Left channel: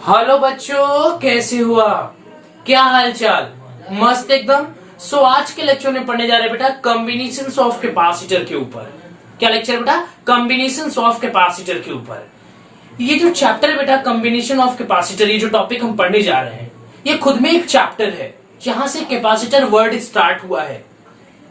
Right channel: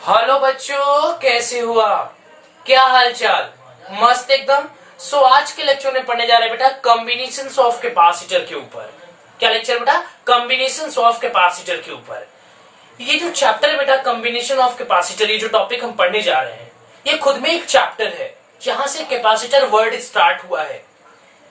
Hello बच्चों, कैसे हो आप? क्या हाल चाल? मस्त एकदम। आज के लेक्चर में पढ़ने जा रहे हैं बेटा कॉम्बिनेशंस ऑफ कैपेसिटर के ऊपर। क्या लेक्चर बेटा? कॉम्बिनेशंस ऑफ कैपेसिटर के ऊपर। ये जो चैप्टर है बेटा कॉम्बिनेशन ऑफ कैपेसिटर, ये जो टॉपिक हम पढ़ने जा रहे हैं ये खुद में एक चैप्टर है जहां से कैपेसिटर वर्ड स्टार्ट हुआ है।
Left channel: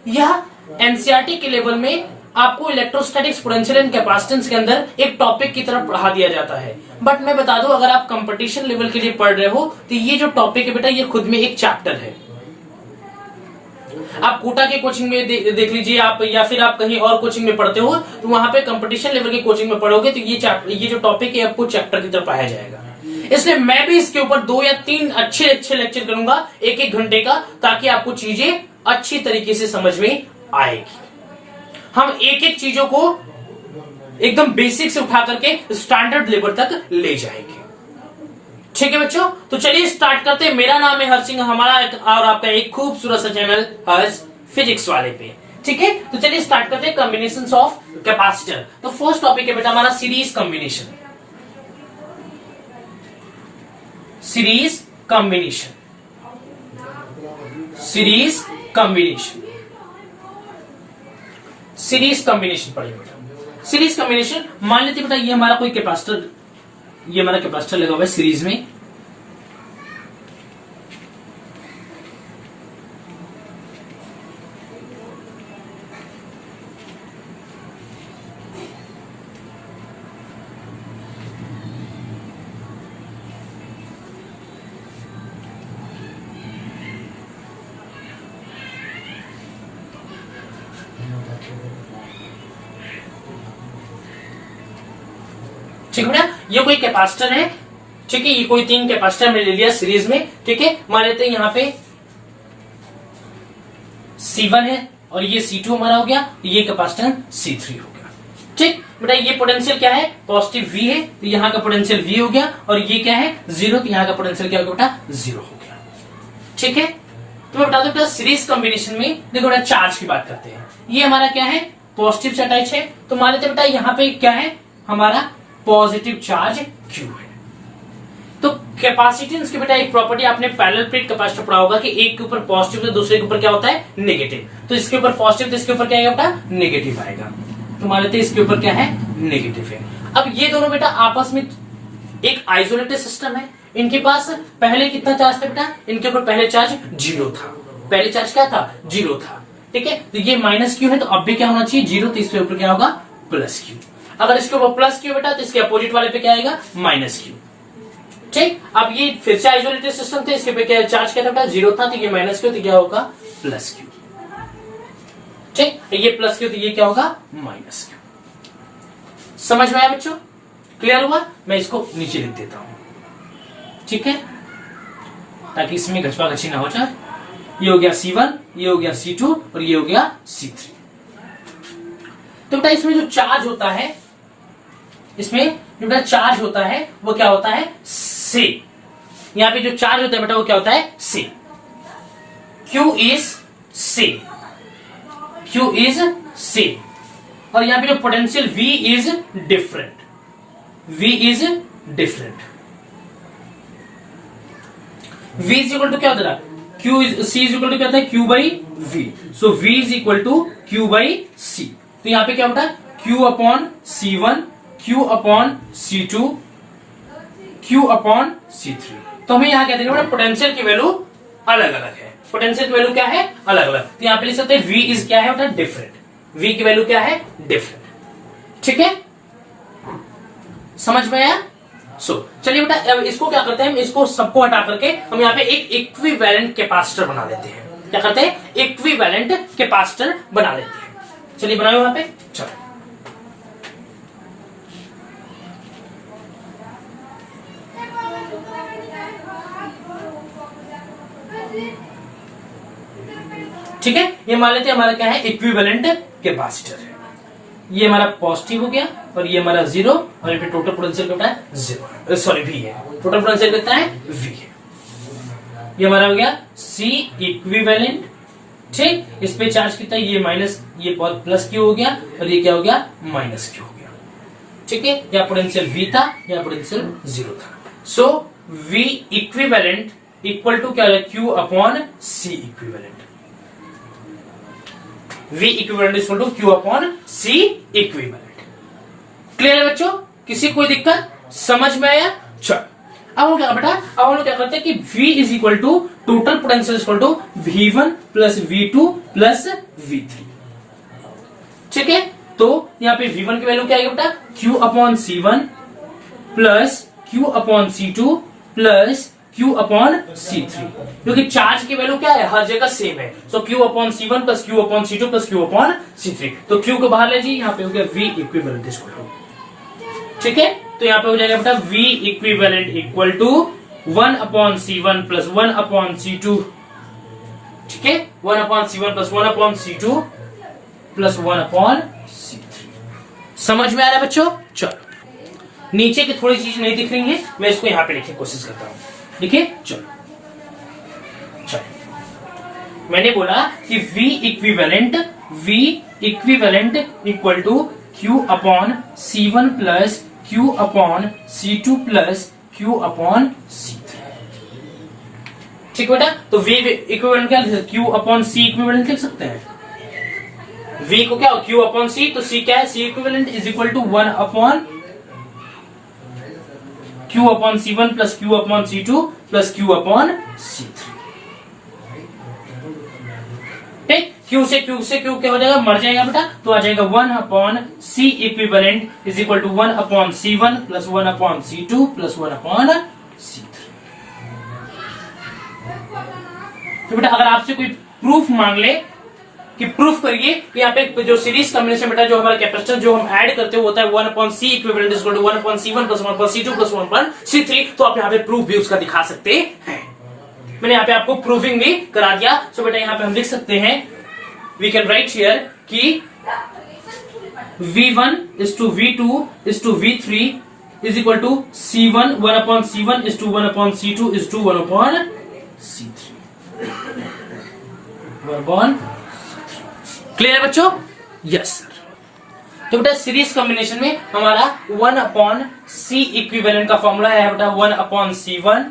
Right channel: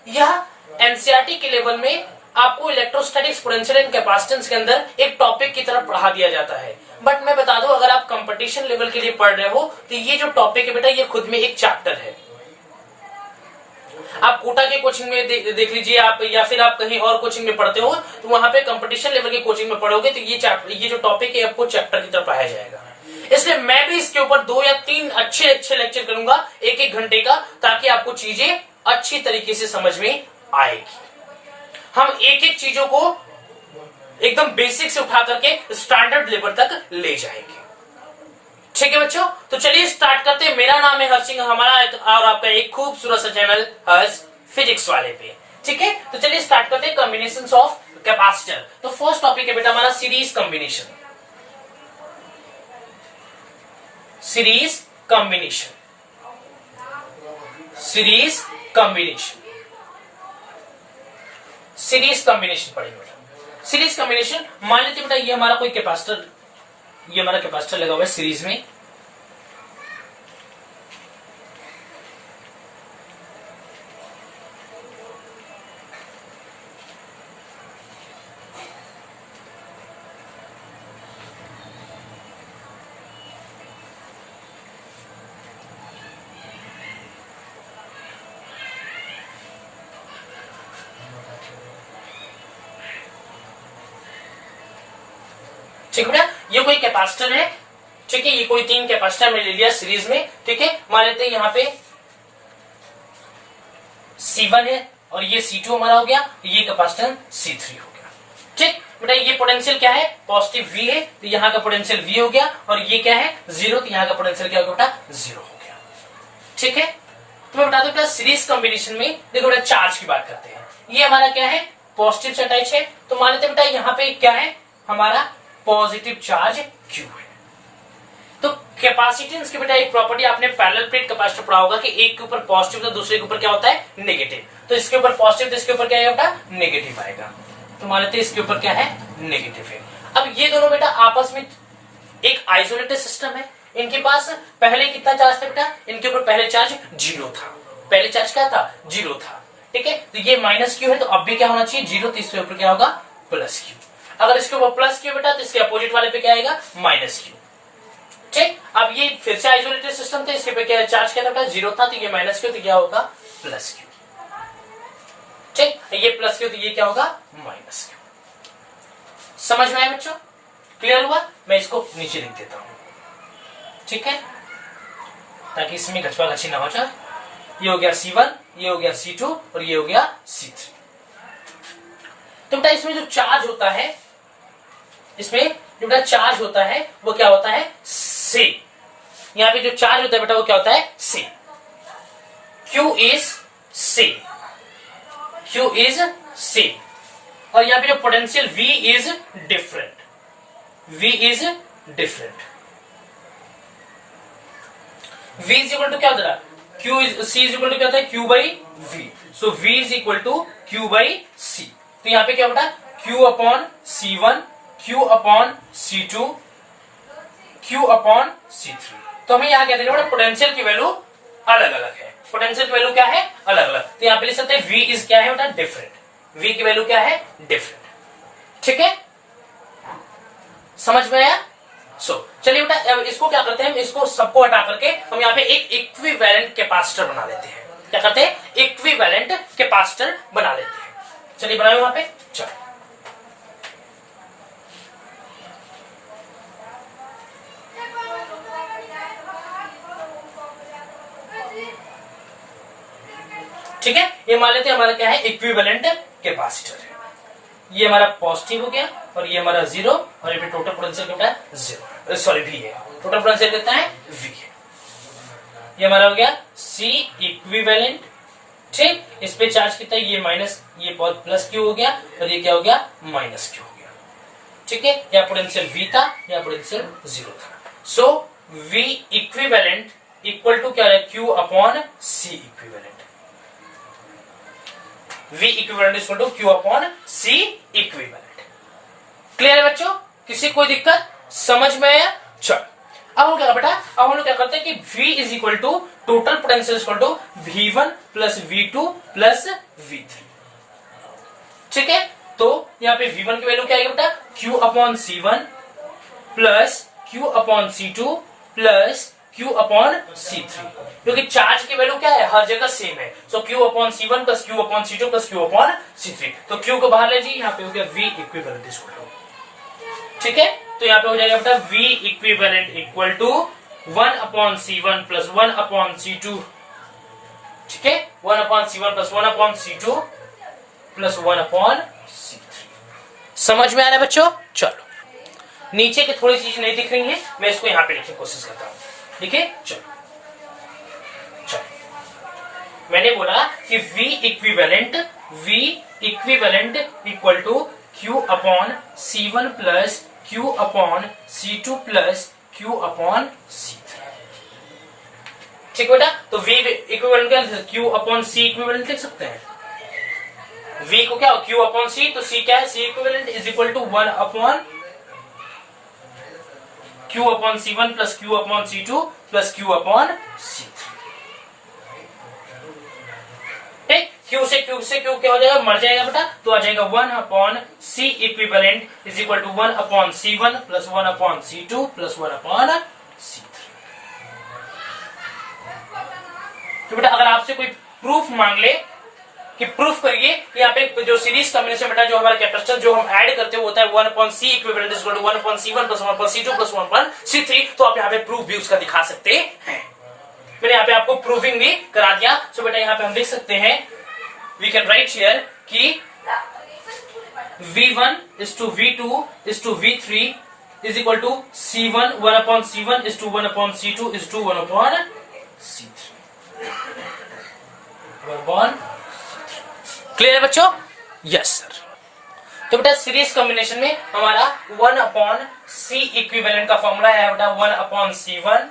यह एनसीईआरटी के लेवल में आपको इलेक्ट्रोस्टैटिक्स, पोटेंशियल एंड कैपेसिटेंस के अंदर एक टॉपिक की तरफ पढ़ा दिया जाता है। बट मैं बता दूं, अगर आप कंपटीशन लेवल के लिए पढ़ रहे हो तो ये जो टॉपिक है बेटा ये खुद में एक चैप्टर है। आप कोटा के कोचिंग में देख लीजिए आप, या फिर आप कहीं और कोचिंग में पढ़ते हो तो वहां पे कंपटीशन लेवल की कोचिंग में पढ़ोगे तो ये जो टॉपिक है आपको चैप्टर की तरफ पाया जाएगा। इसलिए मैं भी इसके ऊपर 2 या 3 अच्छे लेक्चर करूंगा 1-1 घंटे का, ताकि आपको चीजें अच्छी तरीके से समझ में आएगी। हम एक चीजों को एकदम बेसिक से उठा करके स्टैंडर्ड लेवल तक ले जाएंगे। ठीक है बच्चों, तो चलिए स्टार्ट करते हैं। मेरा नाम है हर्ष सिंह, हमारा और आपका एक खूबसूरत सा चैनल हर्ष फिजिक्स वाले पे। ठीक है, तो चलिए स्टार्ट करते हैं कॉम्बिनेशंस ऑफ कैपेसिटर। तो फर्स्ट टॉपिक है बेटा हमारा series combination. Series combination, series combination, series combination पढ़ेंगे बेटा। सीरीज कॉम्बिनेशन, मान लेते बेटा ये हमारा कोई कैपेसिटर, ये हमारा कैपेसिटर लगा हुआ है सीरीज में। ठीक है बेटा, ये कोई कैपेसिटर है। ठीक है, ये कोई 3 कैपेसिटर मैंने ले लिया सीरीज में। ठीक है, मान लेते हैं यहां पे C1 है और ये C2 हमारा हो गया, ये कैपेसिटर C3 हो गया। ठीक बेटा, ये पोटेंशियल क्या है? पॉजिटिव V है, तो यहां का पोटेंशियल V हो गया, और ये क्या है? 0, तो यहां का पोटेंशियल क्या हो गया बेटा? 0 हो गया। ठीक है, तो मैं बता दूं क्या सीरीज कॉम्बिनेशन में देखो बेटा चार्ज की बात करते हैं। ये हमारा क्या है? पॉजिटिव से अटैच है, तो मान लेते बेटा यहां पे क्या है? हमारा पॉजिटिव चार्ज Q है। तो कैपेसिटेंस की बेटा एक प्रॉपर्टी आपने पैरेलल प्लेट कैपेसिटर पढ़ा होगा कि एक के ऊपर पॉजिटिव तो दूसरे के ऊपर क्या होता है? नेगेटिव। तो इसके ऊपर पॉजिटिव तो इसके ऊपर क्या आएगा बेटा? नेगेटिव आएगा। तो मान लेते हैं इसके ऊपर क्या है? नेगेटिव है। अब ये दोनों बेटा आपस में एक आइसोलेटेड सिस्टम है। इनके पास पहले कितना चार्ज था बेटा? इनके ऊपर पहले चार्ज 0 था। पहले चार्ज क्या था? 0 था। ठीक है, तो ये माइनस Q है, तो अब भी क्या होना चाहिए? 0, तो इसके ऊपर क्या होगा? Plus Q। अगर इसके ऊपर प्लस Q बेटा तो इसके अपोजिट वाले पे क्या आएगा? Minus Q। ठीक, अब ये फिर से आइसोलेटेड सिस्टम थे, इसके पे क्या चार्ज क्या था बेटा? 0 था, तो ये माइनस Q, तो क्या होगा? Plus Q। ठीक, ये प्लस Q, तो ये क्या होगा? Minus Q। समझ में आया बच्चों? क्लियर हुआ? मैं इसको नीचे लिख देता हूं, ठीक है, ताकि इसमें घचपा घची ना हो जाए। ये हो गया C1, ये हो गया C2 और ये हो गया C3। तो बेटा इसमें जो चार्ज होता है, इसमें जो बेटा चार्ज होता है वो क्या होता है? से। यहां पे जो चार्ज होता है बेटा वो क्या होता है? से। Q इज से, Q इज से। और यहां पे जो potential V is different, V is different. V is equal to क्या होता है? Q is C is equal to क्या होता है? Q by V। So V is equal to Q by C। तो यहां पे क्या होता है? Q upon C1, Q upon C2, Q upon C3। तो हमें यहां कहते हैं पोटेंशियल की वैल्यू अलग अलग है। पोटेंशियल की वैल्यू क्या है? अलग अलग। तो यहां पे लिख सकते हैं V इज क्या है बेटा? डिफरेंट। V की वैल्यू क्या है? डिफरेंट। ठीक है, समझ में आया? चलिए बेटा इसको क्या करते हैं? इसको सबको हटा करके हम यहाँ पे एक इक्विवेलेंट कैपेसिटर बना लेते हैं। क्या करते हैं? इक्विवेलेंट कैपेसिटर बना लेते हैं। चलिए बनाओ वहां पे, चलो। ठीक है, ये मान लेते हैं हमारा क्या है? इक्विवेलेंट कैपेसिटर है। ये हमारा पॉजिटिव हो गया और ये हमारा 0, और ये टोटल पोटेंशियल कितना है? 0, सॉरी V है। टोटल पोटेंशियल कितना है? V है। ये हमारा हो गया C इक्विवेलेंट। ठीक, इस पे चार्ज कितना है? ये माइनस, ये प्लस Q हो गया, और ये क्या हो गया? माइनस Q हो गया। ठीक है, या पोटेंशियल V था या पोटेंशियल 0 था। V इक्विवेलेंट इक्वल टू क्या है, Q upon C equivalent. V equivalent equal to Q upon C equivalent. Clear है बच्चों, किसी कोई दिक्कत, समझ में आया? चल अब हम क्या बेटा, अब हम लोग क्या करते हैं कि V is equal to total potential equal to V1 plus V2 plus V3। ठीक है, तो यहाँ पे V1 की वैल्यू क्या आएगी बेटा, Q upon C1 plus Q upon C2 plus Q upon C3, क्योंकि चार्ज की वैल्यू क्या है, हर जगह सेम है। So Q upon C1 plus Q upon C2 plus Q upon C3, तो Q को बाहर ले जी, यहाँ पे हो गया V इक्विवेलेंट इक्वल टू। ठीक है, तो यहाँ पे हो जाएगा बेटा V equivalent equal to 1 upon C1 plus 1 upon C2। ठीक है, 1 upon C1 plus 1 upon C2 plus 1 upon C3। समझ में आ रहा है बच्चों? चलो नीचे की थोड़ी चीज नहीं दिख रही है, मैं इसको यहां पे लिखने की कोशिश करता हूं। देखिए चलो मैंने बोला कि V equivalent equal to Q upon C1 plus Q upon C2 plus Q upon C3। ठीक बेटा, तो V इक्विवेलेंट क्या लिख सकते, Q अपॉन C इक्विवेलेंट लिख सकते हैं। V को क्या, Q अपॉन C, तो C क्या है, C equivalent is equal to 1 upon Q upon C1 plus Q upon C2 plus Q upon C3। ठीक, Q से Q क्या हो जाएगा, मर जाएगा बेटा, तो आ जाएगा 1 upon C equivalent is equal to 1 upon C1 plus 1 upon C2 plus 1 upon C3। तो बेटा अगर आपसे कोई प्रूफ मांग ले कि प्रूफ करिए कि यहाँ पे जो सीरीज कॉम्बिनेशन बेटा, जो हमारा कैपेसिटर जो हम ऐड करते हैं होता है 1 upon C equivalent is equal to 1 upon C1 plus 1 upon C2 plus 1 upon C3, तो आप यहाँ पे प्रूफ भी उसका दिखा सकते हैं। मैंने यहाँ पे आपको प्रूफिंग भी करा दिया। सो बेटा यहाँ पे हम लिख सकते हैं, वी कैन राइट हियर कि V1 is to V2 is to V3 is equal to C1 1 upon C1 is to 1 upon C2 is to 1 upon C3 1 upon। Clear है बच्चों? Yes sir. तो बेटा सीरीज कॉम्बिनेशन में हमारा 1 upon C equivalent का formula है बेटा 1 upon C1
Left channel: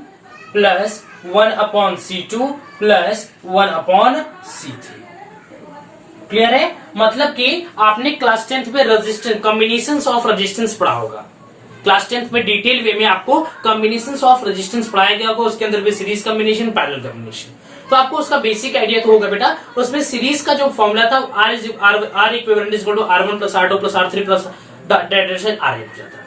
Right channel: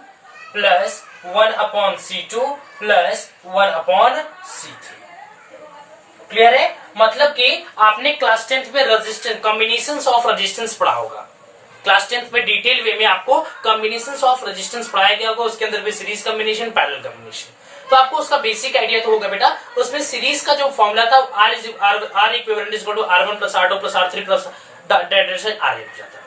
plus 1 upon C2 plus 1 upon C3। Clear है? मतलब कि आपने क्लास 10th में रेजिस्टेंस, कॉम्बिनेशंस ऑफ रेजिस्टेंस पढ़ा होगा। क्लास 10th में डिटेल वे में आपको कॉम्बिनेशंस ऑफ रेजिस्टेंस पढ़ाया गया होगा, उसके अंदर भी सीरीज कॉम्बिनेशन, पैरेलल कॉम्बिनेशन, तो आपको उसका बेसिक आइडिया तो होगा बेटा। उसमें सीरीज का जो फॉर्मूला था R equivalent is equal to R1 plus R2 plus R3 plus R8 हो जाता था।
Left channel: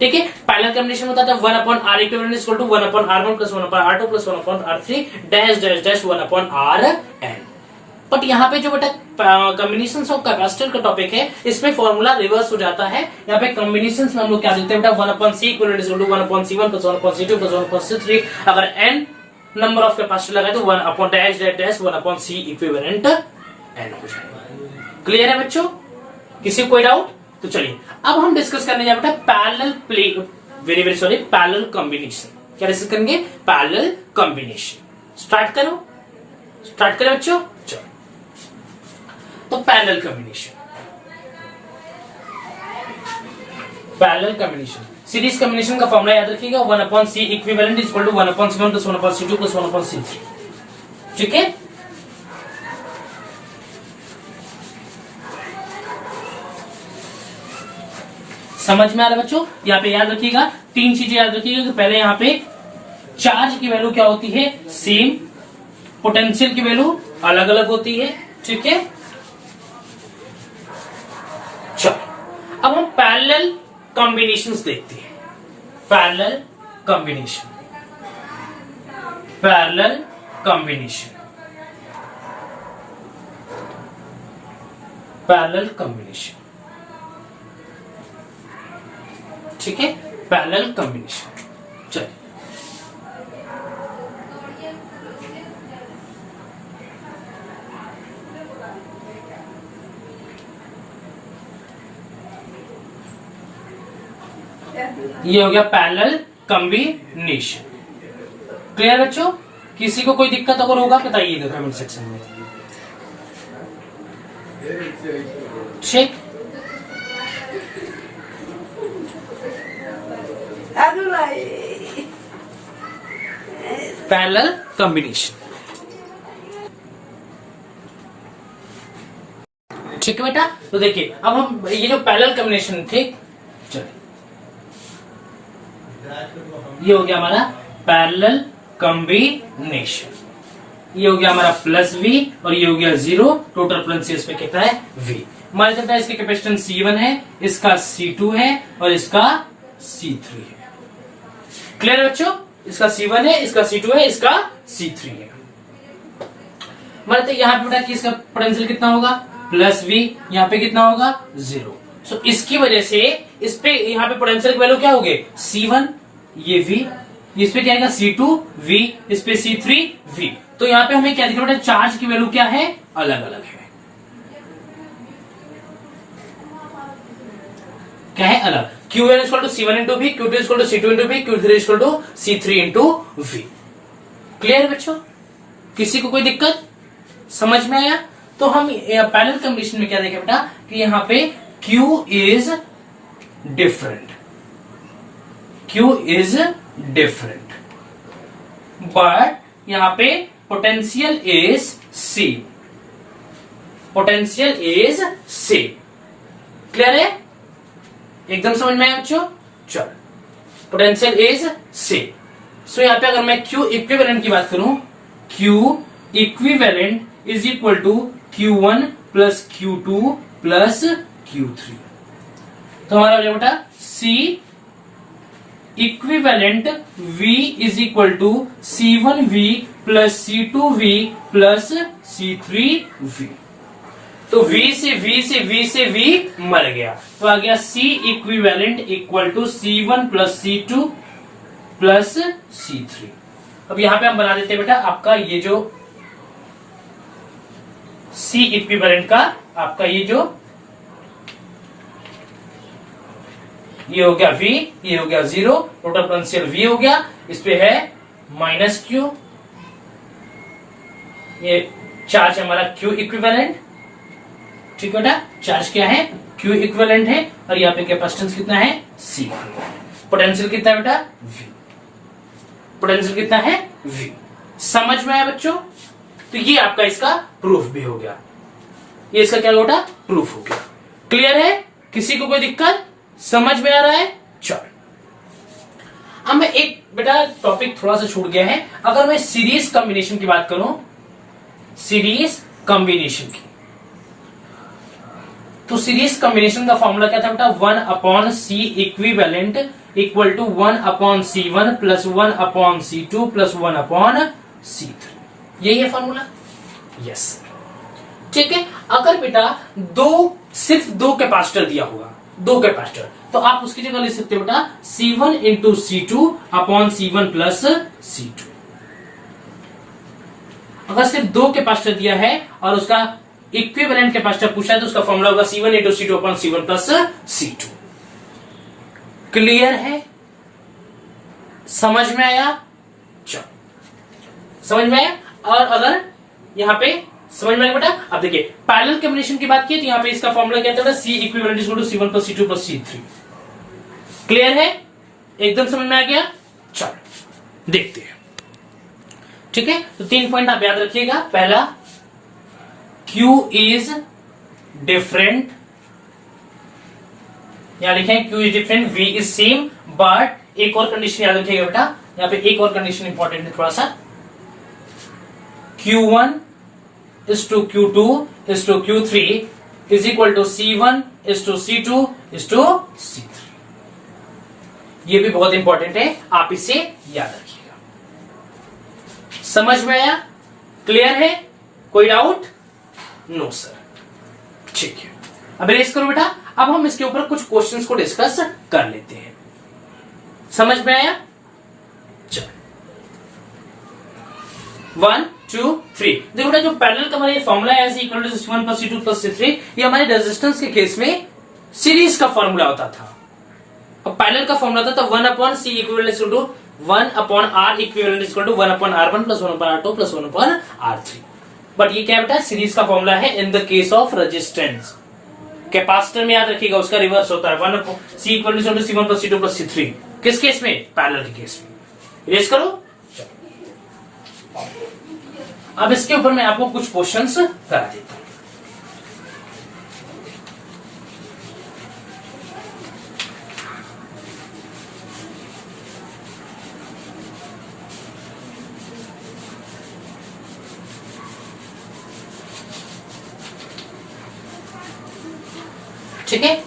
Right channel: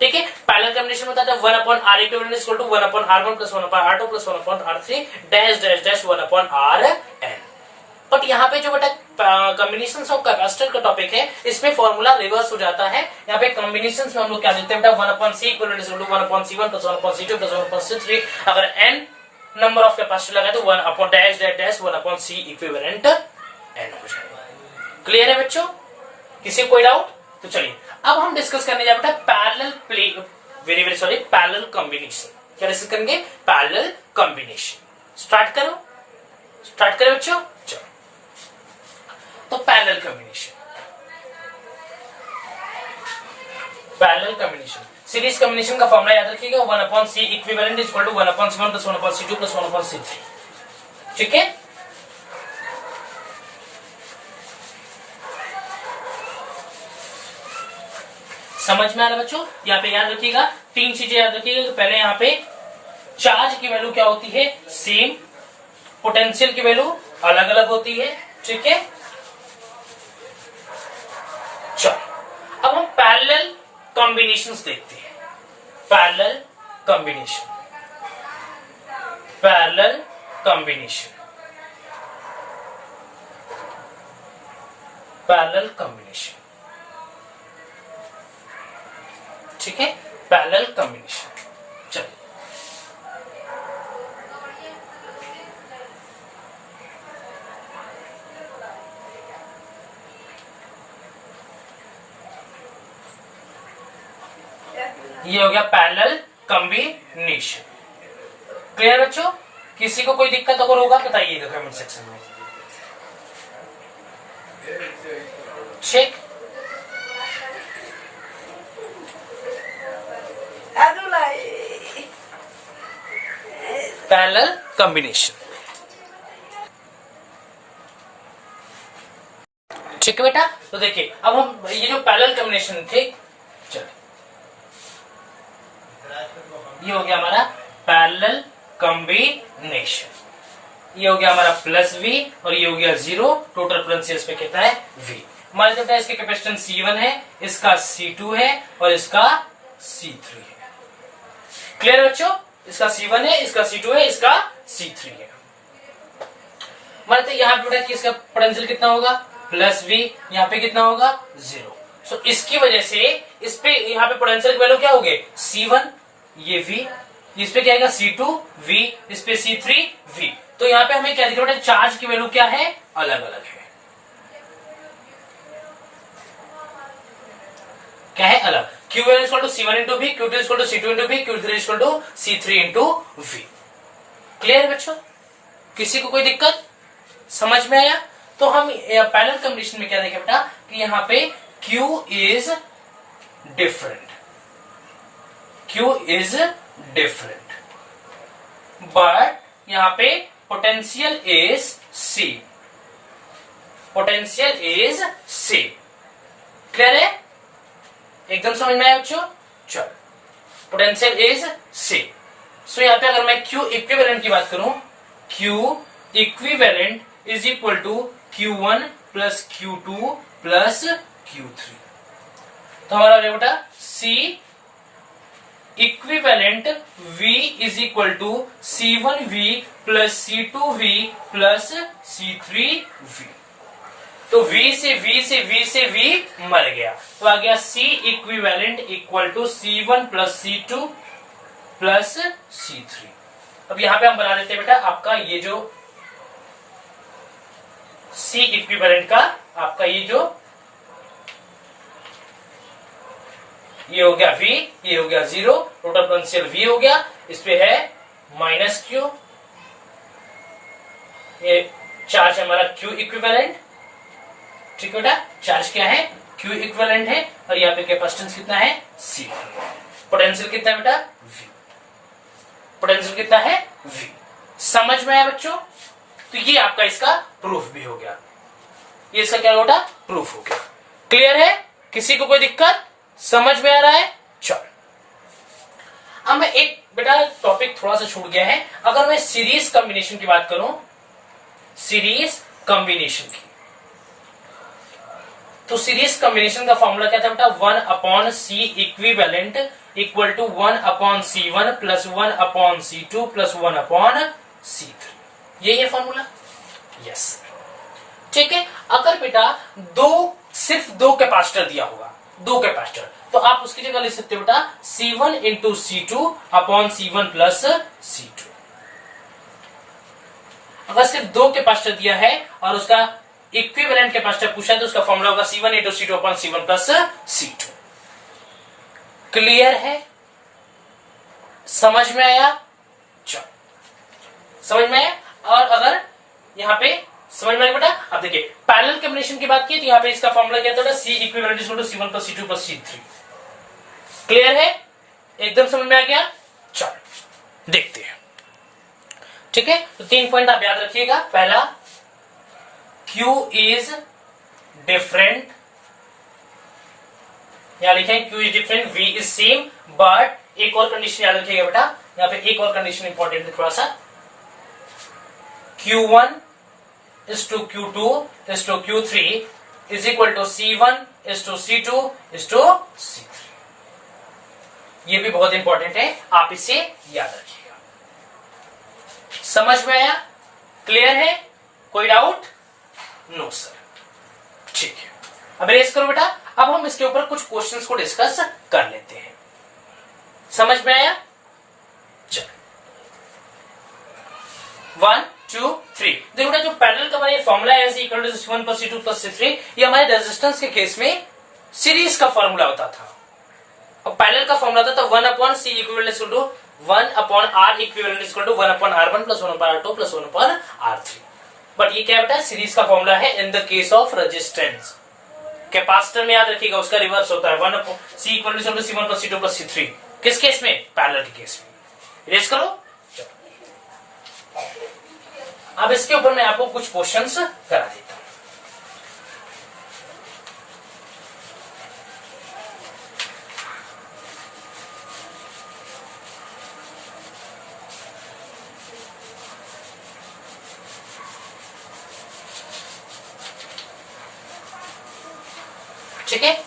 ठीक है, पैरेलल कॉम्बिनेशन होता था 1 upon R equivalent is equal to 1 upon R1 plus 1 upon R2 plus 1 upon R3 dash dash dash 1 upon Rn। But यहाँ पे जो बेटा कॉम्बिनेशन ऑफ कैपेसिटर का टॉपिक है, इसमें फॉर्मूला रिवर्स हो जाता है। यहाँ पे कॉम्बिनेशन में हम लोग क्या देते हैं बेटा 1 upon C equivalent is equal to 1 upon C1 plus 1 upon C2 plus 1 upon C3। अगर n नंबर ऑफ कैपेसिटर लगाए तो 1 upon dash dash dash 1 upon C equivalent n हो जाएगा। क्लियर है बच्चों? किसी कोई डाउट? तो चलिए अब हम डिस्कस करने जा बेटा पैरेलल कॉम्बिनेशन। क्या डिस्कस करेंगे? Parallel combination. स्टार्ट करें बच्चों। चलो तो पैरेलल कॉम्बिनेशन सीरीज कॉम्बिनेशन का फॉर्मूला याद रखिएगा 1 upon C equivalent is equal to 1 upon C1 plus 1 upon C2 plus 1 upon C3। ठीक है, समझ में आ रहा है बच्चों? यहाँ पे याद रखिएगा, तीन चीजें याद रखिएगा कि पहले यहाँ पे चार्ज की वैल्यू क्या होती है, सेम, पोटेंशियल की वैल्यू अलग अलग होती है। ठीक है, चलो अब हम पैरेलल कॉम्बिनेशंस देखते हैं। पैरेलल कॉम्बिनेशन ठीक है, पैरेलल कॉम्बिनेशन। चलो ये हो गया पैरेलल कॉम्बिनेशन। क्लियर बच्चों? किसी को कोई दिक्कत अगर होगा बताइएगा कमेंट सेक्शन में। ठीक, पैरेलल कॉम्बिनेशन। ठीक है बेटा, तो देखिए अब हम ये जो पैरेलल कॉम्बिनेशन थे, चलिए ये हो गया हमारा पैरेलल कॉम्बिनेशन, ये हो गया हमारा प्लस वी और ये हो गया 0, टोटल पोटेंशियल इसमें कितना है वी। हमारे चलता है इसके कैपेसिटेंस C1 है, इसका C2 है और इसका C3 है। क्लियर है बच्चों, इसका C1 है, इसका C2 है, इसका C3 है। हमारे यहाँ पे बेटा कि इसका पोटेंशियल कितना होगा प्लस वी, यहाँ पे कितना होगा 0। सो इसकी वजह से इस पे यहाँ पे पोटेंशियल की वैल्यू क्या होगी C1 ये V, इस पे क्या आएगा C2 V, इस पे C3 V। तो यहाँ पे हमें क्या दिख रहा है बेटा, चार्ज की वैल्यू क्या है अलग अलग है, क्या है अलग। Q1 equal to C1 into V, Q2 equal to C2 into V, Q3 equal to C3 into V. Clear है बच्चों, किसी को कोई दिक्कत समझ में आया? तो हम पैरेलल कॉम्बिनेशन में क्या देखें बेटा कि यहाँ पे Q is different, Q is different but यहाँ पे potential is C, potential is C। Clear है, एकदम समझ में आया बच्चों? चल, पोटेंशियल इज C। सो यहाँ पे अगर मैं Q इक्विवेलेंट की बात करूं, Q equivalent is equal to Q1 plus Q2 plus Q3। तो हमारा हो बेटा C equivalent V is equal to C1V plus C2V plus C3V। तो V से V से V से V मर गया, तो आ गया C equivalent equal to C1 plus C2 plus C3। अब यहां पे हम बना देते हैं बेटा आपका ये जो C इक्विवेलेंट का आपका ये जो ये हो गया V, ये हो गया 0, टोटल पोटेंशियल V हो गया, इस पे है माइनस Q, ये चार्ज हमारा Q इक्विवेलेंट। ठीक है बेटा, चार्ज क्या है Q इक्विवेलेंट है और यहाँ पे कैपेसिटेंस कितना है C। पोटेंशियल कितना है बेटा V, पोटेंशियल कितना है V। समझ में आया बच्चों? तो ये आपका इसका प्रूफ भी हो गया, ये इसका क्या बेटा प्रूफ हो गया। क्लियर है, किसी को कोई दिक्कत समझ में आ रहा है? चल, अब मैं एक बेटा टॉपिक थोड़ा सा छूट गया है, अगर मैं सीरीज कॉम्बिनेशन की बात करूं, सीरीज कॉम्बिनेशन की, तो सीरीज कॉम्बिनेशन का फॉर्मूला क्या था बेटा 1 upon C equivalent equal to 1 upon C1 plus 1 upon C2 plus 1 upon C3। यही है फॉर्मूला, यस। ठीक है, अगर बेटा सिर्फ दो कैपेसिटर दिया हुआ, दो कैपेसिटर, तो आप उसकी जगह लिख सकते हो बेटा C1 into C2 upon C1 plus C2। अगर सिर्फ दो कैपेसिटर दिया है और उसका इक्विवेलेंट कैपेसिटर पूछा है तो उसका फॉर्मूला होगा C1 into C2 upon C1 plus C2। Clear है, समझ में आया? चलो, समझ में आया? और अगर यहां पे समझ में आया बेटा, अब देखिए पैरेलल कॉम्बिनेशन की बात की तो यहां पे इसका फॉर्मूला क्या था C equivalent equal to C1 plus C2 plus C3। Clear है, एकदम समझ में आ गया? चलो देखते हैं। ठीक है, तो 3 पॉइंट आप याद रखिएगा। पहला, Q इज डिफरेंट, यहां लिखें Q is different, V is same, but एक और कंडीशन याद रखिएगा बेटा, यहां पे एक और कंडीशन इंपॉर्टेंट है थोड़ा सा, Q1 is to Q2 is to Q3 is equal to C1 is to C2 is to C3। ये भी बहुत इंपॉर्टेंट है, आप इसे याद रखिएगा। समझ में आया? क्लियर है, कोई डाउट? No sir. ठीक है, अब रेस करो बेटा, अब हम इसके ऊपर कुछ क्वेश्चंस को डिस्कस कर लेते हैं। समझ में आया? चल, 1 2 3। देखो बेटा, जो पैरेलल का हमारा ये फॉर्मूला है equal to C1 plus C2 plus C3, ये हमारे रेजिस्टेंस के केस में सीरीज का फॉर्मूला होता था। अब पैरेलल का फॉर्मूला था तो 1 upon C equivalent equal to 1 upon R equivalent equal to 1 upon R1 plus 1 upon R2 plus 1 upon R3। But ये क्या बेटा सीरीज का फॉर्मूला है in the case of resistance. Capacitor में याद रखिएगा उसका रिवर्स होता है, 1 upon C equal to C1 plus C2 plus C3। किस केस में? पैरेलल के केस में। इरेज करो। अब इसके ऊपर मैं आपको कुछ क्वेश्चंस करा देता हूं। ठीक है,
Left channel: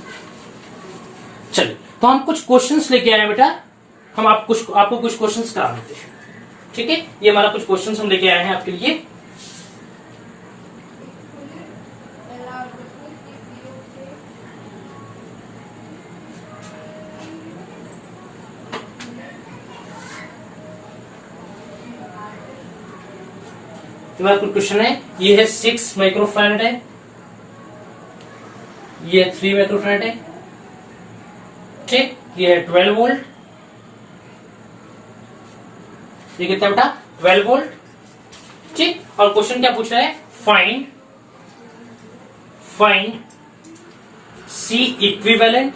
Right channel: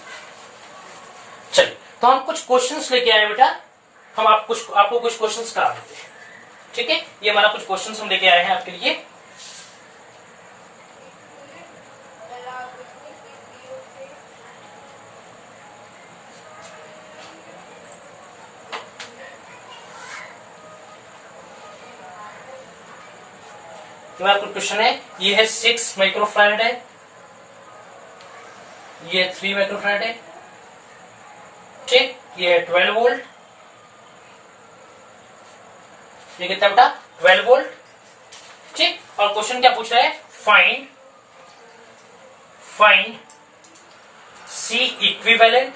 चलिए तो हम कुछ क्वेश्चंस लेके आए हैं बेटा, हम आपको कुछ क्वेश्चंस करा देते हैं। ठीक है, ये हमारा कुछ क्वेश्चंस हम लेके आए हैं आपके लिए। हमारा कुछ क्वेश्चन है, ये है 6 माइक्रोफैराड है, ये 3 माइक्रोफैराड है, ठीक, ये है 12 वोल्ट, ये कितना बेटा 12 वोल्ट, ठीक। और क्वेश्चन क्या पूछ रहा है, फाइंड सी इक्विवेलेंट,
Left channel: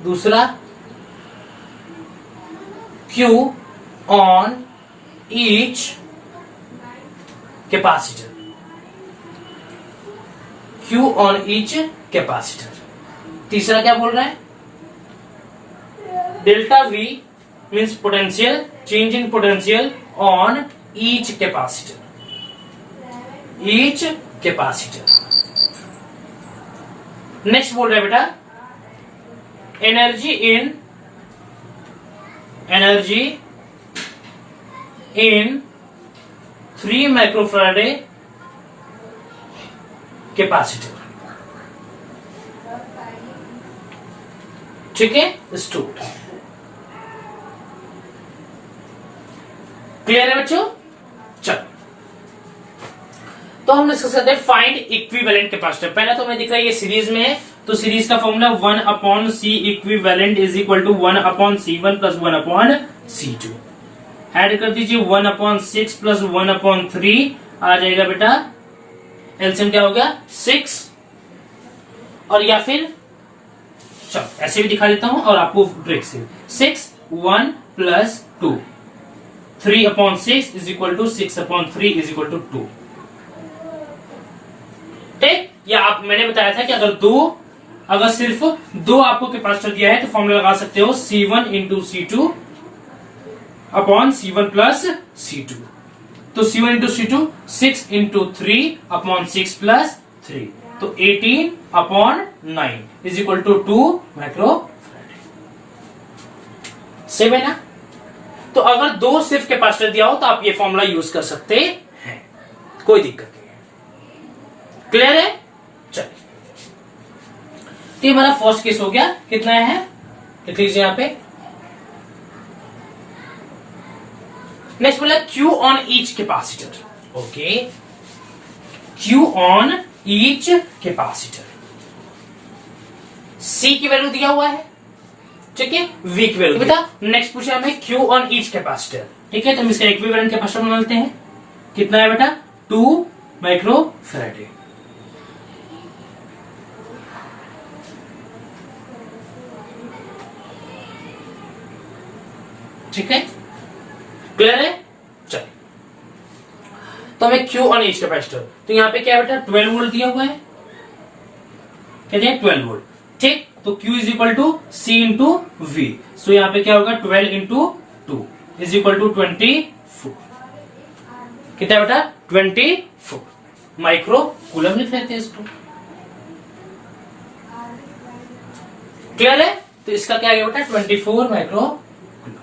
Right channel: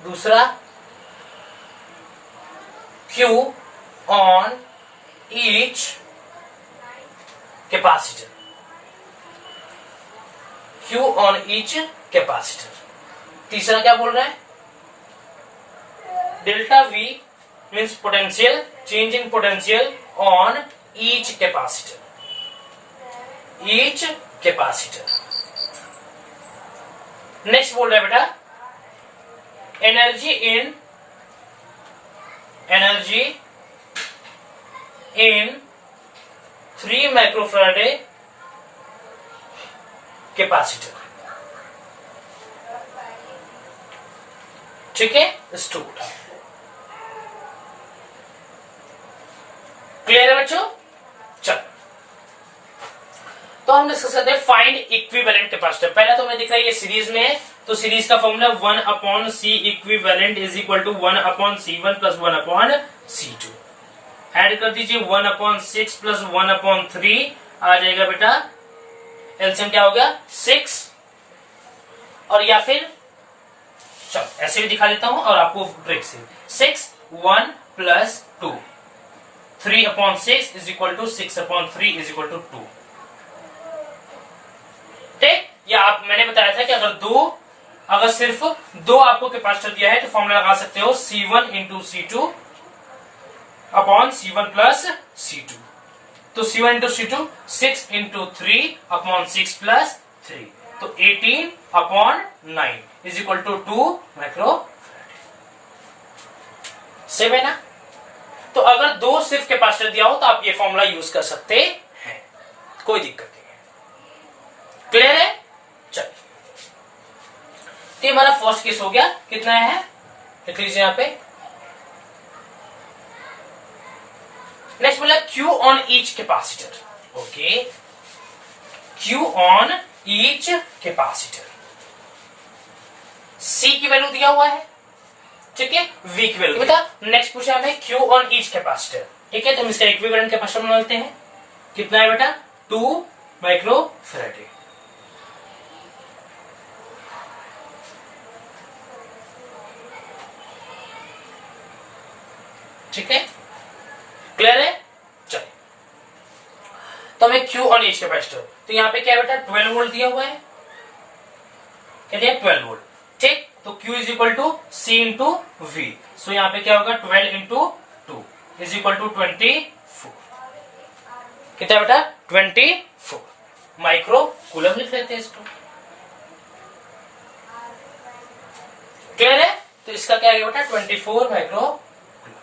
दूसरा Q on each capacitor, Q on each capacitor, तीसरा क्या बोल रहा है, delta we means potential, change in potential on each capacitor, each capacitor. Next बोल रहा है बेटा, एनर्जी इन 3 माइक्रोफैराडे कैपेसिटर, ठीक है, स्टोर्ड। क्लियर है बच्चों? चल तो हम डिस्कस करते हैं फाइंड इक्विवेलेंट कैपेसिटर। पहला तो हमें दिख रहा है ये सीरीज में है, तो सीरीज का formula 1/C equivalent is equal to 1/C1 plus 1/C2। Add कर दीजिए 1/6 प्लस 1/3 आ जाएगा बेटा, एलसीएम क्या हो गया 6, और या फिर चलो ऐसे भी दिखा देता हूं और आपको ट्रिक से 6 1 plus 2 3/6 is equal to 6/3 is equal to 2। ठीक, या आप मैंने बताया था कि अगर सिर्फ 2 आपको कैपेसिटर दिया है तो फॉर्मूला लगा सकते हो C1 into C2 upon C1 plus C2। तो C1 into C2 6 into 3 upon 6 plus 3, तो 18/9 is equal to 2 microfarad. Same है ना? तो अगर 2 सिर्फ कैपेसिटर दिया हो तो आप ये फॉर्मूला यूज कर सकते हैं, कोई दिक्कत नहीं है। क्लियर है? चलिए, तो हमारा फर्स्ट केस हो गया, कितना है लिख लीजिए यहां पे। नेक्स्ट बोला Q on each capacitor. Okay, Q on each capacitor, C की वैल्यू दिया हुआ है, ठीक है, वी की वैल्यू बेटा। नेक्स्ट पूछा हमें क्यू ऑन ईच कैपेसिटर, ठीक है, तो हम इसका इक्विवेलेंट कैपेसिटर बना लेते हैं। कितना है बेटा 2 माइक्रोफैराड, ठीक है, क्लियर है? चलिए, तो हमें क्यू ऑन ईच कैपेसिटर, तो यहां पे क्या है बेटा 12 वोल्ट दिया हुआ है, क्या दिया 12 वोल्ट, ठीक। तो Q is equal to C into V, so यहां पे क्या होगा 12 इंटू 2 इज इक्वल टू 24। कितना बेटा 24 माइक्रो कूलम लिख लेते हैं इसको। क्लियर है? तो इसका क्या है बेटा 24 माइक्रो कूलम,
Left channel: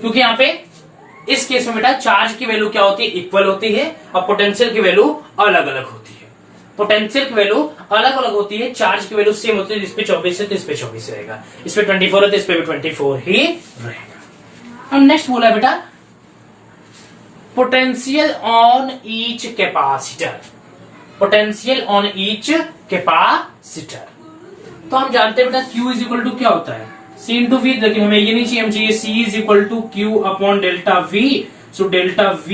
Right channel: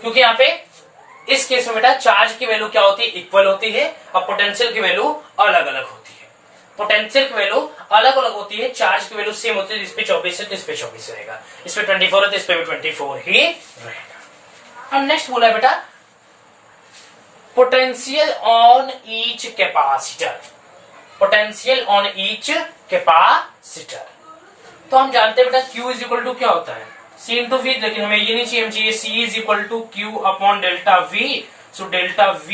क्योंकि यहां पे इस केस में बेटा चार्ज की वैल्यू क्या होती है, इक्वल होती है, और पोटेंशियल की वैल्यू अलग अलग होती है। पोटेंशियल की वैल्यू अलग अलग होती है, चार्ज की वैल्यू सेम होती है, इस पे 24 है तो इस पे 24 रहेगा, इस पे 24 है तो इस पे भी 24 ही रहेगा। अब नेक्स्ट बोला बेटा potential on each capacitor, potential on each capacitor. तो हम जानते हैं बेटा Q इज इक्वल टू क्या होता है C इंटू वी, लेकिन हमें ये नहीं चाहिए, हम चाहिए C is equal to Q upon delta V, so delta V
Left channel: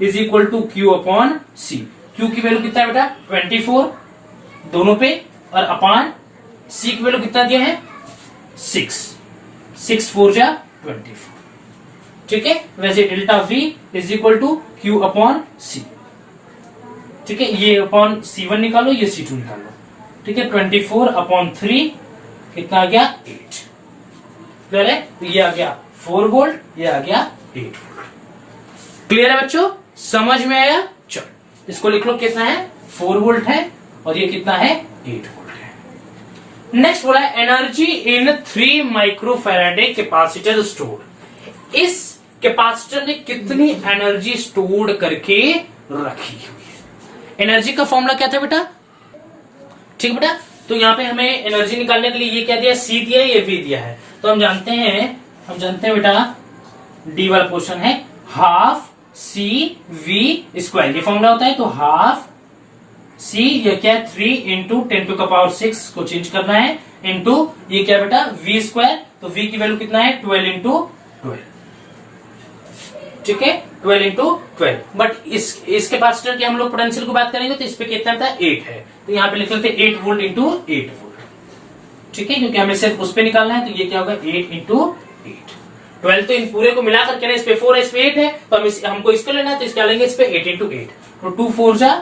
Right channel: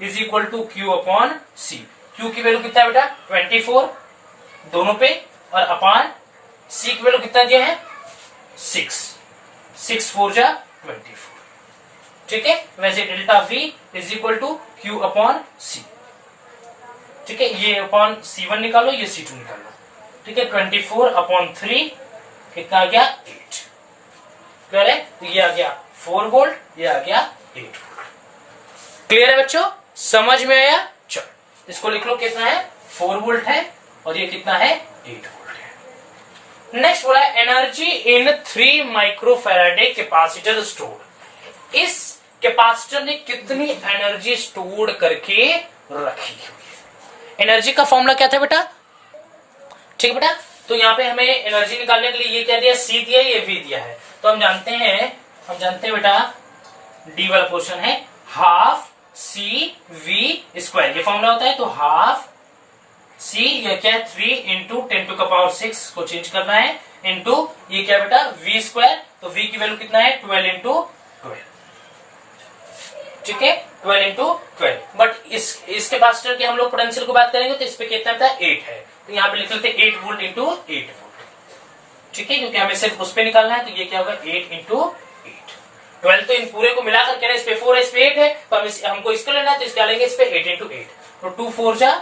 is equal to Q upon C। Q की वैल्यू कितना है बेटा 24 दोनों पे, और अपान C की वैल्यू कितना दिया है 6, 6 4 जा 24। ठीक है, वैसे delta V is equal to Q upon C। ठीक है, ये अपॉन C1 निकालो, ये C2 निकालो। ठीक है, 24 अपॉन 3 कितना आ गया 8। क्लियर है, तो ये आ गया 4 वोल्ट, ये आ गया 8 वोल्ट। क्लियर है बच्चों, समझ में आया? चलो इसको लिख लो, कितना है 4 वोल्ट है और ये कितना है 8 वोल्ट है। नेक्स्ट बोला है एनर्जी इन 3 माइक्रोफैराडे कैपेसिटर स्टोर। इस कैपेसिटर ने कितनी एनर्जी स्टोर करके रखी हुई है? एनर्जी का फॉर्मूला क्या था बेटा? ठीक बेटा, तो यहां पे हमें एनर्जी निकालने के लिए ये क्या दिया, C दिया, ये V दिया है। तो हम जानते हैं बेटा D वाला पोर्शन है हाफ CV स्क्वायर, ये फॉर्मूला होता है। तो हाफ C ये क्या है 3 इंटू 10⁶ को चेंज करना है, इंटू ये क्या बेटा V स्क्वायर। तो V की वैल्यू कितना है 12 इंटू 12। ठीक है, 12 इंटू 12। बट इस कैपेसिटर की हम लोग पोटेंशियल को बात करेंगे तो इस पे कितना था 8 है, तो यहाँ पे लिख लेते 8 वोल्ट इंटू 8 वोल्ट। ठीक है, क्योंकि हमें सिर्फ उस पे निकालना है, तो ये क्या होगा 8 इंटू 8। 12 तो इन पूरे को मिलाकर क्या, इस पे 4 है, इस पे 8 है, तो हमको इसको लेना है, तो इसका लेंगे इस पे 8 इंटू 8। तो 2 4 जा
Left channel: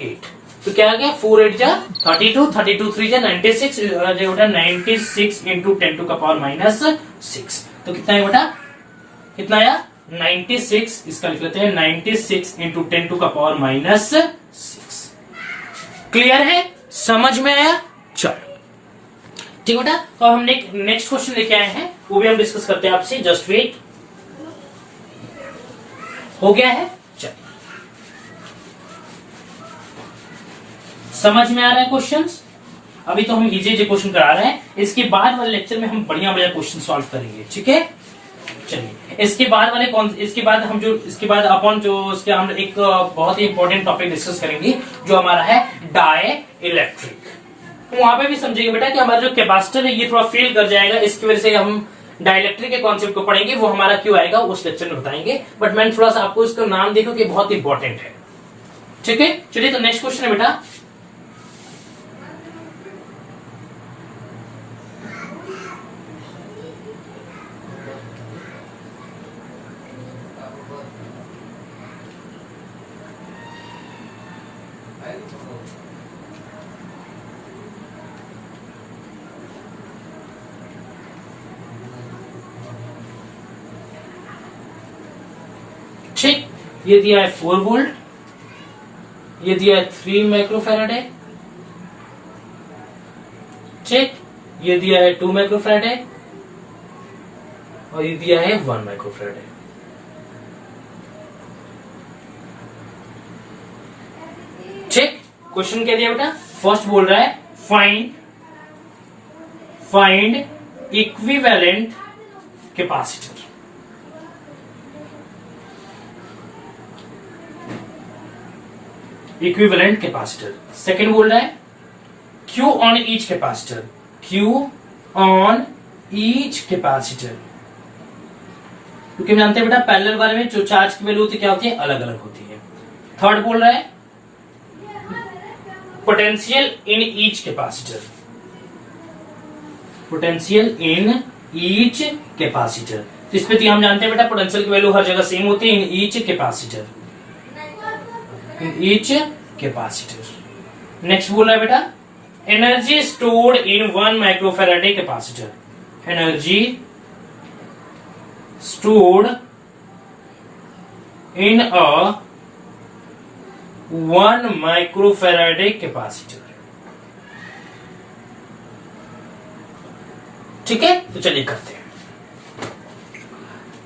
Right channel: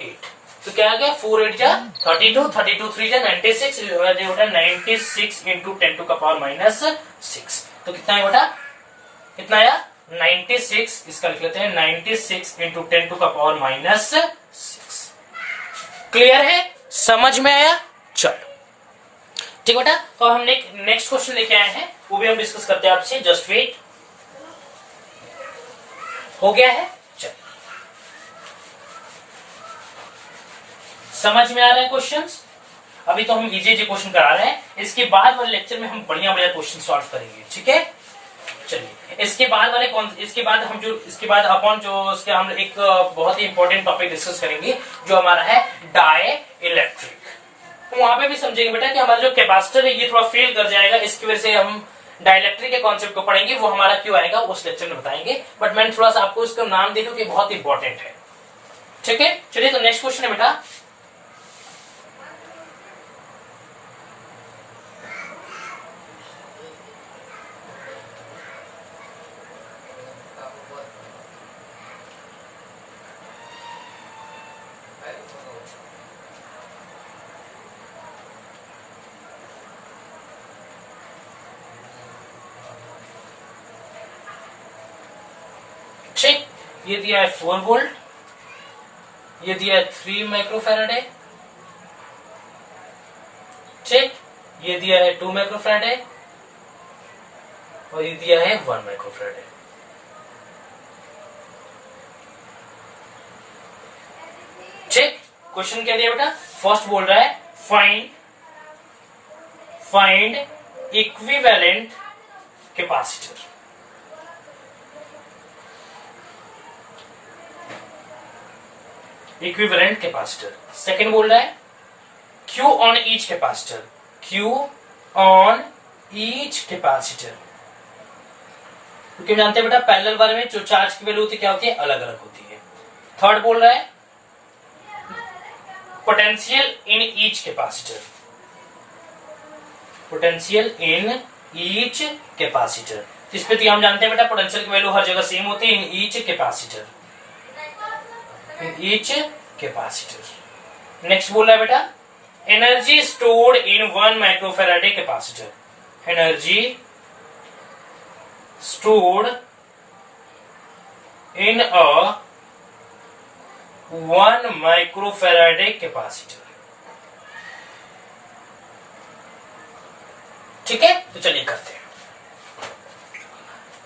8, तो क्या आ गया 4 8 जा 32, 32 3 जा 96, जो बेटा 96 इंटू 10⁻⁻6। तो कितना है बेटा, कितना आया 96, इसका लिख लेते हैं 96 इंटू 10⁻⁻6। क्लियर है, समझ में आया? चलो ठीक बेटा, तो हम नेक्स्ट क्वेश्चन लेके आए हैं, वो भी हम डिस्कस करते हैं आपसे। जस्ट वेट, हो गया है? चलिए, समझ में आ रहा है क्वेश्चंस? अभी तो हम इजी क्वेश्चन करा रहे हैं, इसके बाद वाले लेक्चर में हम बढ़िया बढ़िया क्वेश्चन सॉल्व करेंगे। ठीक है, चलिए इसके बाद अपन जो इसके हम एक बहुत ही इंपॉर्टेंट टॉपिक डिस्कस करेंगे, जो हमारा है डाई इलेक्ट्रिक। वहां पे भी समझेंगे बेटा कि हमारा जो कैपेसिटर है ये थोड़ा फेल कर जाएगा, इसकी वजह से हम डाइलेक्ट्रिक के कॉन्सेप्ट को पढ़ेंगे, वो हमारा क्यों आएगा उस लेक्चर में बताएंगे। बट मैंने थोड़ा सा आपको इसका नाम देखो कि बहुत इंपॉर्टेंट है। ठीक है, चलिए तो नेक्स्ट क्वेश्चन है बेटा, ठीक, ये दिया है 4 वोल्ट, ये दिया है 3 माइक्रोफैराडे, ठीक, ये दिया है 2 माइक्रोफैराडे और ये दिया है 1 माइक्रोफैराडे। ठीक, क्वेश्चन क्या दिया बेटा, फर्स्ट बोल रहा है find equivalent capacitor. Equivalent capacitor. Second बोल रहा है Q on each capacitor, Q on each capacitor, क्योंकि हम जानते हैं बेटा पैरेलल वाले में जो चार्ज की वैल्यू होती है क्या होती है, अलग अलग होती है। थर्ड बोल रहा है potential in each capacitor, potential in each capacitor. इसमें तो हम जानते हैं बेटा पोटेंशियल की वैल्यू हर जगह सेम होती है, in each capacitor, in each capacitor. Next बोल रहा है बेटा energy stored in 1 microfarad capacitor, energy stored in a 1 microfarad capacitor. ठीक है, तो चलिए करते हैं।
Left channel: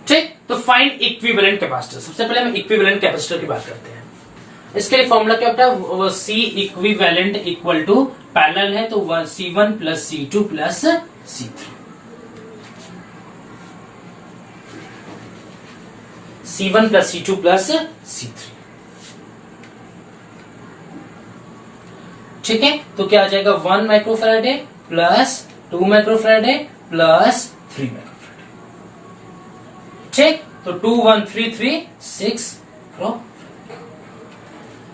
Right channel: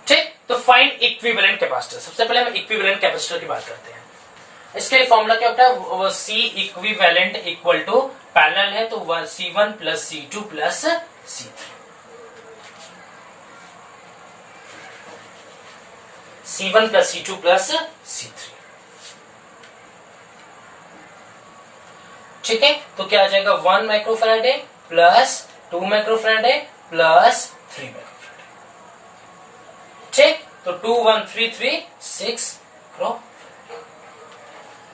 ठीक, तो फाइंड इक्विवेलेंट कैपेसिटर। सबसे पहले हम इक्विवेलेंट कैपेसिटर की बात करते हैं। इसके लिए फॉर्मूला क्या होता है, C equivalent equal to parallel है तो C1 plus C2 plus C3, C1 plus C2 plus C3। ठीक है, तो क्या आ जाएगा 1 माइक्रोफैराडे प्लस 2 माइक्रोफैराडे प्लस 3 माइक्रोफैराडे। ठीक, तो 2 1 3 3 6 करो।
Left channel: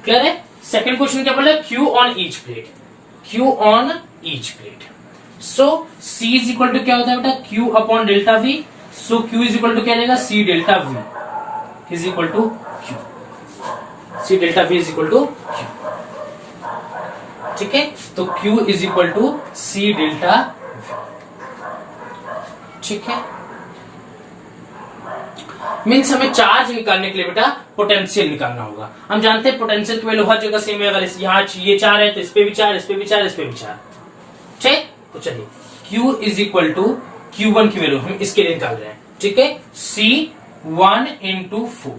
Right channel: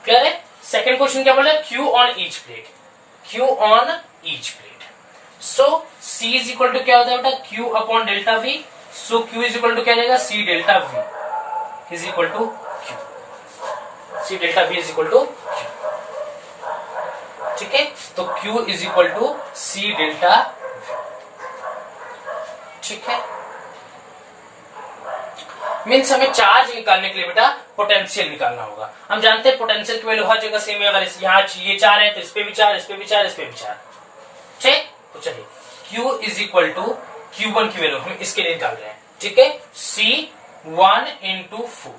क्लियर है? सेकंड क्वेश्चन क्या बोला, Q on each plate, Q on each plate. So C is equal to क्या होता है बेटा Q upon delta V। So Q is equal to क्या रहेगा, C delta V is equal to Q, C delta V is equal to Q, ठीक है। तो Q is equal to C delta V, ठीक है। मीन्स हमें charge निकालने के लिए बेटा पोटेंशियल निकालना होगा। हम जानते हैं पोटेंशियल की वैल्यू हर जगह सेम है, अगर यहाँ ये 4 है तो इस पे भी 4, इस पे भी 4, इस पे भी 4, ठीक। तो चलिए Q is equal to Q1 की वैल्यू हम इसके लिए निकाल रहे हैं, ठीक है। C1 into 4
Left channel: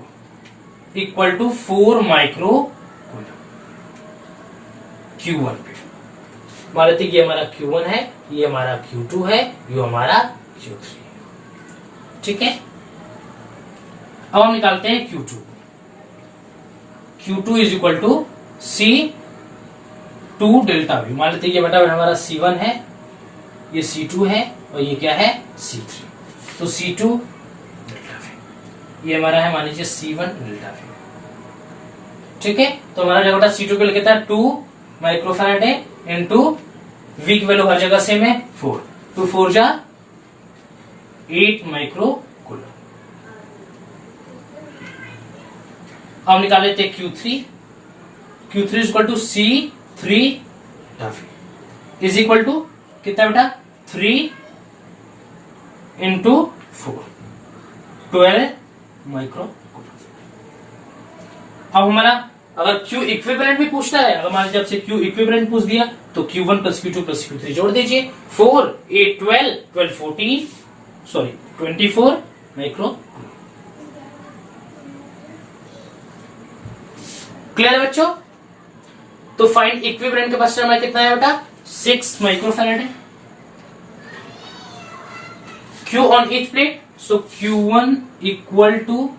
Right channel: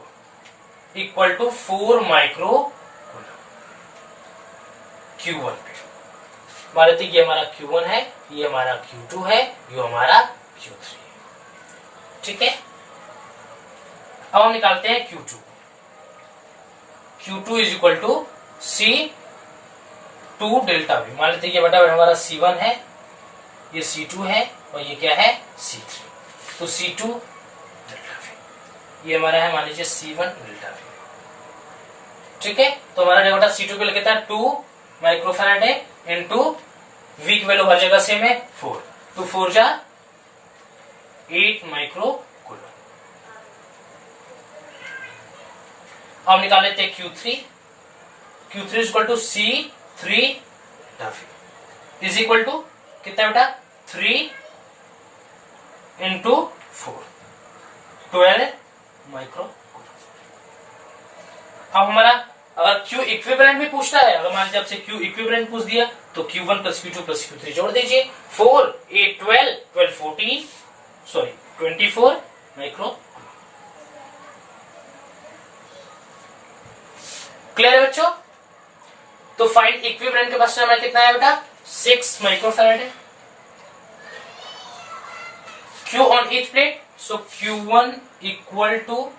equal to 4 micro coulomb Q1 पे। मान लेते ये हमारा Q1 है, ये हमारा Q2 है, ये हमारा Q3 है, ठीक है। अब हम निकालते हैं Q2। Q2 is equal to C2 delta V। मान लेते ये बेटा हमारा C1 है, ये C2 है और ये क्या है C3, तो C2 डेल्टा V, ये हमारा है मान लीजिए C1 डेल्टा V, ठीक है। तो हमारा जो बेटा C2 के लिए कहता है 2 माइक्रोफैराड है इंटू V की वैल्यू हर जगह सेम है 4, 2 4 जा 8 माइक्रो कूलम। अब निकाल लेते हैं Q3 is equal to C3 is equal to कितना बेटा 3 इंटू 4 12 माइक्रो कूलम। अब हमारा अगर Q इक्विवेलेंट भी पूछता है, अगर मान लीजिए आपसे Q इक्विवेलेंट पूछ दिया तो Q1 plus Q2 plus Q3 जोड़ दीजिए, 4 8 12 12 14 सॉरी 24 माइक्रो कूलम। क्लियर है बच्चों। तो फाइंड इक्विवेलेंट कैपेसिटर हमारा कितना है बेटा 6 माइक्रोफैराड है। Q on each plate, so Q1 equal to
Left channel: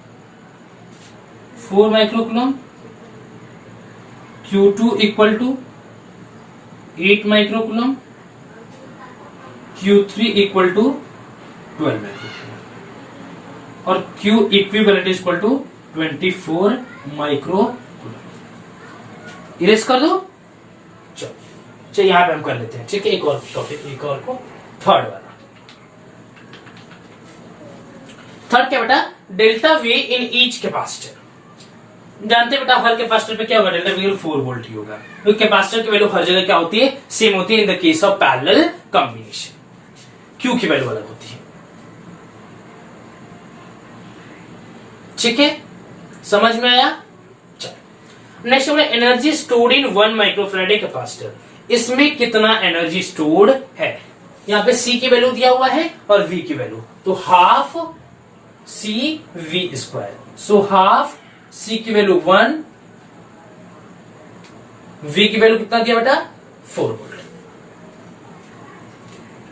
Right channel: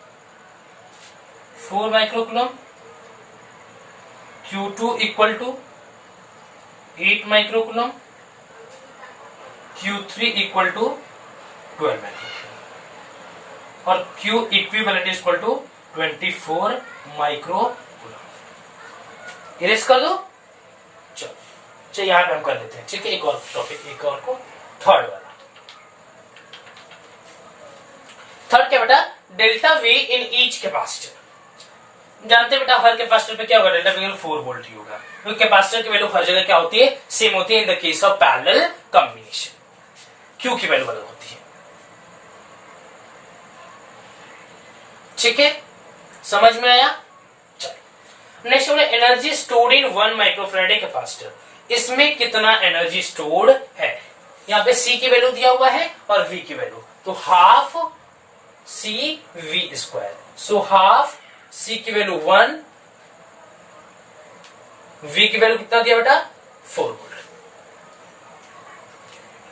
4 microcoulomb, Q2 equal to 8 microcoulomb, Q3 equal to 12 microcoulomb और Q equivalent equal to 24 microcoulomb. Erase कर दो, चलो यहां पे हम कर लेते हैं, ठीक है। एक और टॉपिक, एक और को थर्ड वाला। थर्ड क्या बेटा डेल्टा V इन ईच कैपेसिटर। जानते हैं बेटा हर कैपेसिटर पे क्या होगा, डेल्टा V 4 वोल्ट ही होगा, क्योंकि कैपेसिटर की वैल्यू हर जगह क्या होती है सेम होती है in the case of parallel combination. Q की वैल्यू अलग होती है, ठीक है, समझ में आया। चलो नेक्स्ट बोले energy stored in 1 microfarad capacitor. इसमें कितना एनर्जी स्टोर्ड है, यहाँ पे C की वैल्यू दिया हुआ है और V की वैल्यू, तो half CV square, so half C की वैल्यू 1, V की वैल्यू कितना दिया बेटा 4 वोल्ट,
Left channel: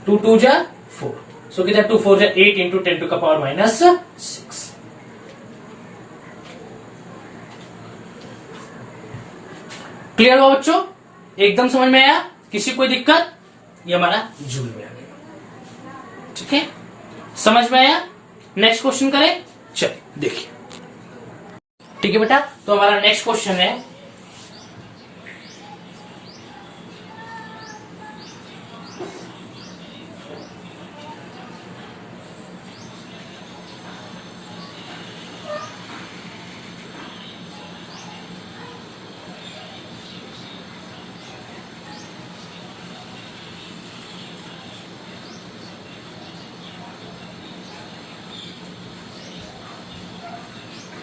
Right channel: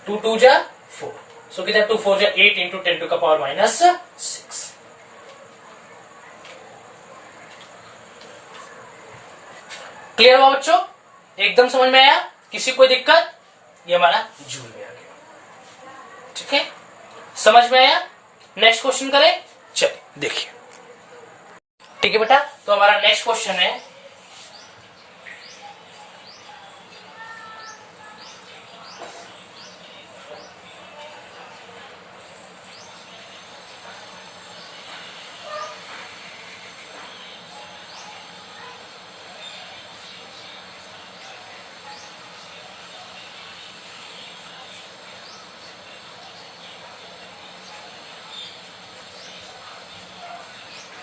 2 2 जा 4, सो कितना 2 4 जा 8 इंटू 10 टू का पावर माइनस 6। क्लियर हुआ बच्चों, एकदम समझ में आया, किसी कोई दिक्कत। ये हमारा जूल में आ गया, ठीक है, समझ में आया। नेक्स्ट क्वेश्चन करें, चलिए देखिए, ठीक है बेटा। तो हमारा नेक्स्ट क्वेश्चन है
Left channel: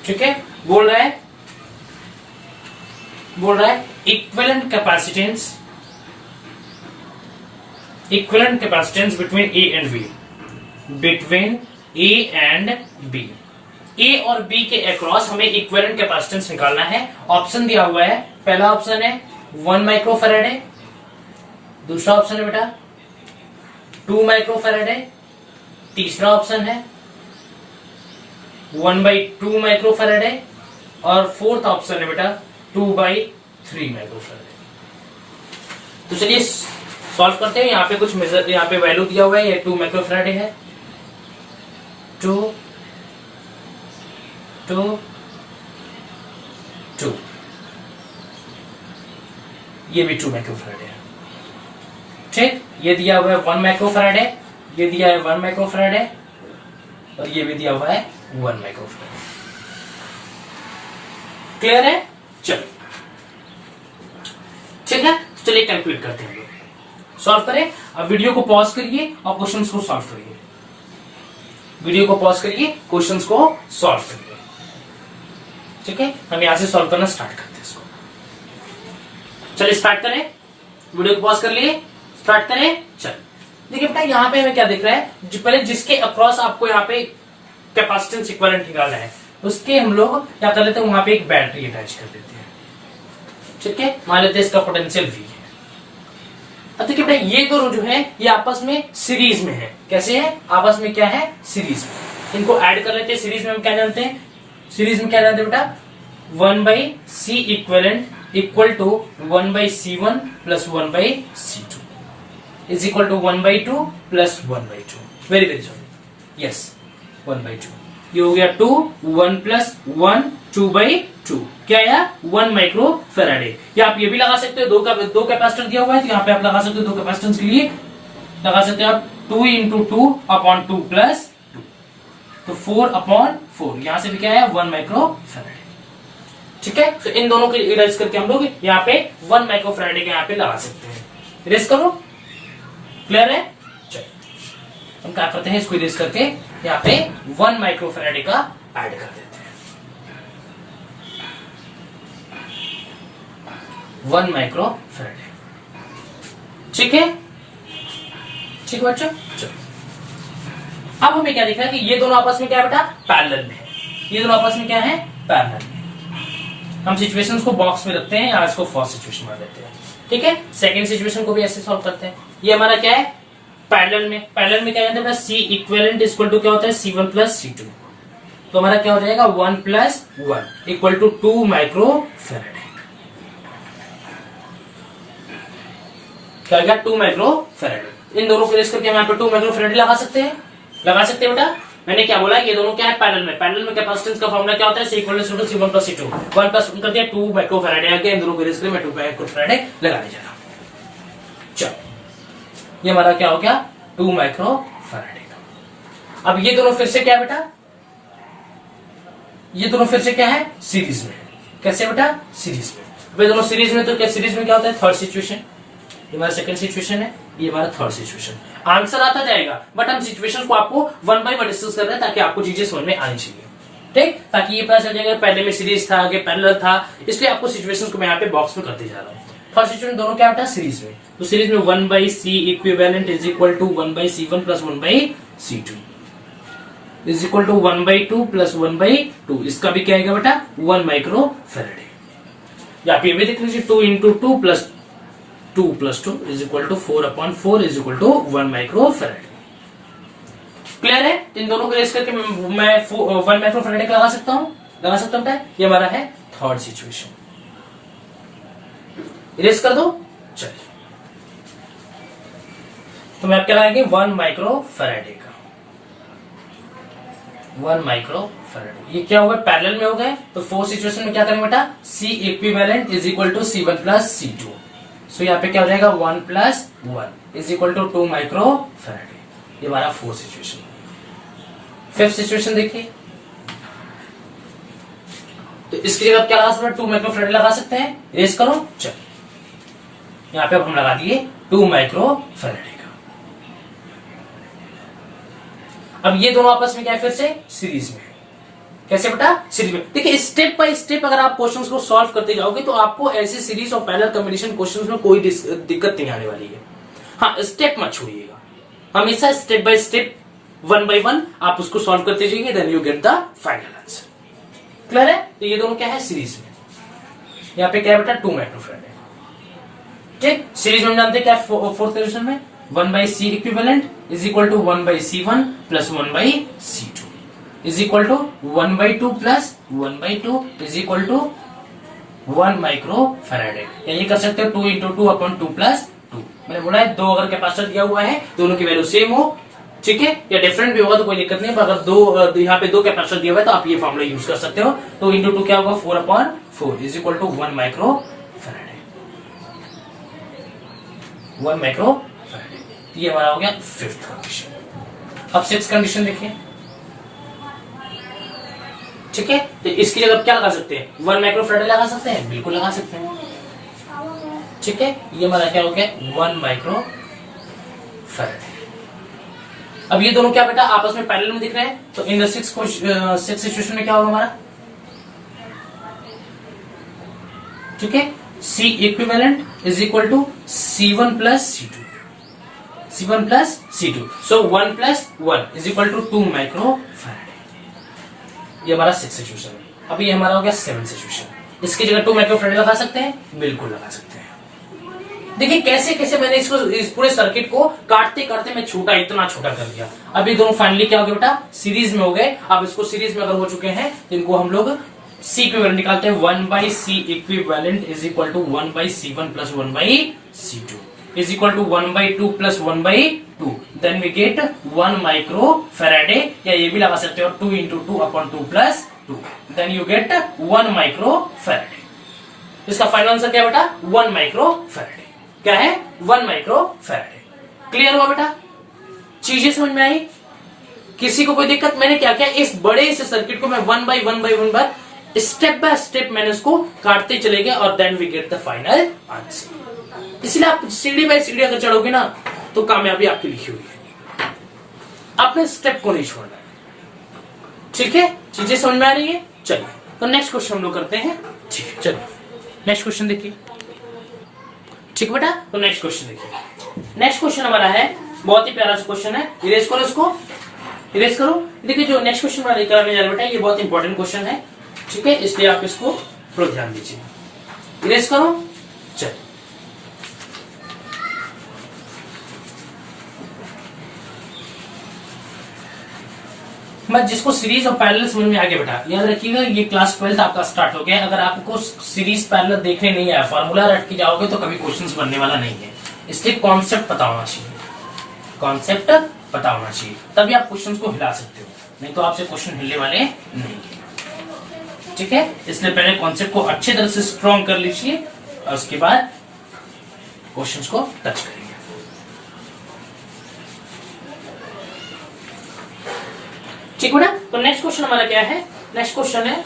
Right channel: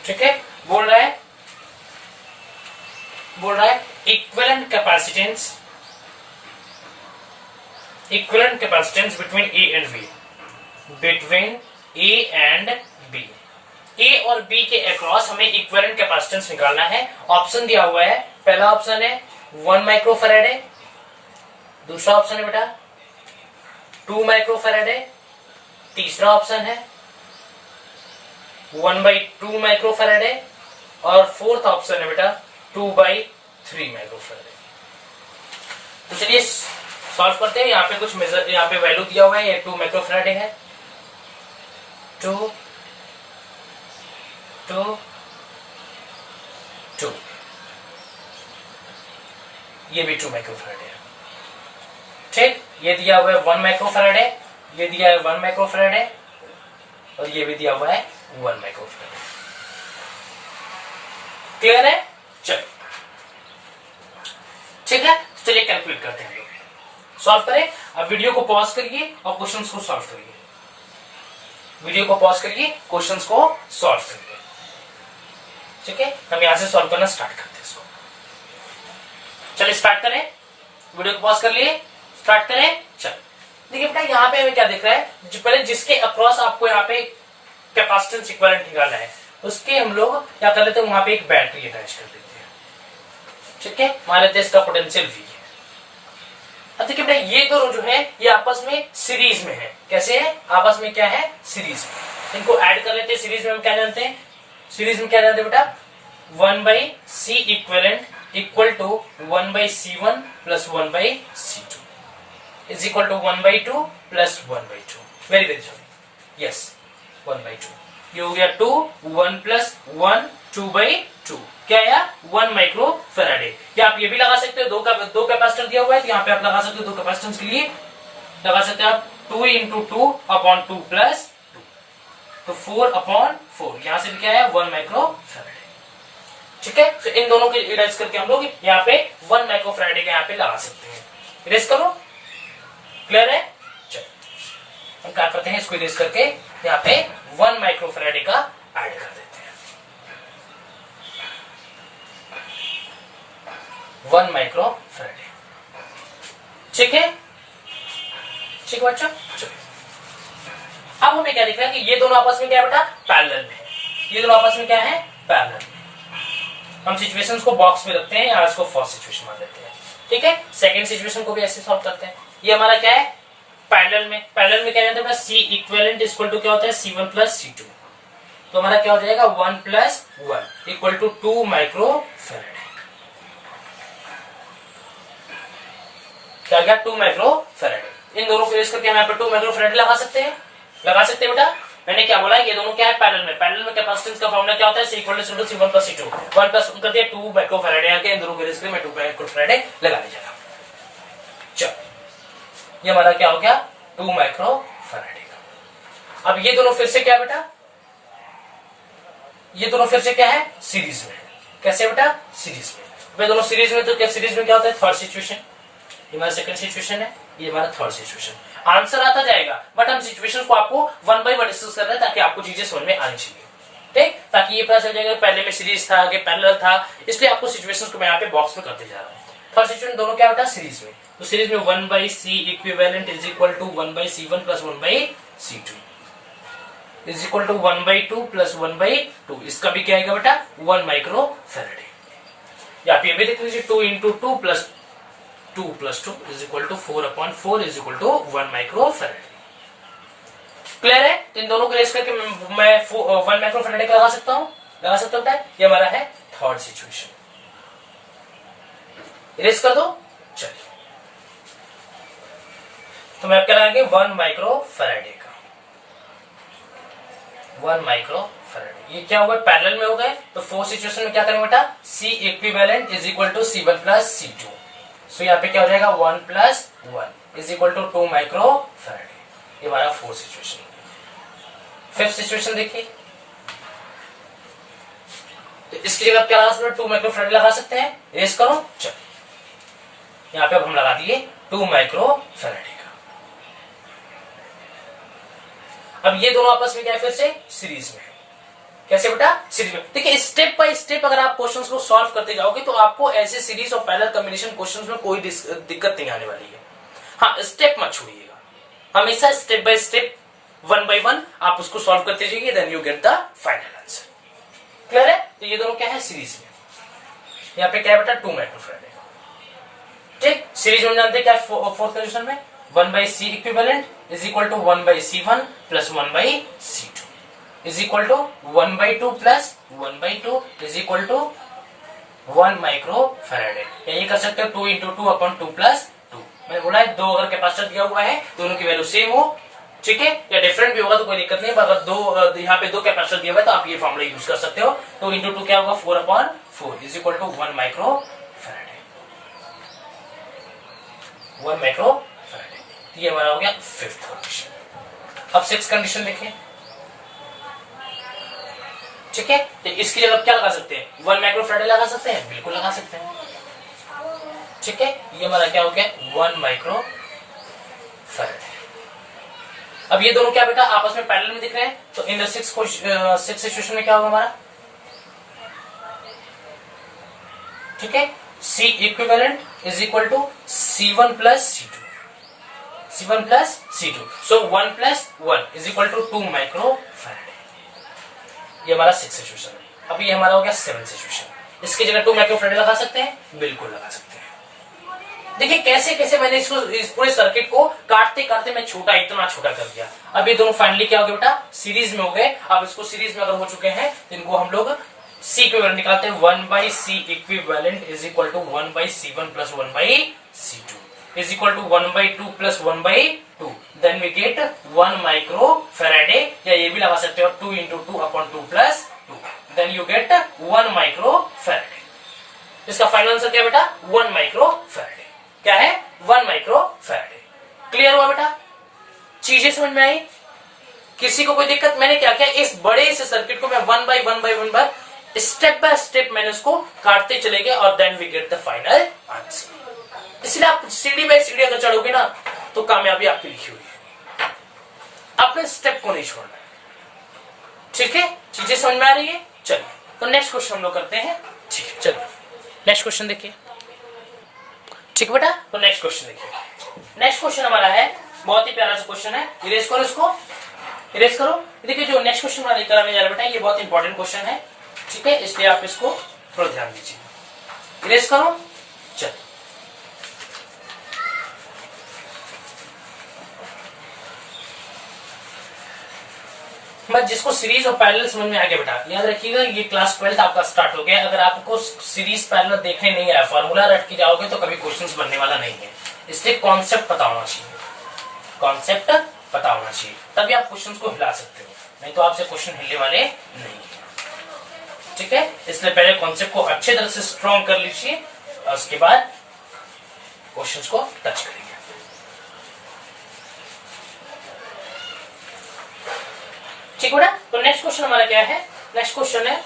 ठीक है, बोल रहा है equivalent capacitance between A and B, between A and B, A और बी के अक्रॉस हमें इक्विवेलेंट कैपेसिटेंस निकालना है। ऑप्शन दिया हुआ है, पहला ऑप्शन है 1 माइक्रोफैराड है, दूसरा ऑप्शन है बेटा 2 माइक्रोफैराड है, तीसरा ऑप्शन है 1/2 माइक्रोफैराड है और फोर्थ ऑप्शन है बेटा 2/3 माइक्रोफैराड है। तो चलिए सॉल्व करते हैं। यहाँ पे कुछ मेजर, यहाँ पे वैल्यू दिया हुआ है, ये 2 माइक्रोफैराड है, 2 2 2, ये भी 2 माइक्रोफैराड है, ठीक। ये दिया हुआ है 1 माइक्रोफैराड है, ये दिया है 1 माइक्रोफैराड है, और ये भी दिया हुआ है 1 माइक्रोफैराडे। क्लियर है? चलिए ठीक है, चलिए कैलकुलेट करते हैं हम लोग, सॉल्व करें। अब वीडियो को पॉज करिए और क्वेश्चंस को सॉल्व करिए। वीडियो को पॉज करिए, क्वेश्चंस को सॉल्व करिए। ठीक है, हम यहां से सॉल्व करना स्टार्ट करते हैं इसको। चलिए स्टार्ट करें, वीडियो को पॉज कर लिए, स्टार्ट करें। चलिए देखिए बेटा, यहाँ पे हमें क्या दिख रहा है, जो पहले जिसके अक्रॉस आपको यहाँ पे कैपेसिटेंस इक्विवेलेंट निकालना है, उसके हम लोग क्या कर लेते हैं, वहां पे एक बैटरी अटैच कर देते हैं। ठीक है, मान लेते हैं इसका पोटेंशियल V है। अब देखिए बेटा, ये दोनों जो है ये आपस में सीरीज में है। कैसे है? आपस में क्या है? सीरीज में। इनको ऐड कर लेते हैं। सीरीज में हम क्या जानते हैं? सीरीज में क्या जानते हैं बेटा? 1/C equivalent equal to 1/C1 plus 1/C2 is equal to 1/2 plus 1/2। Very very sorry, yes 1/2। ये हो गया 2, 1 प्लस 1 2/2। क्या आया? 1 माइक्रो फैराडे। या आप ये भी लगा सकते हो, दो कैपेसिटर दिया हुआ है तो यहाँ पे आप लगा सकते हो, दो कैपेसिटेंस के लिए लगा सकते हो आप 2 × 2 अपॉन 2 प्लस 2, तो 4 अपॉन 4। यहां से भी क्या है? 1 माइक्रो फैराडे। ठीक है, तो इन दोनों के इरेज करके हम लोग यहाँ पे 1 माइक्रो फैराडे के यहाँ पे लगा सकते हैं। इरेज करो, क्लियर है? चलिए हम क्या करते हैं, इसको इरेज करके यहाँ पे 1 माइक्रो फैराडे का ऐड कर देते हैं। 1 माइक्रो फैराडे। ठीक है, ठीक है बच्चों। चलिए अब हमें क्या दिख रहा है कि ये दोनों आपस में क्या है बेटा? पैरेलल में। ये दोनों आपस में क्या है? पैरेलल में। हम सिचुएशंस को बॉक्स में रखते हैं, या इसको फर्स्ट सिचुएशन मान लेते हैं। ठीक है, सेकंड सिचुएशन को भी ऐसे सॉल्व करते हैं। ये हमारा क्या है? पैरेलल में। पैरेलल में क्या जानते हैं? C इक्विवेलेंट इक्वल टू क्या होता है? C1 plus C2। तो हमारा क्या हो जाएगा? 1 plus 1 equal to 2 micro faraday. क्या हो गया? 2 माइक्रो फैराडे। इन दोनों को रेस करके हम यहाँ पे 2 माइक्रो फैराडे लगा सकते हैं। लगा सकते हैं बेटा। मैंने क्या बोला? ये दोनों क्या है? पैरेलल में। पैरेलल में कैपेसिटेंस का फॉर्मूला क्या होता है? C equal to C1 plus C2। 1 plus कर दिया 2 माइक्रो फैराडे आके, इन दोनों को रेस करके मैं 2 माइक्रो फैराडे लगाने जा रहा हूं। चलो ये हमारा क्या हो गया? 2 माइक्रो फैराडे का। अब ये दोनों फिर से क्या है बेटा? ये दोनों फिर से क्या है? सीरीज में। कैसे बेटा? सीरीज में। दोनों सीरीज में, तो क्या सीरीज में क्या होता है? Third situation. ये हमारा सेकंड सिचुएशन है, ये हमारा थर्ड सिचुएशन। आंसर आता जाएगा, बट हम सिचुएशन को आपको 1 बाय 1 डिस्कस कर रहे हैं ताकि आपको चीजें समझ में आनी चाहिए। ठीक, ताकि ये पता चल जाएगा पहले में सीरीज था, आगे पैरेलल था, इसलिए आपको सिचुएशंस को मैं यहाँ पे बॉक्स में करते जा रहा हूँ। फर्स्ट सिचुएशन दोनों क्या होता है? सीरीज में। तो सीरीज में 1/C equivalent is equal to 1/C1 plus 1/C2 is equal to 1/2 plus 1/2। इसका भी क्या आएगा बेटा? 1 माइक्रो फैराडे। या आप ये भी देख लीजिए, 2 × 2 plus 2 plus 2 is equal to 4 upon 4 is equal to 1 micro faraday. Clear है? इन दोनों को रेस करके मैं 1 माइक्रो फैराडे का लगा सकता हूं, लगा सकता हूं। ये हमारा है थर्ड सिचुएशन। इरेज कर दो। चलिए तो मैं आप क्या लगाएंगे? 1 माइक्रो फैराडे का। 1 माइक्रो फैराडे। ये क्या हो गए? पैरेलल में हो गए। तो फोर्थ सिचुएशन में क्या करेंगे बेटा? C equivalent is equal to C1 plus C2। So यहाँ पे क्या हो जाएगा? 1 plus 1 is equal to 2 micro faraday. ये हमारा फोर्थ सिचुएशन। फिफ्थ सिचुएशन देखिए, तो इसकी जगह क्या लगा सकते हैं? 2 माइक्रो फैराडे लगा सकते हैं। रेस करो। चलिए यहाँ पे अब हम लगा दिए 2 माइक्रो फैराडे का। अब ये दोनों आपस में क्या है? फिर से सीरीज में। कैसे बेटा? सीरीज में। देखिए स्टेप बाय स्टेप अगर आप क्वेश्चंस को सॉल्व करते जाओगे तो आपको ऐसे सीरीज और पैरेलल कॉम्बिनेशन क्वेश्चंस में कोई दिक्कत नहीं आने वाली है। हाँ, स्टेप मत छोड़िएगा, हमेशा स्टेप बाय स्टेप 1 बाय 1 आप उसको सॉल्व करते जाइए, then you get the final answer. Clear है? तो ये दोनों क्या है? सीरीज में। यहाँ पे क्या है बेटा? 2 माइक्रो फैराडे। ठीक, सीरीज में जानते हैं क्या? फोर्थ कंडीशन में 1/C equivalent is equal to 1/C1 plus 1/C2 is equal to 1/2 plus 1/2 is equal to 1 micro faraday. ये कर सकते हो 2 × 2 अपॉन 2 प्लस 2। मैंने बोला है दो अगर कैपेसिटर दिया हुआ है, दोनों की वैल्यू सेम हो, ठीक है, या डिफरेंट भी होगा तो कोई दिक्कत नहीं। अगर दो यहाँ पे 2 कैपेसिटर दिया हुआ है तो आप ये फॉर्मूला यूज कर सकते हो। तो 2 × 2 क्या होगा? 4 upon 4 is equal to 1 micro Faraday. 1 micro faraday. ये हमारा हो गया फिफ्थ कंडीशन। अब सिक्स कंडीशन देखिए। ठीक है, तो इसकी जगह क्या लगा सकते हैं, 1 माइक्रोफैराडे लगा सकते हैं, बिल्कुल लगा सकते हैं। ठीक है, ये हमारा क्या हो गया, 1 माइक्रोफैराडे। अब ये दोनों क्या बेटा आपस में पैरेलल में दिख रहे हैं, तो इन सिक्स सिचुएशन में क्या होगा हमारा, ठीक है, C equivalent is equal to C1 plus C2, C1 plus C2, so 1 plus 1 is equal to 2 microfaraday. ये हमारा 6 सिचुएशन है। अभी ये हमारा हो गया 7 सिचुएशन। इसकी जगह 2 माइक्रोफैराडे लगा सकते हैं, बिल्कुल लगा सकते हैं। देखिए कैसे कैसे मैंने इसको, इस पूरे सर्किट को काटते काटते मैं छोटा, इतना छोटा कर दिया। अभी दोनों फाइनली क्या हो गया बेटा, सीरीज में हो गए। अब इसको सीरीज में अगर हो चुके हैं तो इनको हम लोग सी इक्विवेलेंट निकालते हैं। 1 by C equivalent is equal to 1 by C1 plus 1 by C2 is equal to 1 by 2 plus 1 by 2, then we get 1 microfaraday, या ये भी लगा सकते हो 2 into 2 upon 2 plus 2, then you get 1 microfaraday. इसका फाइनल आंसर क्या है बेटा, 1 माइक्रोफैराडे। क्या है, 1 माइक्रोफैराडे। क्लियर हुआ बेटा, चीजें समझ में आई, किसी को कोई दिक्कत। मैंने क्या किया, इस बड़े से सर्किट को मैं 1 बाई 1 बाई 1 बार स्टेप बाय स्टेप मैंने उसको काटते चले गए, और then we get the final answer. इसलिए आप सीढ़ी बाय सीढ़ी अगर चढ़ोगे ना तो कामयाबी आपकी लिखी हुई है, अपने स्टेप को नहीं छोड़ना। ठीक है, चीजें समझ में आ रही है। चलिए तो नेक्स्ट क्वेश्चन हम लोग करते हैं। ठीक है, चलिए नेक्स्ट क्वेश्चन देखिए। ठीक बेटा, तो नेक्स्ट क्वेश्चन देखिए। नेक्स्ट क्वेश्चन हमारा है, बहुत ही प्यारा सा क्वेश्चन है। इरेज करो इसको, इरेज करो। देखिए जो नेक्स्ट क्वेश्चन हमारा लेकर आने जा रहा है बेटा, ये बहुत इंपॉर्टेंट क्वेश्चन है। ठीक है, इसलिए आप इसको थोड़ा ध्यान दीजिए। इरेज करो। चलिए मैं जिसको सीरीज और पैरेलल समझ में आ गया बेटा, याद रखिएगा ये क्लास 12 आपका स्टार्ट हो गया। अगर आपको सीरीज पैरेलल देखने नहीं आया, फॉर्मूला रट के जाओगे तो कभी क्वेश्चंस बनने वाला नहीं है। इसलिए कॉन्सेप्ट पता होना चाहिए, कॉन्सेप्ट पता होना चाहिए, तभी आप क्वेश्चंस को हिला सकते हो, नहीं तो आपसे क्वेश्चन हिलने वाले नहीं है। ठीक है, इसलिए पहले कॉन्सेप्ट को अच्छे तरह से स्ट्रॉन्ग कर लीजिए और उसके बाद क्वेश्चंस को टच करेंगे। ठीक है ना, तो नेक्स्ट क्वेश्चन हमारा क्या है, नेक्स्ट क्वेश्चन है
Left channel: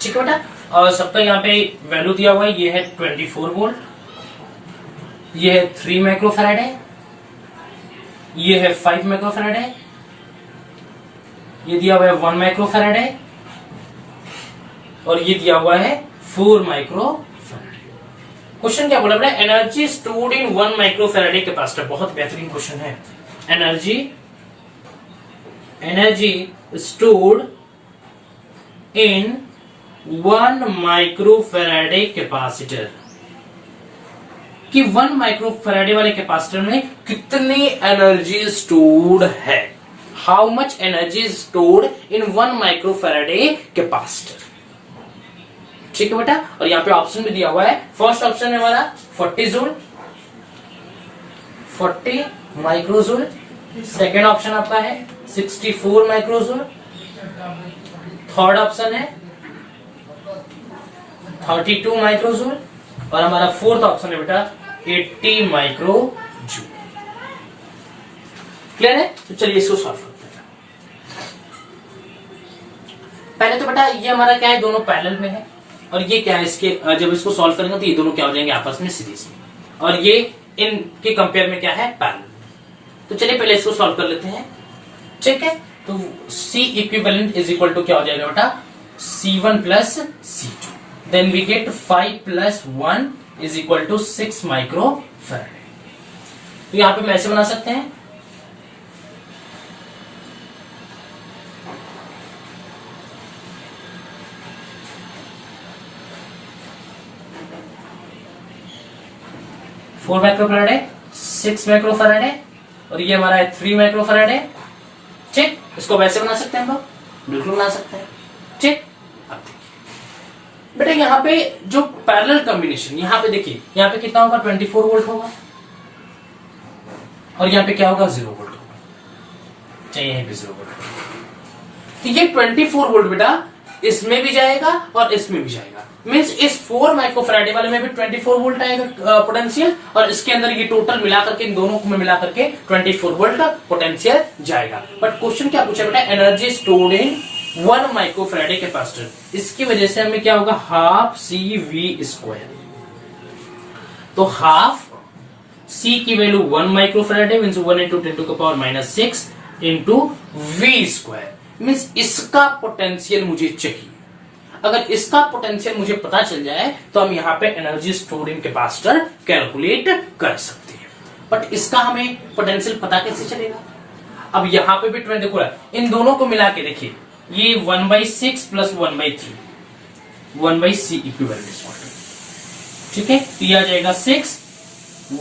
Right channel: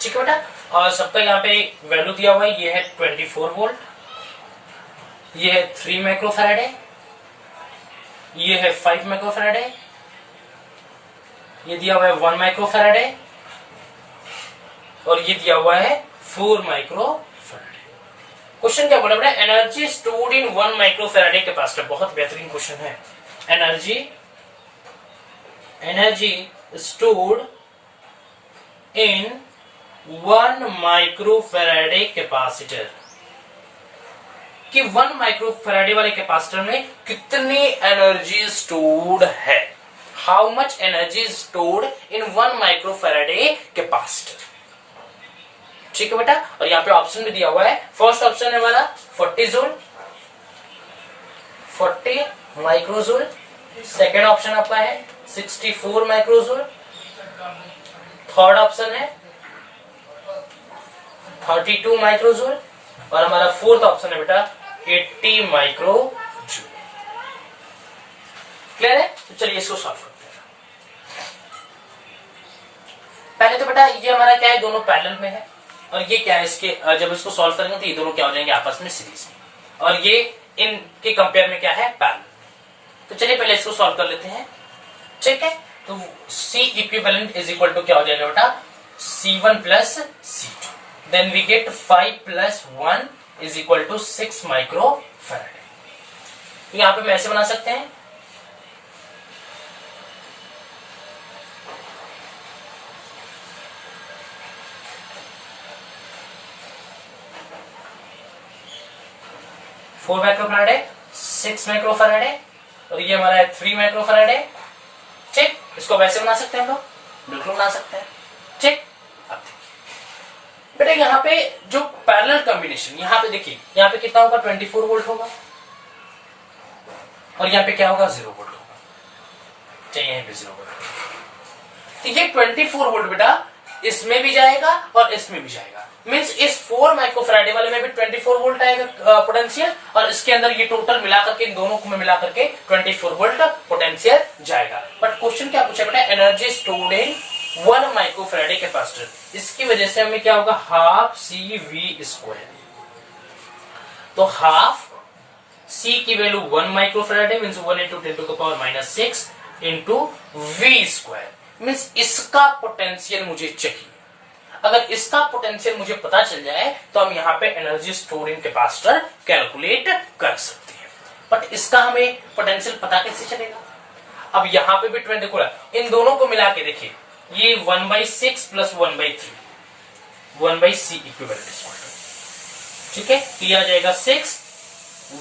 ठीक है बेटा, और सबका यहाँ पे वैल्यू दिया हुआ है। ये है 24 वोल्ट, ये है 3 माइक्रोफैराडे, ये है 5 माइक्रोफैराडे, ये दिया हुआ है 1 माइक्रोफैराडे, और ये दिया हुआ है 4 माइक्रोफैराडे। क्वेश्चन क्या बोला बेटा, energy stored in 1 microfarad capacitor. बहुत बेहतरीन क्वेश्चन है। Energy stored in 1 microfarad capacitor, कि 1 माइक्रोफैराडे वाले कैपेसिटर में कितनी एनर्जी स्टोर्ड है। How much energy stored in 1 microfarad capacitor. ठीक है बेटा, और यहाँ पे ऑप्शन भी दिया हुआ है। फर्स्ट ऑप्शन है हमारा 40 जूल, 40 माइक्रोजूल। सेकेंड ऑप्शन आपका है 64 माइक्रोजूल। थर्ड ऑप्शन है 32 माइक्रोजूल, और हमारा फोर्थ ऑप्शन है बेटा 80 माइक्रोजूल। क्लियर है, तो चलिए इसको सॉल्व करते हैं। पहले तो बेटा ये हमारा क्या है, दोनों पैरेलल में है, और ये क्या है, इसके जब इसको सॉल्व करेंगे तो ये दोनों क्या हो जाएंगे आपस में सीरीज में, और ये इनके कंपेयर में क्या है, पैरेलल। तो चलिए पहले इसको सॉल्व कर लेते हैं। ठीक है, तो C equivalent is equal to क्या हो जाएगा बेटा, C1 plus C2, then we get 5 plus 1 is equal to 6 microfaraday. तो यहां पे हम ऐसे बना सकते हैं, फोर माइक्रोफैराडे, 6 माइक्रोफैराडे, और ये हमारा है 3 माइक्रोफैराडे। ठीक, इसको वैसे बना सकते हैं हम लोग, बिल्कुल बना सकते हैं। ठीक, अब देखिए बेटा यहाँ पे जो पैरेलल कॉम्बिनेशन, यहाँ पे देखिए यहाँ पे कितना होगा 24 वोल्ट होगा और यहाँ पे क्या होगा 0 वोल्ट होगा, चाहिए यहीं पे 0 वोल्ट। तो ये 24 वोल्ट बेटा इसमें भी जाएगा और इसमें भी जाएगा, मींस इस 4 माइक्रोफैराडे वाले में भी 24 वोल्ट आएगा पोटेंशियल, और इसके अंदर ये टोटल मिलाकर के इन दोनों को मिलाकर के 24 वोल्ट का पोटेंशियल जाएगा। बट क्वेश्चन क्या पूछा बेटा, energy stored in 1 microfarad capacitor, इसकी वजह से हमें क्या होगा हाफ CV²। तो हाफ C की value 1 microfarad means 1 × 10⁻⁻6 into V², means इसका पोटेंशियल मुझे चाहिए। अगर इसका पोटेंशियल मुझे पता चल जाए तो हम यहाँ पे एनर्जी स्टोर्ड इन कैपेसिटर कैलकुलेट कर सकते हैं। बट इसका हमें पोटेंशियल पता कैसे चलेगा? अब यहाँ पे भी 20 देखो, इन दोनों को मिला के देखिए, ये 1/6 प्लस 1/3 1/C इक्विवेलेंट, ठीक है। तो ये आ जाएगा 6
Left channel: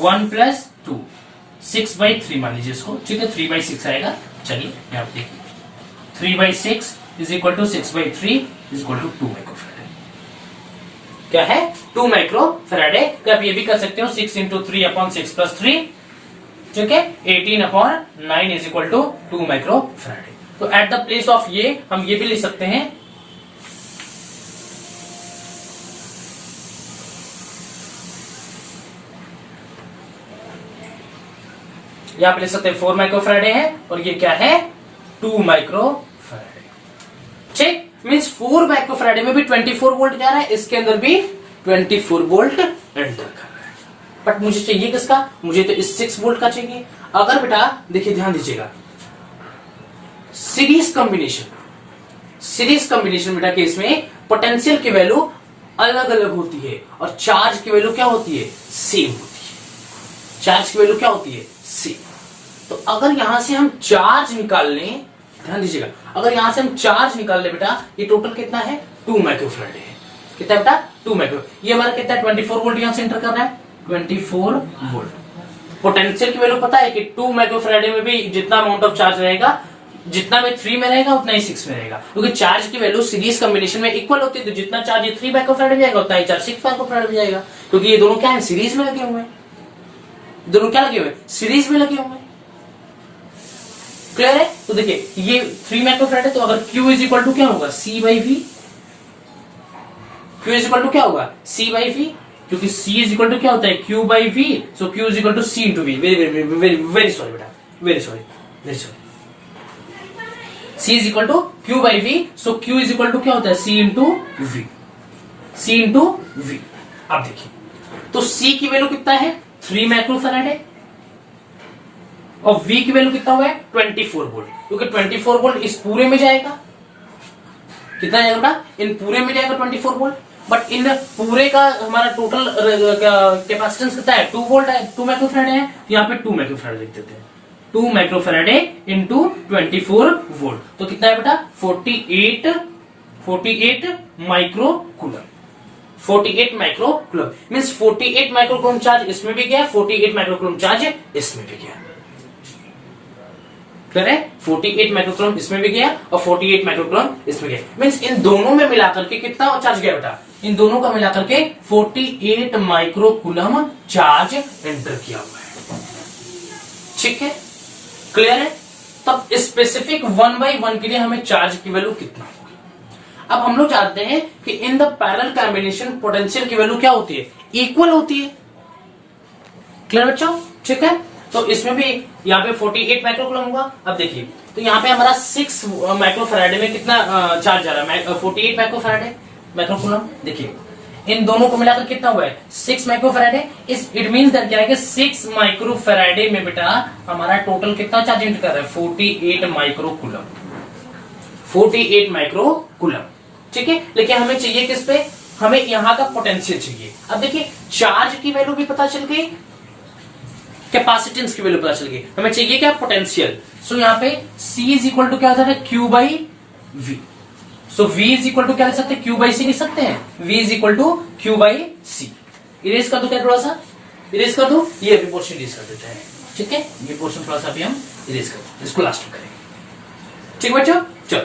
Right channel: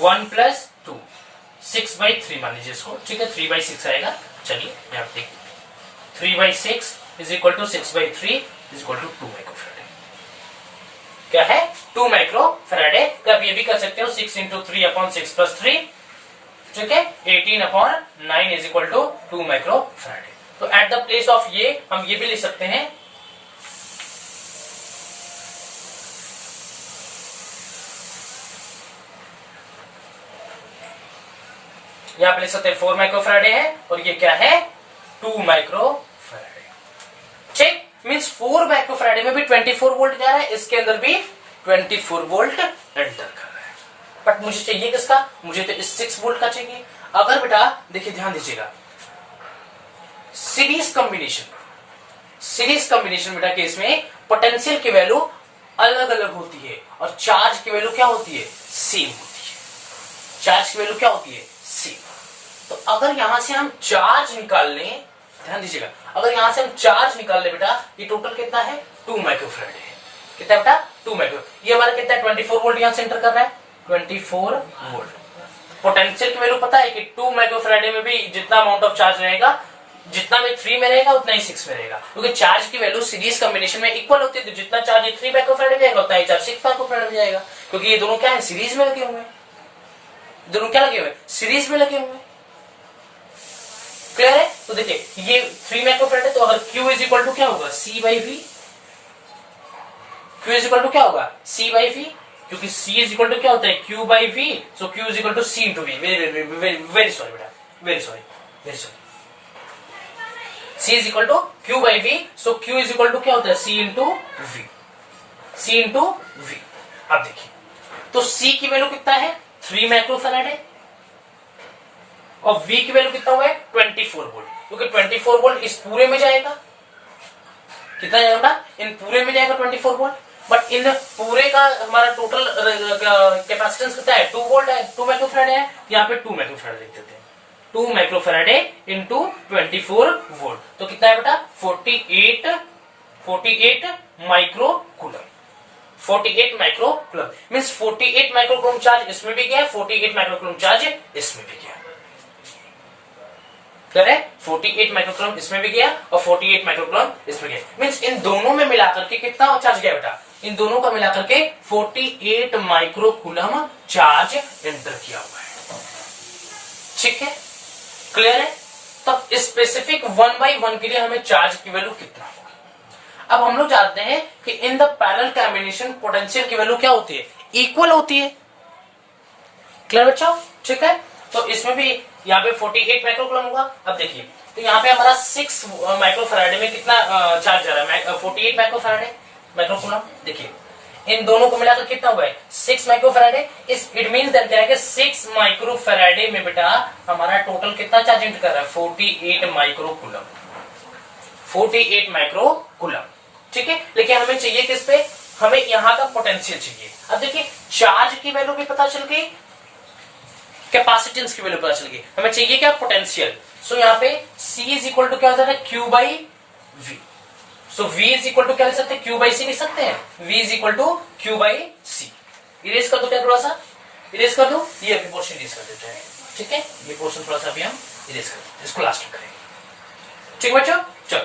1 प्लस 2 6/3 मान लीजिए इसको, ठीक है। 3/6 आएगा। चलिए यहाँ पे देखिए 3/6 is equal to 6/3 is equal to 2 microfaraday. क्या है 2 माइक्रोफैराडे। तो आप ये भी कर सकते हो 6 × 3/6 + 3, ठीक है। 18/9 इज इक्वल टू 2 माइक्रोफैराडे। तो एट द प्लेस ऑफ ये हम ये भी लिख सकते हैं, यहां पे लिख सकते हैं 4 माइक्रोफैराडे है और ये क्या है 2 माइक्रोफैराडे, ठीक। मींस 4 माइक्रोफैराडे में भी 24 वोल्ट जा रहा है, इसके अंदर भी 24 वोल्ट एंटर कर रहा है। बट मुझे चाहिए किसका, मुझे तो इस 6 वोल्ट का चाहिए। अगर बेटा देखिए ध्यान दीजिएगा, सीरीज कॉम्बिनेशन बेटा केस में पोटेंशियल की वैल्यू अलग अलग होती है और चार्ज की वैल्यू क्या होती है सेम होती है। चार्ज की वैल्यू क्या होती है सेम। तो अगर यहां से हम चार्ज निकाल लें, ध्यान दीजिएगा, अगर यहां से हम चार्ज निकाल ले बेटा, ये टोटल कितना है 2 माइक्रोफैराडे है। कितना बेटा 2 माइक्रो, ये हमारा कितना है 24 वोल्ट यहां से एंटर कर रहा है 24 वोल्ट। पोटेंशियल की वैल्यू पता है कि 2 माइक्रोफैराडे में भी जितना अमाउंट ऑफ चार्ज रहेगा, जितना में 3 में रहेगा उतना ही 6 में रहेगा, क्योंकि चार्ज की वैल्यू सीरीज कॉम्बिनेशन में इक्वल होती है। तो जितना चार्ज ये 3 माइक्रोफैराडे में जाएगा उतना ही चार्ज 6 माइक्रोफैराडे में जाएगा, क्योंकि ये दोनों क्या है सीरीज में लगे हुए हैं। दोनों क्या लगे हुए सीरीज में लगे हुए हैं। क्लियर है? तो देखिए ये 3 माइक्रोफैराडे, तो अगर Q इज इक्वल टू क्या होगा C/V, Q is equal to क्या होगा C/V, क्योंकि C इज इक्वल टू क्या होता है Q/V, so Q is equal to C × V। Very sorry बेटा, very sorry. C is equal to Q/V, so Q is equal to क्या होता है C × V, C × V। अब देखिए तो C की वैल्यू कितना है 3 माइक्रोफैराडे और V की वैल्यू कितना हुआ है 24 वोल्ट, क्योंकि 24 वोल्ट इस पूरे में जाएगा। कितना जाएगा इन पूरे में जाएगा 24 वोल्ट, बट इन पूरे का हमारा टोटल कैपेसिटेंस कितना है 2 वोल्ट है, 2 माइक्रोफैराडे है। यहाँ पे 2 माइक्रोफैराडे लिख देते हैं, 2 माइक्रोफैराडे इंटू 24 वोल्ट, तो कितना है बेटा 48 microcoulomb. 48 microcoulomb means 48 microcoulomb charge इसमें भी गया, 48 माइक्रोकूलम चार्ज इसमें भी गया। करेक्ट, 48 माइक्रोकूलम इसमें भी गया और 48 माइक्रोकूलम इसमें गया। मींस इन दोनों में मिलाकर के कितना चार्ज गया बेटा, इन दोनों का मिलाकर के 48 माइक्रोकूलम चार्ज एंटर किया हुआ है। ठीक है, क्लियर है? तब स्पेसिफिक 1/1 के लिए हमें चार्ज की वैल्यू कितना होगी। अब हम लोग जानते हैं कि in the parallel combination potential की वैल्यू क्या होती है इक्वल होती है। क्लियर बच्चों? ठीक है, तो इसमें भी यहाँ पे 48 माइक्रोकूलम होगा। अब देखिए तो यहाँ पे हमारा 6 माइक्रोफैराडे में कितना चार्ज जा रहा है 48 माइक्रोकूलम। देखिए इन दोनों को मिलाकर कितना हुआ है 6 माइक्रोफैराडे। इट मींस दैट क्या है कि 6 माइक्रोफैराडे में बेटा हमारा टोटल कितना चार्ज एंटर कर रहा है 48 माइक्रोकूलम। 48 माइक्रोकूलम, ठीक है। लेकिन हमें चाहिए किस पे, हमें यहां का पोटेंशियल चाहिए। अब देखिए चार्ज की वैल्यू भी पता चल गई, कैपेसिटेंस की वैल्यू पता चल गई, हमें चाहिए क्या पोटेंशियल। सो यहाँ पे C इज इक्वल टू क्या होता है Q/V। So V is equal to क्या लिख सकते हैं Q/C लिख सकते हैं। V is equal to Q/C। Erase कर दो, क्या थोड़ा सा इरेज कर दो, ये पोर्शन इरेज कर देते हैं। ठीक है, ये पोर्शन थोड़ा सा भी हम इरेज कर देते हैं, इसको लास्ट में करेंगे। ठीक बच्चों, चलो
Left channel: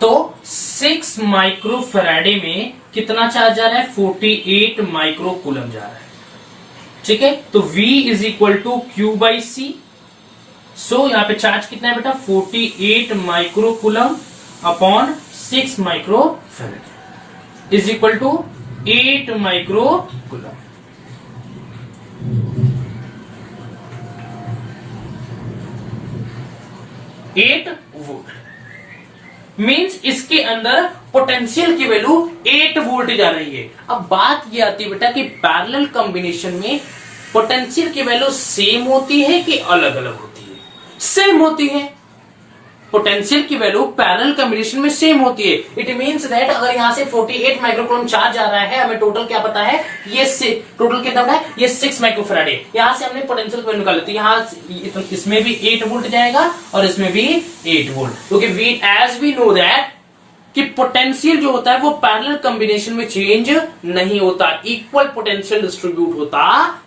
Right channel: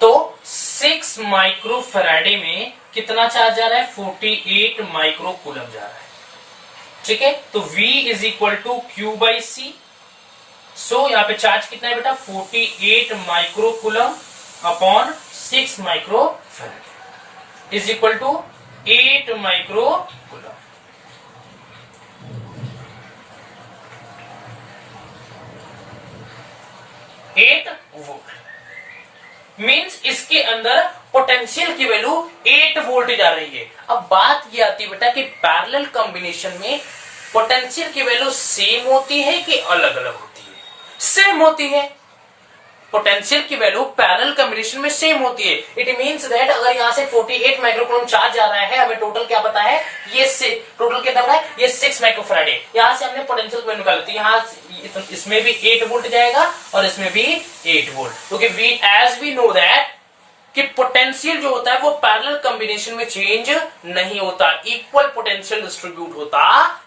तो 6 माइक्रो फैराडे में कितना चार्ज जा रहा है? 48 माइक्रो कूलम जा रहा है। ठीक है, तो V is equal to Q by C. So यहां पे चार्ज कितना है बेटा? 48 micro coulomb upon 6 micro farad is equal to 8 micro coulomb. Eight volt means इसके अंदर पोटेंशियल की वैल्यू 8 वोल्ट जा रही है। अब बात ये आती है बेटा कि पैरेलल कॉम्बिनेशन में पोटेंशियल की वैल्यू सेम होती है कि अलग अलग होती है? सेम होती है। पोटेंशियल की वैल्यू पैरेलल कॉम्बिनेशन में सेम होती है। इट मींस दैट अगर यहां से 48 माइक्रोकूलम चार्ज आ रहा है, हमें टोटल क्या पता है? ये टोटल कितना पता है? ये 6 माइक्रोफैराडे। यहां से हमने पोटेंशियल की वैल्यू निकाली थी। यहां इसमें भी 8 वोल्ट जाएगा और इसमें भी 8 वोल्ट, क्योंकि वी नो दैट कि पोटेंशियल जो होता है वो पैरेलल कॉम्बिनेशन में चेंज नहीं होता, इक्वल पोटेंशियल डिस्ट्रीब्यूट होता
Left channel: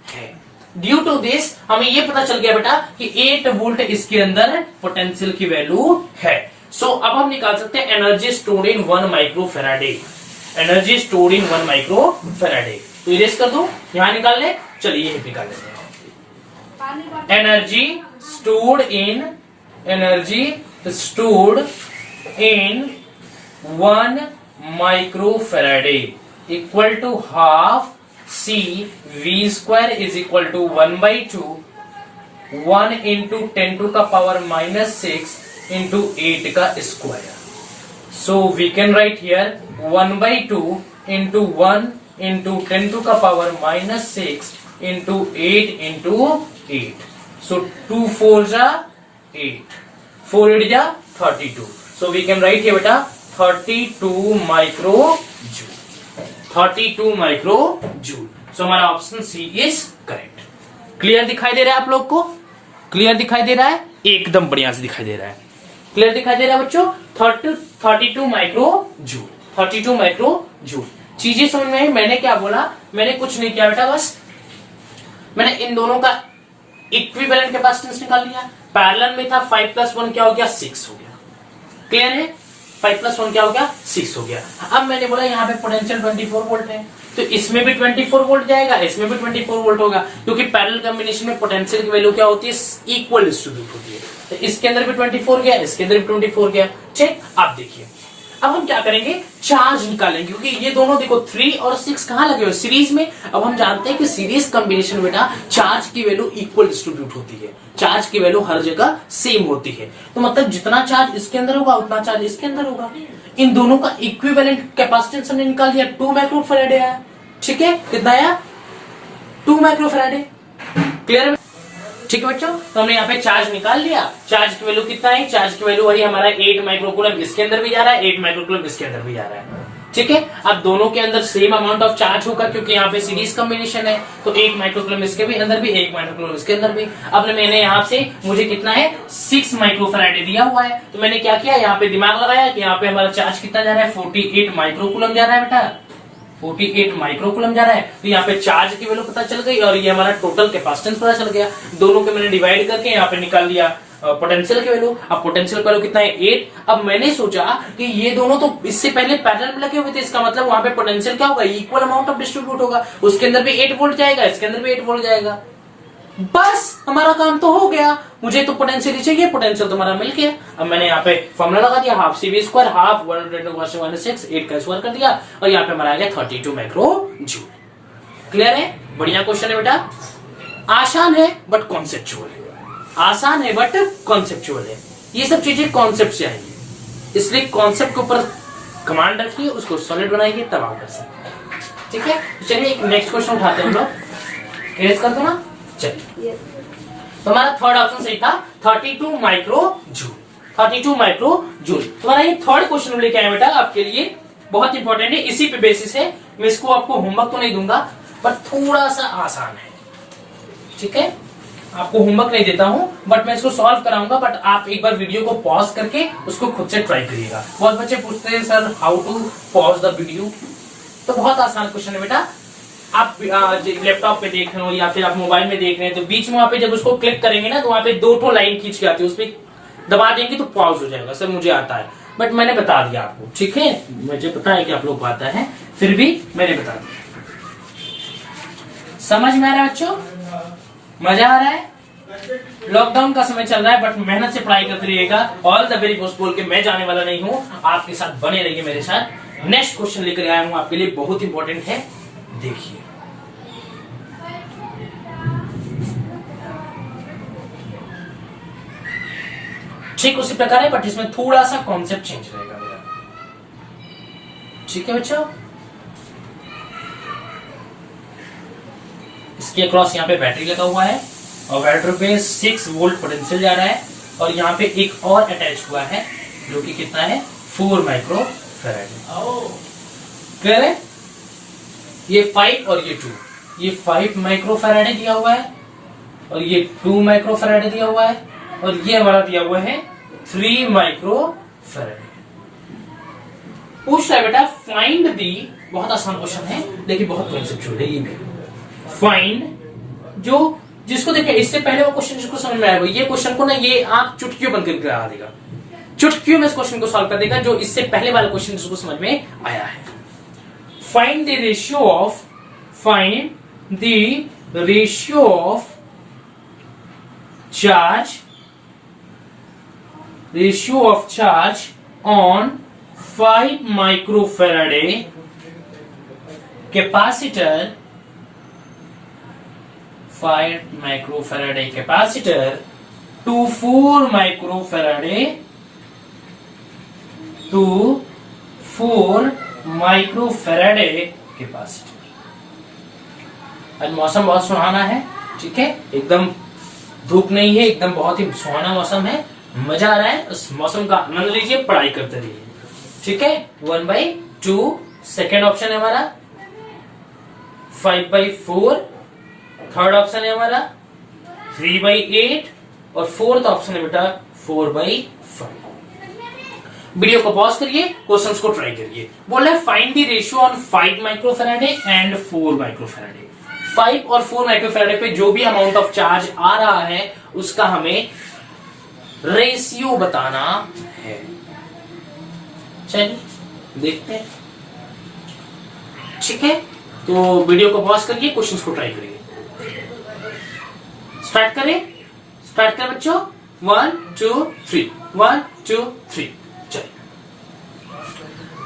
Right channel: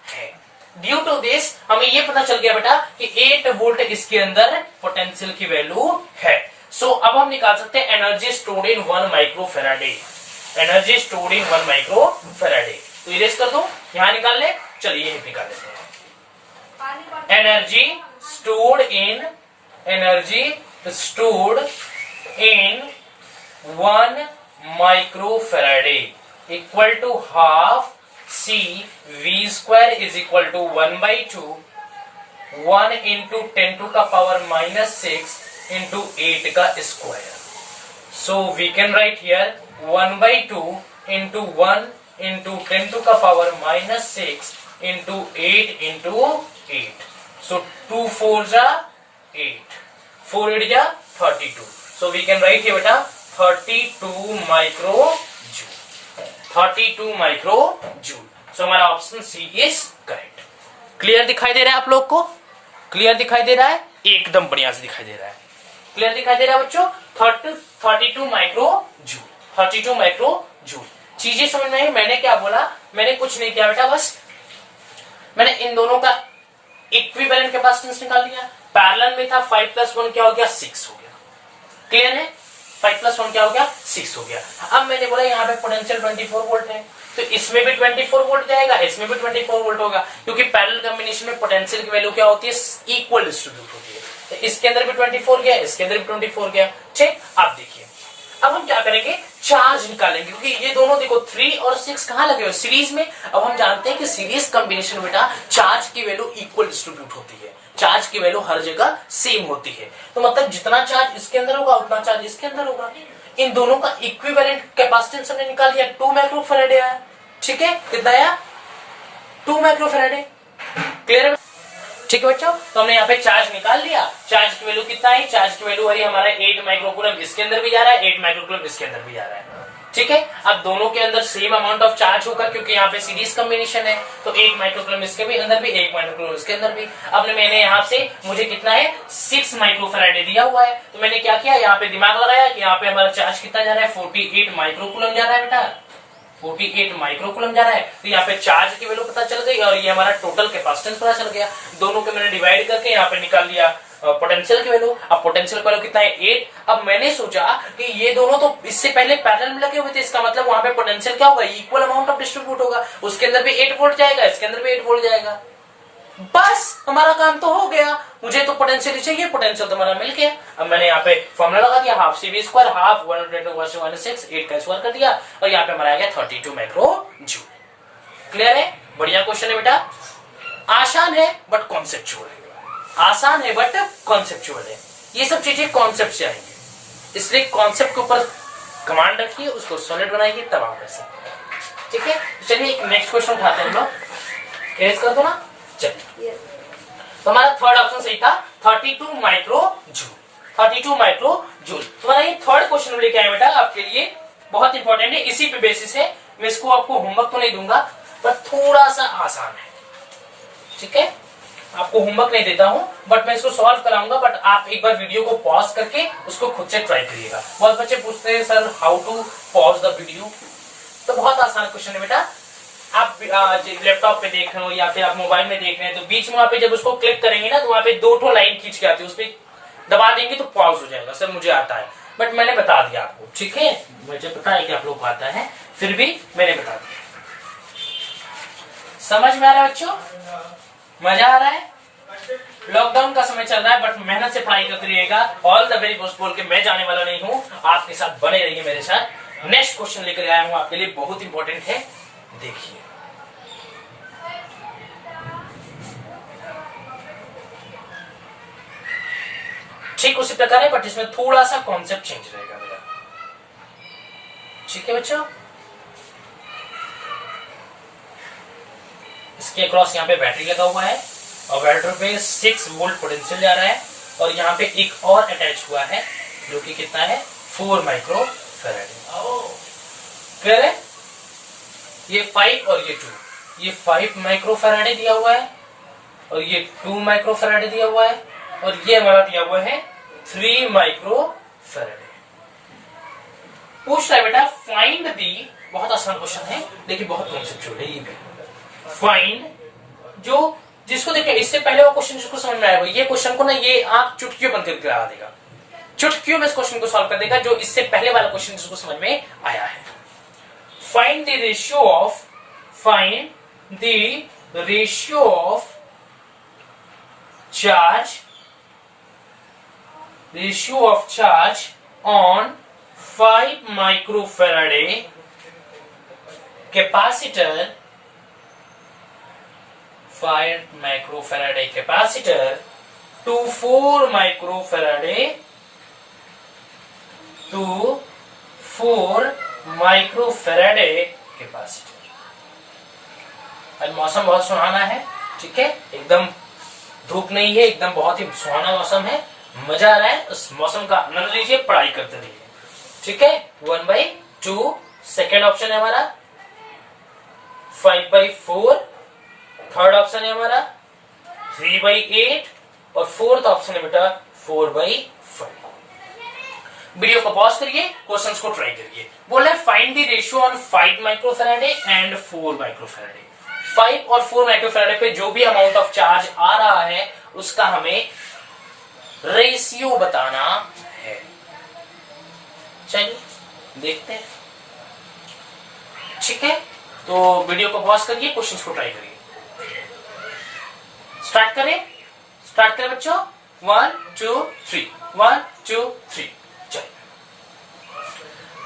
है। ड्यू टू दिस हमें ये पता चल गया बेटा कि 8 वोल्ट इसके अंदर पोटेंशियल की वैल्यू है। सो अब हम निकाल सकते हैं energy stored in 1 micro Faraday. Energy stored in 1 micro Faraday, तो इरेज कर दो, यहां निकाल ले। चलिए ये निकाल लेते हैं। Energy stored in 1 micro faraday equal to half C V square is equal to 1 by 2 1 into 10 to का power minus 6 into 8 का square. So we can write here 1 by 2 into 1 into 10 to का power minus 6 into 8 into 8. So 2 4s are 8, 4 8s are 32. So we can write here beta 32 microjoule. 32 micro joule. So हमारा option C is correct. Clear दिखाई दे रहा है आप लोग को? Clear दिखाई दे रहा है? एकदम बढ़िया से दिखाई दे रहा है। क्लियर दिखाई दे रहा है बच्चों? 32 माइक्रो जूल, 32 माइक्रो जूल। चीजें समझ में आई? मैंने क्या बोला? मैंने कुछ नहीं किया बेटा, बस मैंने इन दोनों का इक्विवेलेंट कैपेसिटेंस निकाल लिया। पैरेलल में था 5 + 1 क्या हो गया? 6 हो गया। क्लियर है? 5 + 1 क्या हो गया? 6 हो गया। अब मैंने बोला यहाँ पे पोटेंशियल 24 वोल्ट है, तो इसमें भी 24 वोल्ट जाएगा, इसमें भी 24 वोल्ट होगा, क्योंकि पैरेलल कॉम्बिनेशन में पोटेंशियल की वैल्यू क्या होती है? इक्वल डिस्ट्रीब्यूट होती है। तो इसके अंदर भी 24 गया, इसके अंदर भी 24 गया। ठीक, अब देखिए, अब हम क्या करेंगे? चार्ज निकालेंगे, क्योंकि ये दोनों देखो 3 और 6 कहां लगे हुए? सीरीज में। अब हम जानते हैं कि सीरीज कॉम्बिनेशन बेटा चार्ज की वैल्यू इक्वल डिस्ट्रीब्यूट होती है, चार्ज की वैल्यू हर जगह सेम होती है। तो मतलब जितना चार्ज इसके अंदर होगा उतना चार्ज इसके अंदर होगा। इन दोनों का इक्विवेलेंट कैपेसिटेंस हमने निकाल दिया, 2 माइक्रो फैराडे आया। ठीक है, कितना आया? 2 माइक्रो फैराडे। क्लियर? ठीक है बच्चों, तो हमने यहाँ पे चार्ज निकाल लिया। चार्ज की वैल्यू कितना है? चार्ज की वैल्यू वही हमारा 8 माइक्रोकूलम इसके अंदर भी जा रहा है, 8 माइक्रोकूलम इसके अंदर भी जा रहा है। ठीक है, अब दोनों के अंदर सेम अमाउंट ऑफ चार्ज होगा, क्योंकि यहाँ पे सीरीज कॉम्बिनेशन है। तो 8 माइक्रोकूलम इसके भी अंदर भी, 1 माइक्रोकूलम इसके अंदर भी। अब मैंने यहाँ से मुझे कितना है? 6 माइक्रोफैराडे दिया हुआ है, तो मैंने क्या किया? यहाँ पे दिमाग लगाया कि यहाँ पे हमारा चार्ज कितना जा रहा है? 48 माइक्रोकूलम जा रहा है बेटा, 48 माइक्रोकूलम जा रहा है। तो यहाँ पे चार्ज की वैल्यू पता चल गई और ये हमारा टोटल कैपेसिटेंस पता चल गया। दोनों के मैंने डिवाइड करके यहाँ पे निकाल लिया पोटेंशियल की वैल्यू। अब पोटेंशियल की वैल्यू कितना है? 8। अब मैंने सोचा कि ये दोनों तो इससे पहले पैरेलल में लगे हुए थे, इसका मतलब वहां पे पोटेंशियल क्या होगा? इक्वल अमाउंट ऑफ डिस्ट्रीब्यूट होगा। उसके अंदर भी 8 वोल्ट जाएगा, इसके अंदर भी 8 वोल्ट जाएगा। बस हमारा काम तो हो गया। मुझे तो पोटेंशियल चाहिए, पोटेंशियल तो हमारा मिल गया। अब मैंने यहाँ पे फॉर्मूला लगा दिया, हाफ CV स्क्वायर हाफ 1/6 8 का स्क्वायर कर दिया और यहाँ पे हमारा आ गया 32 माइक्रो जूल। क्लियर है? बढ़िया क्वेश्चन है बेटा। आसान है बट कॉन्सेप्चुअल है, आसान है बट कॉन्सेप्चुअल है। ये सब चीजें कॉन्सेप्ट से आएंगी, इसलिए कॉन्सेप्ट के ऊपर कमांड रखिए, उसको सॉलिड बनाइए, तब आप कर सकते। ठीक है, चलिए नेक्स्ट क्वेश्चन उठाते हैं हम लोग। एज कर दो ना। चलिए, तो हमारा थर्ड ऑप्शन सही था, 32 माइक्रो जूल। 32 माइक्रो जूल तुम्हारा ये थर्ड क्वेश्चन लेके आए बेटा, आपके लिए बहुत इंपॉर्टेंट है। इसी पे बेसिस है, मैं इसको आपको होमवर्क तो नहीं दूंगा पर थोड़ा सा आसान है। ठीक है, आपको होमवर्क नहीं देता हूं बट मैं इसको सॉल्व कराऊंगा। बट आप एक बार वीडियो को पॉज करके उसको खुद से ट्राई करिएगा। बहुत बच्चे पूछते हैं sir how to pause the video, तो बहुत आसान क्वेश्चन है बेटा। आप लैपटॉप पे देख रहे हो या फिर आप मोबाइल में देख रहे हैं, तो बीच में वहां पे जब उसको क्लिक करेंगे ना, तो वहां पे 2 लाइन खींच के आती है, उसपे दबा देंगे तो पॉज हो जाएगा। सर मुझे आता है, बट मैंने बता दिया आपको, ठीक है, मुझे पता है कि आप लोग को आता है, फिर भी मैंने बता दिया। समझ में आ रहा है बच्चों? मजा आ रहा है? लॉकडाउन का समय चल रहा है, बट मेहनत से पढ़ाई करते रहिएगा। ऑल द वेरी बेस्ट बोल के मैं जाने वाला नहीं हूं, आपके साथ बने रहिए मेरे साथ। नेक्स्ट क्वेश्चन लेकर आया हूं आपके लिए, बहुत इंपॉर्टेंट है, देखिए। ठीक उसी प्रकार है, बट इसमें थोड़ा सा कॉन्सेप्ट चेंज रहेगा मेरा, ठीक है बच्चों। इसके अक्रॉस यहाँ पे बैटरी लगा हुआ है और बैटरी पे 6 वोल्ट पोटेंशियल जा रहा है, और यहाँ पे एक और अटैच हुआ है जो कि कितना है, 4 माइक्रो फैराड। क्लियर है? ये 5 और ये 2, ये 5 माइक्रो फैराड दिया हुआ है और ये 2 माइक्रो फैराड दिया हुआ है, और ये हमारा दिया हुआ है 3 माइक्रो फैराड। पूछ रहा है बेटा फाइंड दी, बहुत आसान क्वेश्चन है, देखिए बहुत कॉन्सेप्चुअल है ये भी। फाइंड जो जिसको देखिए, इससे पहले वो क्वेश्चन जिसको समझ में आएगा, ये क्वेश्चन को ना ये आप चुटकियों बंद करके लगा देगा, चुटकियों में इस क्वेश्चन को सॉल्व कर देगा, जो इससे पहले वाला क्वेश्चन जिसको समझ में आया है। Find the ratio of, find the ratio of charge, ratio of charge on 5 microfarad capacitor, 5 microfarad capacitor to 4 microfarad, to 4 microfarad capacitor. आज मौसम बहुत सुहाना है, ठीक है, एकदम धूप नहीं है, एकदम बहुत ही सुहाना मौसम है, मजा आ रहा है, उस मौसम का आनंद लीजिए, पढ़ाई करते रहिए, ठीक है। 1/2 सेकेंड ऑप्शन है हमारा, 5/4 थर्ड ऑप्शन है हमारा, 3/8 और फोर्थ ऑप्शन है बेटा 4/5। वीडियो को पॉज करिए, क्वेश्चंस को ट्राई करिए। बोल रहा है find the ratio on 5 microfarad and 4 microfarad. 5 और 4 माइक्रोफैराडे पे जो भी अमाउंट ऑफ चार्ज आ रहा है उसका हमें रेशियो बताना है। चलिए देखते हैं, ठीक है। तो वीडियो को पॉज करिए, क्वेश्चंस को ट्राई करिए। स्टार्ट करें, स्टार्ट करें बच्चों। 1 2 3, 1 2 3, चलिए।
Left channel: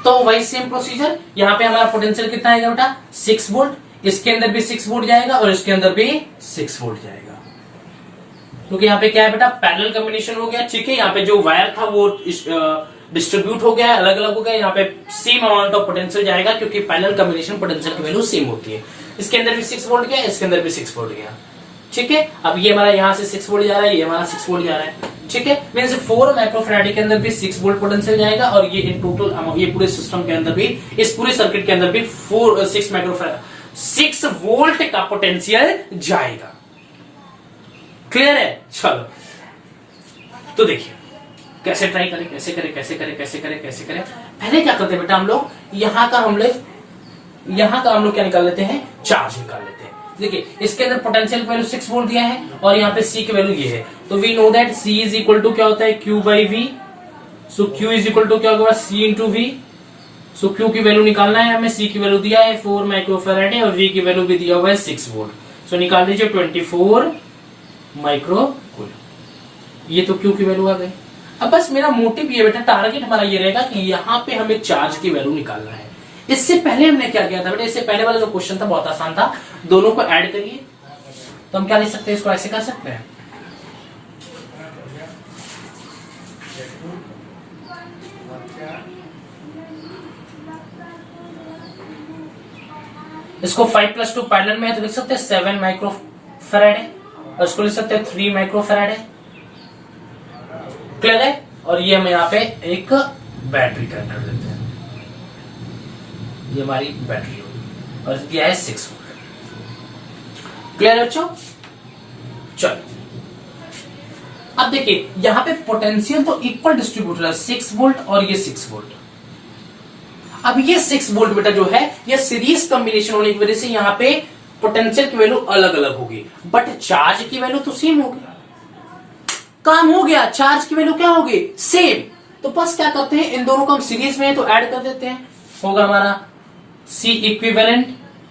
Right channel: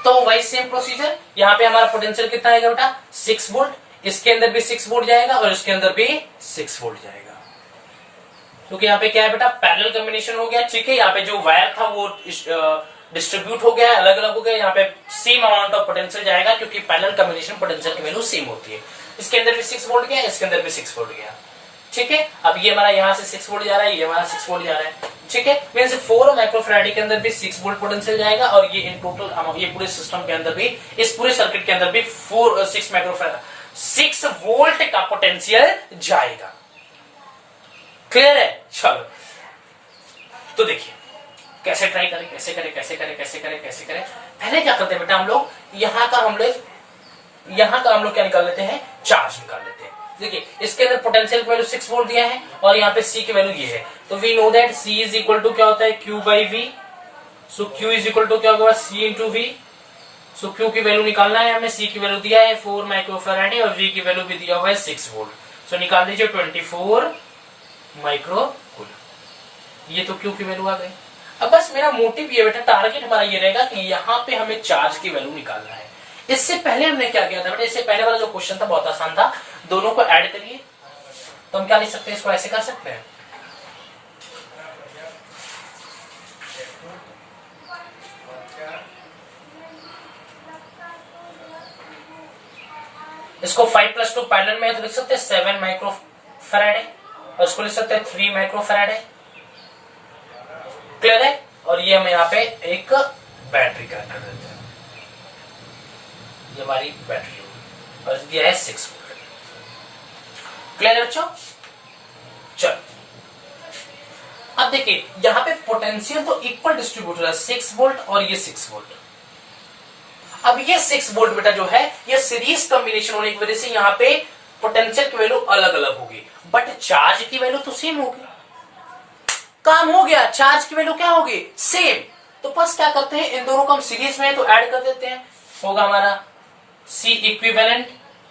तो वही सेम प्रोसीजर, यहाँ पे हमारा पोटेंशियल कितना आएगा बेटा, 6 वोल्ट, इसके अंदर भी 6 वोल्ट जाएगा और इसके अंदर भी 6 वोल्ट जाएगा, क्योंकि यहाँ पे क्या है बेटा, पैरेलल कॉम्बिनेशन हो गया, ठीक है। यहाँ पे जो वायर था वो डिस्ट्रीब्यूट हो गया, अलग अलग हो गया, यहाँ पे सेम अमाउंट ऑफ पोटेंशियल जाएगा, क्योंकि पैरेलल कॉम्बिनेशन पोटेंशियल की वैल्यू सेम होती है। इसके अंदर भी 6 वोल्ट गया, इसके अंदर भी 6 वोल्ट गया, ठीक है। अब ये हमारा यहाँ से 6 वोल्ट जा रहा है, ये हमारा 6 वोल्ट जा रहा है, ठीक है। मींस 4 माइक्रोफैराडे के अंदर भी 6 वोल्ट पोटेंशियल जाएगा, और ये इन टोटल ये पूरे सिस्टम के अंदर भी, इस पूरे सर्किट के अंदर भी 6 वोल्ट का पोटेंशियल जाएगा। क्लियर है? चलो तो देखिए कैसे ट्राई करें, कैसे करें, कैसे करें, कैसे करें, कैसे करें। पहले क्या करते हैं बेटा, हम लोग यहाँ का हम लोग क्या निकाल लेते हैं, चार्ज निकाल लेते हैं। देखिए इसके अंदर पोटेंशियल वैल्यू 6 वोल्ट दिया है, और यहाँ पे सी की वैल्यू ये है, तो we know that C is equal to क्या होता है, Q by V. So Q is equal to क्या होगा, C into V. So Q की वैल्यू निकालना है हमें, सी की वैल्यू दिया है 4 माइक्रोफैराडे और वी की वैल्यू भी दिया हुआ है 6 वोल्ट। सो निकाल दीजिए 24 माइक्रो कूलम। ये तो क्यू की वैल्यू आ गई। अब बस मेरा मोटिव ये बेटा, टारगेट हमारा ये रहेगा कि यहाँ पे हमें चार्ज की वैल्यू निकालना है। इससे पहले हमने क्या किया था बेटा, इससे पहले वाला जो क्वेश्चन था बहुत आसान था, दोनों को ऐड करिए, तो हम क्या लिख सकते हैं, इसको ऐसे कर सकते हैं, इसको 5 + 2 पैरेलल में है, तो लिख सकते हैं 7 माइक्रोफैराडे, और इसको लिख सकते हैं 3 माइक्रोफैराडे। क्लियर है? और ये हम यहाँ पे एक बैटरी कनेक्ट कर देते हैं, ये हमारी बैटरी होगी, और दिया है 6 वोल्ट। क्लियर है बच्चों? चलो अब देखिए यहाँ पे पोटेंशियल तो इक्वल डिस्ट्रीब्यूट हो रहा है, 6 वोल्ट और ये 6 वोल्ट। अब ये 6 वोल्ट बेटा जो है, ये सीरीज कॉम्बिनेशन होने की वजह से यहाँ पे पोटेंशियल की वैल्यू अलग अलग होगी, बट चार्ज की वैल्यू तो सेम होगी। काम हो गया, चार्ज की वैल्यू क्या होगी, सेम। तो बस क्या करते हैं, इन दोनों को हम सीरीज में है तो ऐड कर देते हैं। होगा हमारा C equivalent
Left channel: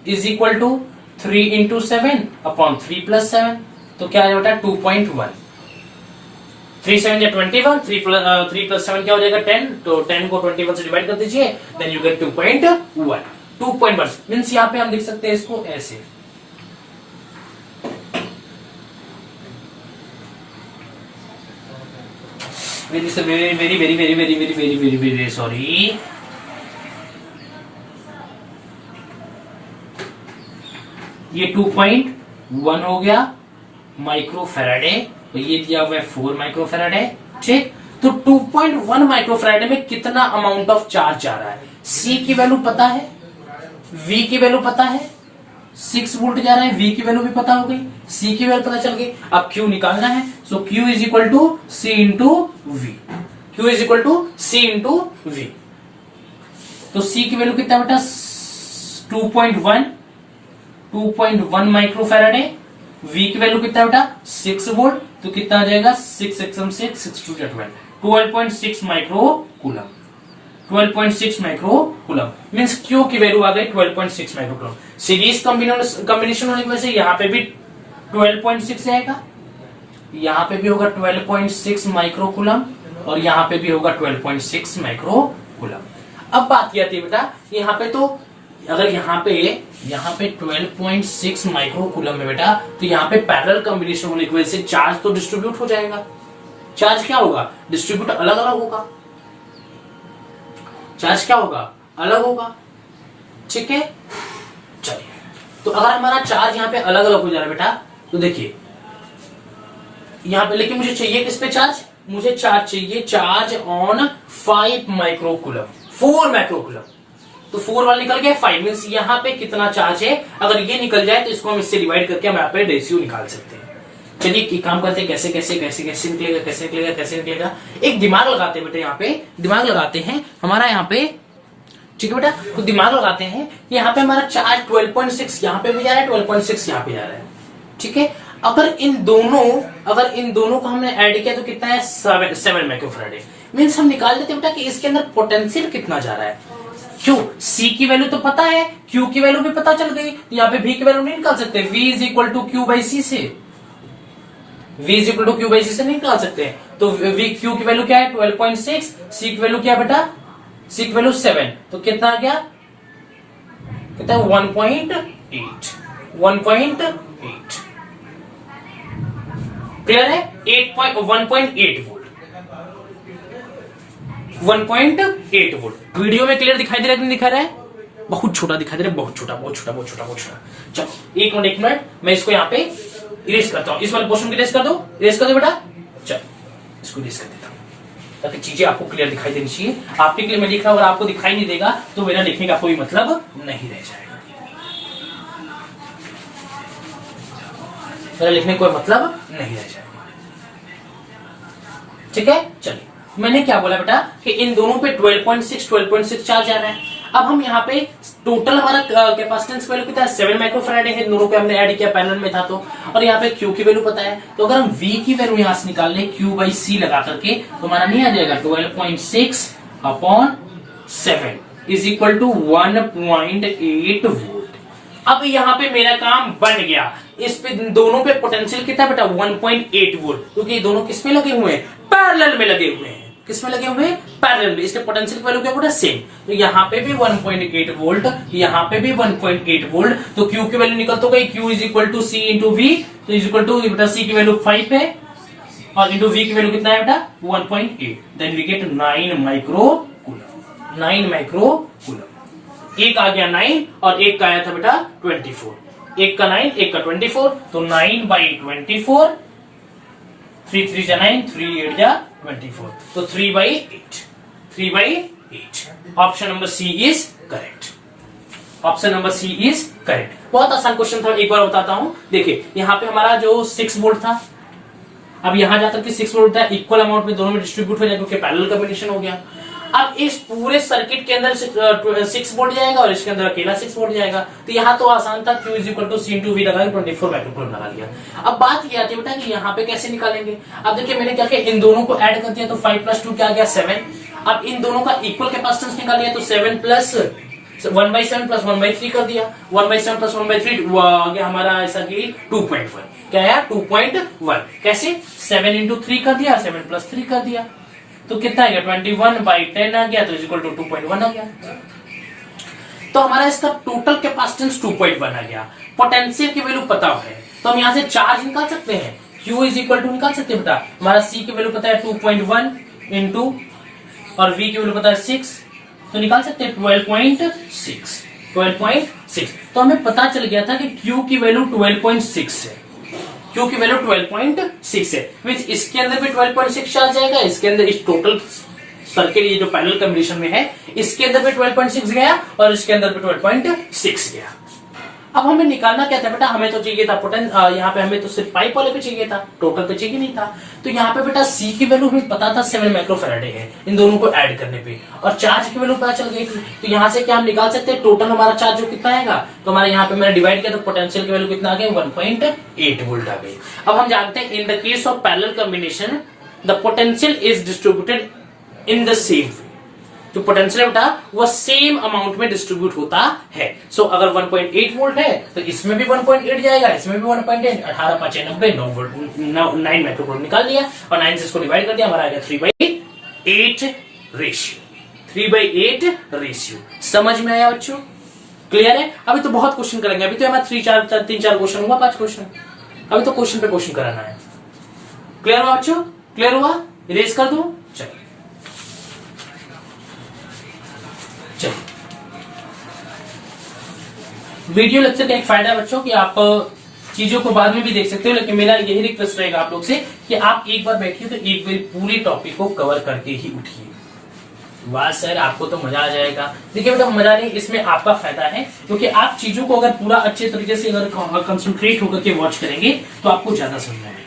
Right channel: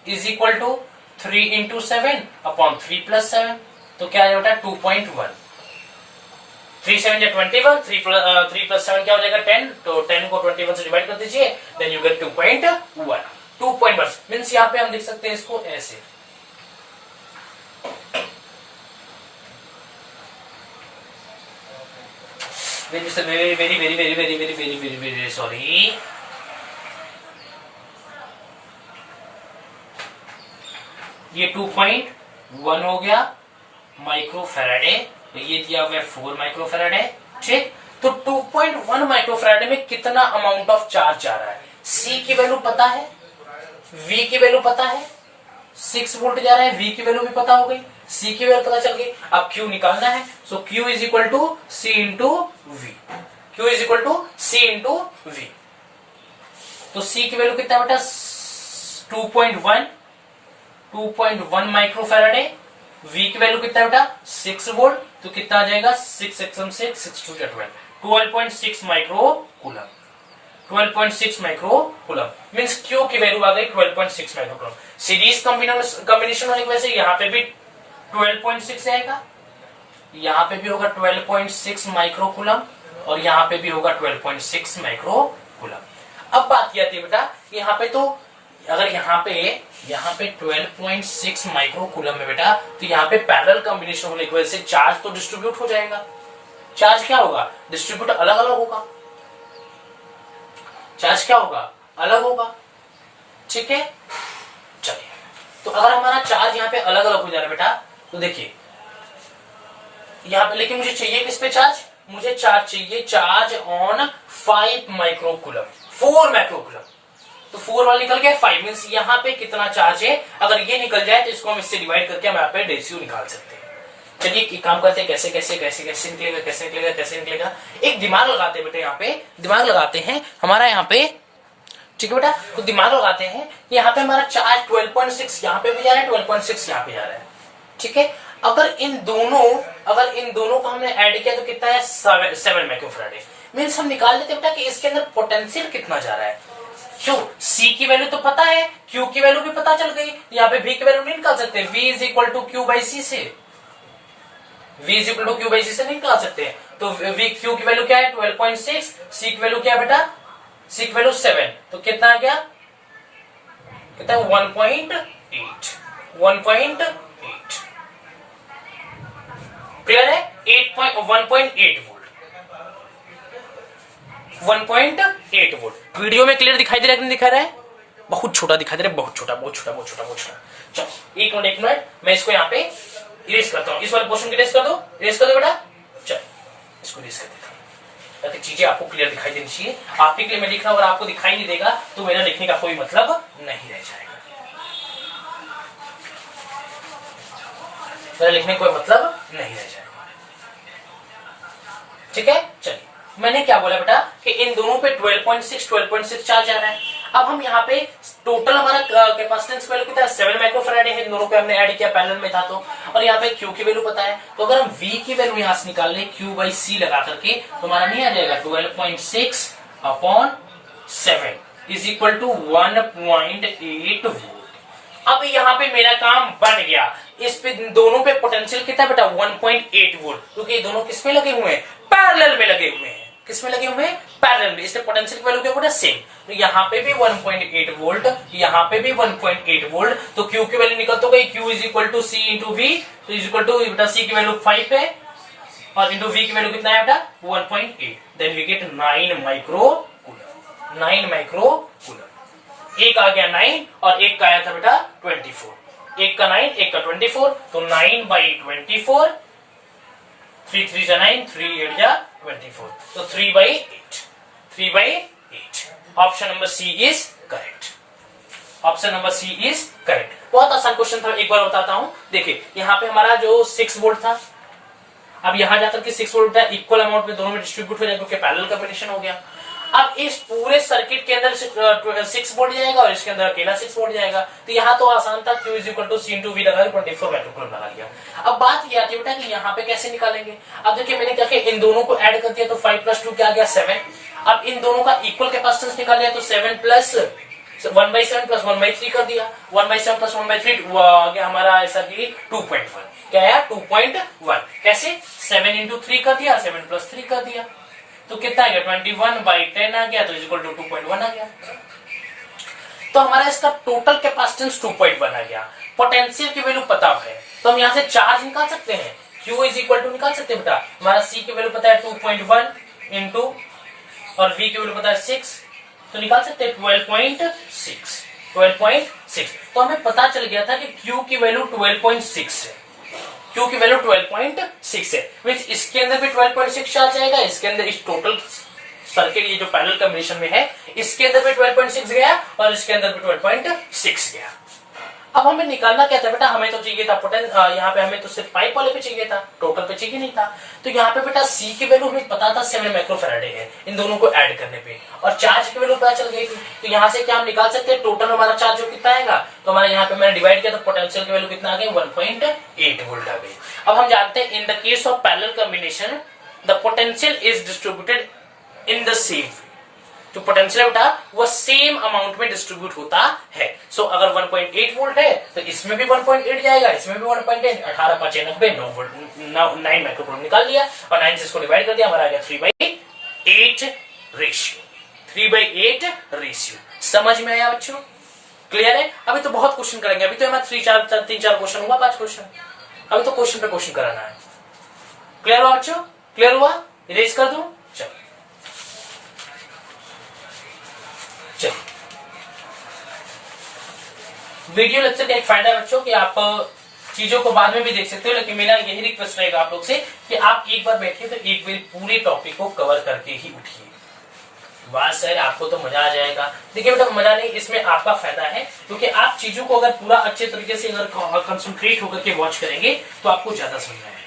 is equal to 3 into 7 upon 3 plus 7। तो क्या है बेटा 2.1। 3 7 21, 3 प्लस 7 क्या हो जाएगा 10। तो 10 को 21 से डिवाइड कर दीजिए, देन यू गेट 2.1। 2.1 मीन्स यहाँ पे हम लिख सकते हैं इसको ऐसे। Very very very very very very very very very very sorry. ये 2.1 हो गया माइक्रो फैराडे, तो ये दिया हुआ है 4 माइक्रो फैराडे। ठीक, तो 2.1 माइक्रो फैराडे में कितना अमाउंट ऑफ चार्ज जा रहा है, C की वैल्यू पता है, V की वैल्यू पता है, 6 वोल्ट जा रहा है, V की वैल्यू भी पता हो गई, C की वैल्यू पता चल गई। अब Q निकालना है, so Q is equal to C into V. Q is equal to C into V. तो C की वैल्यू कितना बेटा 2.1 माइक्रो फैराडे। V की वैल्यू कितना बेटा 6 वोल्ट, तो कितना आ जाएगा 6 6 6 2 12.6 micro coulomb. 12.6 micro coulomb means Q की वैल्यू आ गई 12.6 माइक्रो कूलम। सीरीज कॉम्बिनेशन होने की वजह से यहाँ पे भी 12.6 आएगा, यहाँ पे भी होगा 12.6 माइक्रो कूलम और यहाँ पे भी होगा 12.6 माइक्रो कूलम। अब बात यह आती है बेटा, यहाँ पे तो अगर यहाँ पे 12.6 माइक्रो कूलम है बेटा, तो यहाँ पे पैरेलल कॉम्बिनेशन होने की वजह से चार्ज तो डिस्ट्रीब्यूट हो जाएगा। चार्ज क्या होगा, डिस्ट्रीब्यूट अलग अलग होगा। चार्ज क्या होगा, अलग होगा। ठीक है, चलिए, तो अगर हमारा चार्ज यहाँ पे अलग अलग हो जा रहा है बेटा, तो देखिए यहाँ पे, लेकिन मुझे चाहिए किस पे चार्ज, मुझे चार्ज चाहिए charge on 5 micro coulomb, 4 micro coulomb. तो 4 वाला निकल गया 5 मीन्स यहाँ पे कितना चार्ज है, अगर ये निकल जाए तो इसको हम इससे डिवाइड करके हम यहाँ पे रेशियो निकाल सकते हैं। चलिए एक काम करते हैं, कैसे कैसे कैसे कैसे निकलेगा, कैसे निकलेगा, कैसे निकलेगा। एक दिमाग लगाते हैं बेटा, यहाँ पे दिमाग लगाते हैं हमारा यहाँ पे। ठीक है बेटा, तो दिमाग लगाते हैं, यहाँ पे हमारा चार्ज 12.6 यहाँ पे भी जा रहा है, 12.6 यहाँ पे जा रहा है। ठीक है, अगर इन दोनों को हमने ऐड किया तो कितना है 7 माइक्रोफैराडे। मीन्स हम निकाल देते हैं बेटा कि इसके अंदर पोटेंशियल कितना जा रहा है। क्यों, C की वैल्यू तो पता है, Q की वैल्यू भी पता चल गई, यहाँ पे V की वैल्यू नहीं निकाल सकते। V is equal to Q by C से, V is equal to Q by C से नहीं निकाल सकते। तो Q की वैल्यू क्या है 12.6, C की वैल्यू क्या है बेटा, C की वैल्यू 7, तो कितना आ गया, कितना 1.8। 1.8 क्लियर है, 1.8 वोल्ट, 1.8 वोल्ट। वीडियो में क्लियर दिखाई दे रहा है कि नहीं दिखा रहा है, बहुत छोटा दिखाई दे रहा है, बहुत छोटा बहुत छोटा बहुत छोटा बहुत छोटा। चलो एक मिनट मैं इसको यहाँ पे इरेज करता हूँ, इस वाले पोर्शन को इरेज कर दो, इरेज कर दो बेटा। चलो इसको इरेज कर देता हूँ ताकि चीजें आपको क्लियर दिखाई देनी चाहिए। आपके लिए मैं लिख रहा हूँ, अगर आपको दिखाई नहीं देगा तो मेरा लिखने का कोई मतलब नहीं रह जाएगा, मेरा लिखने का कोई मतलब नहीं रह जाएगा। ठीक है, चलिए मैंने क्या बोला बेटा कि इन दोनों पे 12.6 चार्ज आ रहा है। अब हम यहाँ पे टोटल हमारा कैपेसिटेंस वैल्यू कितना है 7 माइक्रोफैराडे है, दोनों पे हमने ऐड किया, पैरेलल में था तो। और यहाँ पे Q की वैल्यू पता है, तो अगर हम V की वैल्यू यहाँ से निकाल लें Q बाई C लगा करके, तो हमारा नहीं आ जाएगा 12.6 upon 7 is equal to 1.8 volt. अब यहाँ पे मेरा काम बन गया, इस पे दोनों पे पोटेंशियल कितना बेटा 1.8 वोल्ट, क्योंकि दोनों किस में लगे हुए हैं, पैरेलल में लगे हुए हैं। किसमें लगे हुए हैं, पैरेलल में, इसलिए पोटेंशियल की वैल्यू क्या बेटा सेम। तो यहाँ पे भी 1.8 वोल्ट, यहाँ पे भी 1.8 वोल्ट, तो Q की वैल्यू निकल तो गई, Q is equal to C into V, तो इज इक्वल टू बेटा C की वैल्यू 5 है और इंटू V की वैल्यू कितना है बेटा 1.8, then we get 9 micro coulomb. 9 micro coulomb, एक आ गया 9 और एक का आया था बेटा 24, एक का 9 एक का 24, तो 9 बाई 24, 3 3 जा 9, 3 8 जा 24, तो 3 by 8, 3 by 8। Option number C is correct, option number C is correct. बहुत आसान क्वेश्चन था, एक बार बताता हूं। देखिए यहाँ पे हमारा जो 6 वोल्ट था, अब यहां जाकर के 6 वोल्ट था, इक्वल अमाउंट में दोनों में डिस्ट्रीब्यूट हो जाए क्योंकि पैरेलल कॉम्बिनेशन हो गया। अब इस पूरे सर्किट के अंदर 6 वोल्ट जाएगा और इसके अंदर अकेला 6 वोल्ट जाएगा। तो यहाँ तो आसान था, Q = C × V लगा 24 माइक्रोकूलम लगा लिया। अब बात यह आती है बेटा कि यहाँ पे कैसे निकालेंगे। अब देखिए मैंने क्या किया, इन दोनों को ऐड कर दिया तो 5 + 2 क्या आ गया 7। अब इन दोनों का इक्वल कैपेसिटेंस निकाल लिया तो 7 + 1/7 + 1/3 कर दिया। 1/7 + 1/3 आ गया हमारा ऐसा कि 2.1। क्या आया 2.1। कैसे 7 × 3 कर दिया, 7 + 3 कर दिया तो कितना आ गया 21/10 आ गया तो = 2.1 आ गया। तो हमारा इसका टोटल कैपेसिटेंस 2.1 आ गया। पोटेंशियल की वैल्यू पता है तो हम यहाँ से चार्ज निकाल सकते हैं। Q = निकाल सकते हैं बेटा, हमारा C की वैल्यू पता है 2.1 इंटू और V की वैल्यू पता है 6 तो निकाल सकते हैं 12.6। तो हमें पता चल गया था कि Q की वैल्यू 12.6 है। Q की वैल्यू 12.6 है, मींस इसके अंदर भी 12.6 आ जाएगा, इसके अंदर इस टोटल सर्किट ये जो पैरेलल कॉम्बिनेशन में है इसके अंदर भी 12.6 गया और इसके अंदर भी 12.6 गया। अब हमें निकालना क्या था बेटा, हमें तो चाहिए था यहाँ पे हमें तो सिर्फ पाइप वाले पे चाहिए था, टोटल पे चाहिए नहीं था। तो यहाँ पे बेटा C की वैल्यू हमें पता था 7 माइक्रोफैराडे है इन दोनों को ऐड करने पे, और चार्ज की वैल्यू पता चल गई थी। तो यहाँ से क्या हम निकाल सकते हैं टोटल हमारा चार्ज जो कितना आएगा। तो हमारे यहाँ पे मैंने डिवाइड किया तो पोटेंशियल की वैल्यू कितना आ गई 1.8 वोल्ट आ गई। अब हम जानते हैं इन the case of parallel combination the potential is distributed in the same way. जो पोटेंशियल बेटा वो सेम अमाउंट में डिस्ट्रीब्यूट होता है। सो अगर 1.8 वोल्ट है तो इसमें भी 1.8 जाएगा, इसमें भी 1.8, 18 × 5 = 90, 9 वोल्ट 9 माइक्रोकूलम निकाल लिया और 9 से इसको डिवाइड कर दिया, हमारा आ गया 3/8 रेशियो। 3/8 रेशियो समझ में आया बच्चों, क्लियर है। अभी तो बहुत क्वेश्चन करेंगे, अभी तो हमारा 3-4 क्वेश्चन हुआ, 5 क्वेश्चन, अभी तो क्वेश्चन पे क्वेश्चन कराना है। क्लियर हुआ बच्चों, क्लियर हुआ, इरेज कर दूं। चलो वीडियो लेक्चर का एक फायदा बच्चों कि आप चीजों को बाद में भी देख सकते हो, लेकिन मेरा यही रिक्वेस्ट रहेगा आप लोग से कि आप एक बार बैठिए तो एक बार पूरी टॉपिक को कवर करके ही उठिए। वाह सर आपको तो मजा आ जाएगा। देखिए बेटा मजा नहीं, इसमें आपका फायदा है क्योंकि आप चीजों को अगर पूरा अच्छे तरीके से अगर कंसंट्रेट होकर के वॉच करेंगे तो आपको ज्यादा समझ में आएगा।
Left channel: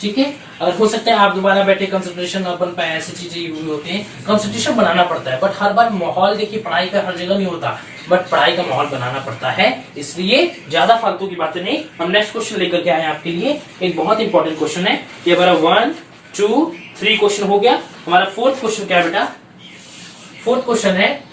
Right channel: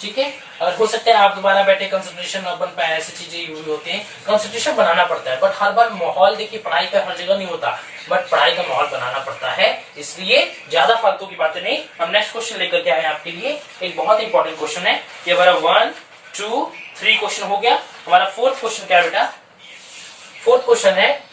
ठीक है, अगर हो सकता है आप दोबारा बैठे कंसंट्रेशन न बन पाए, ऐसी चीजें हुई होती हैं। कंसंट्रेशन बनाना पड़ता है बट हर बार माहौल देखिए पढ़ाई का हर जगह नहीं होता, बट पढ़ाई का माहौल बनाना पड़ता है, इसलिए ज्यादा फालतू की बातें नहीं। हम नेक्स्ट क्वेश्चन लेकर के आए आपके लिए, एक बहुत इंपॉर्टेंट क्वेश्चन है ये हमारा 1 2 3 क्वेश्चन हो गया। हमारा 4th क्वेश्चन क्या है बेटा, 4th क्वेश्चन है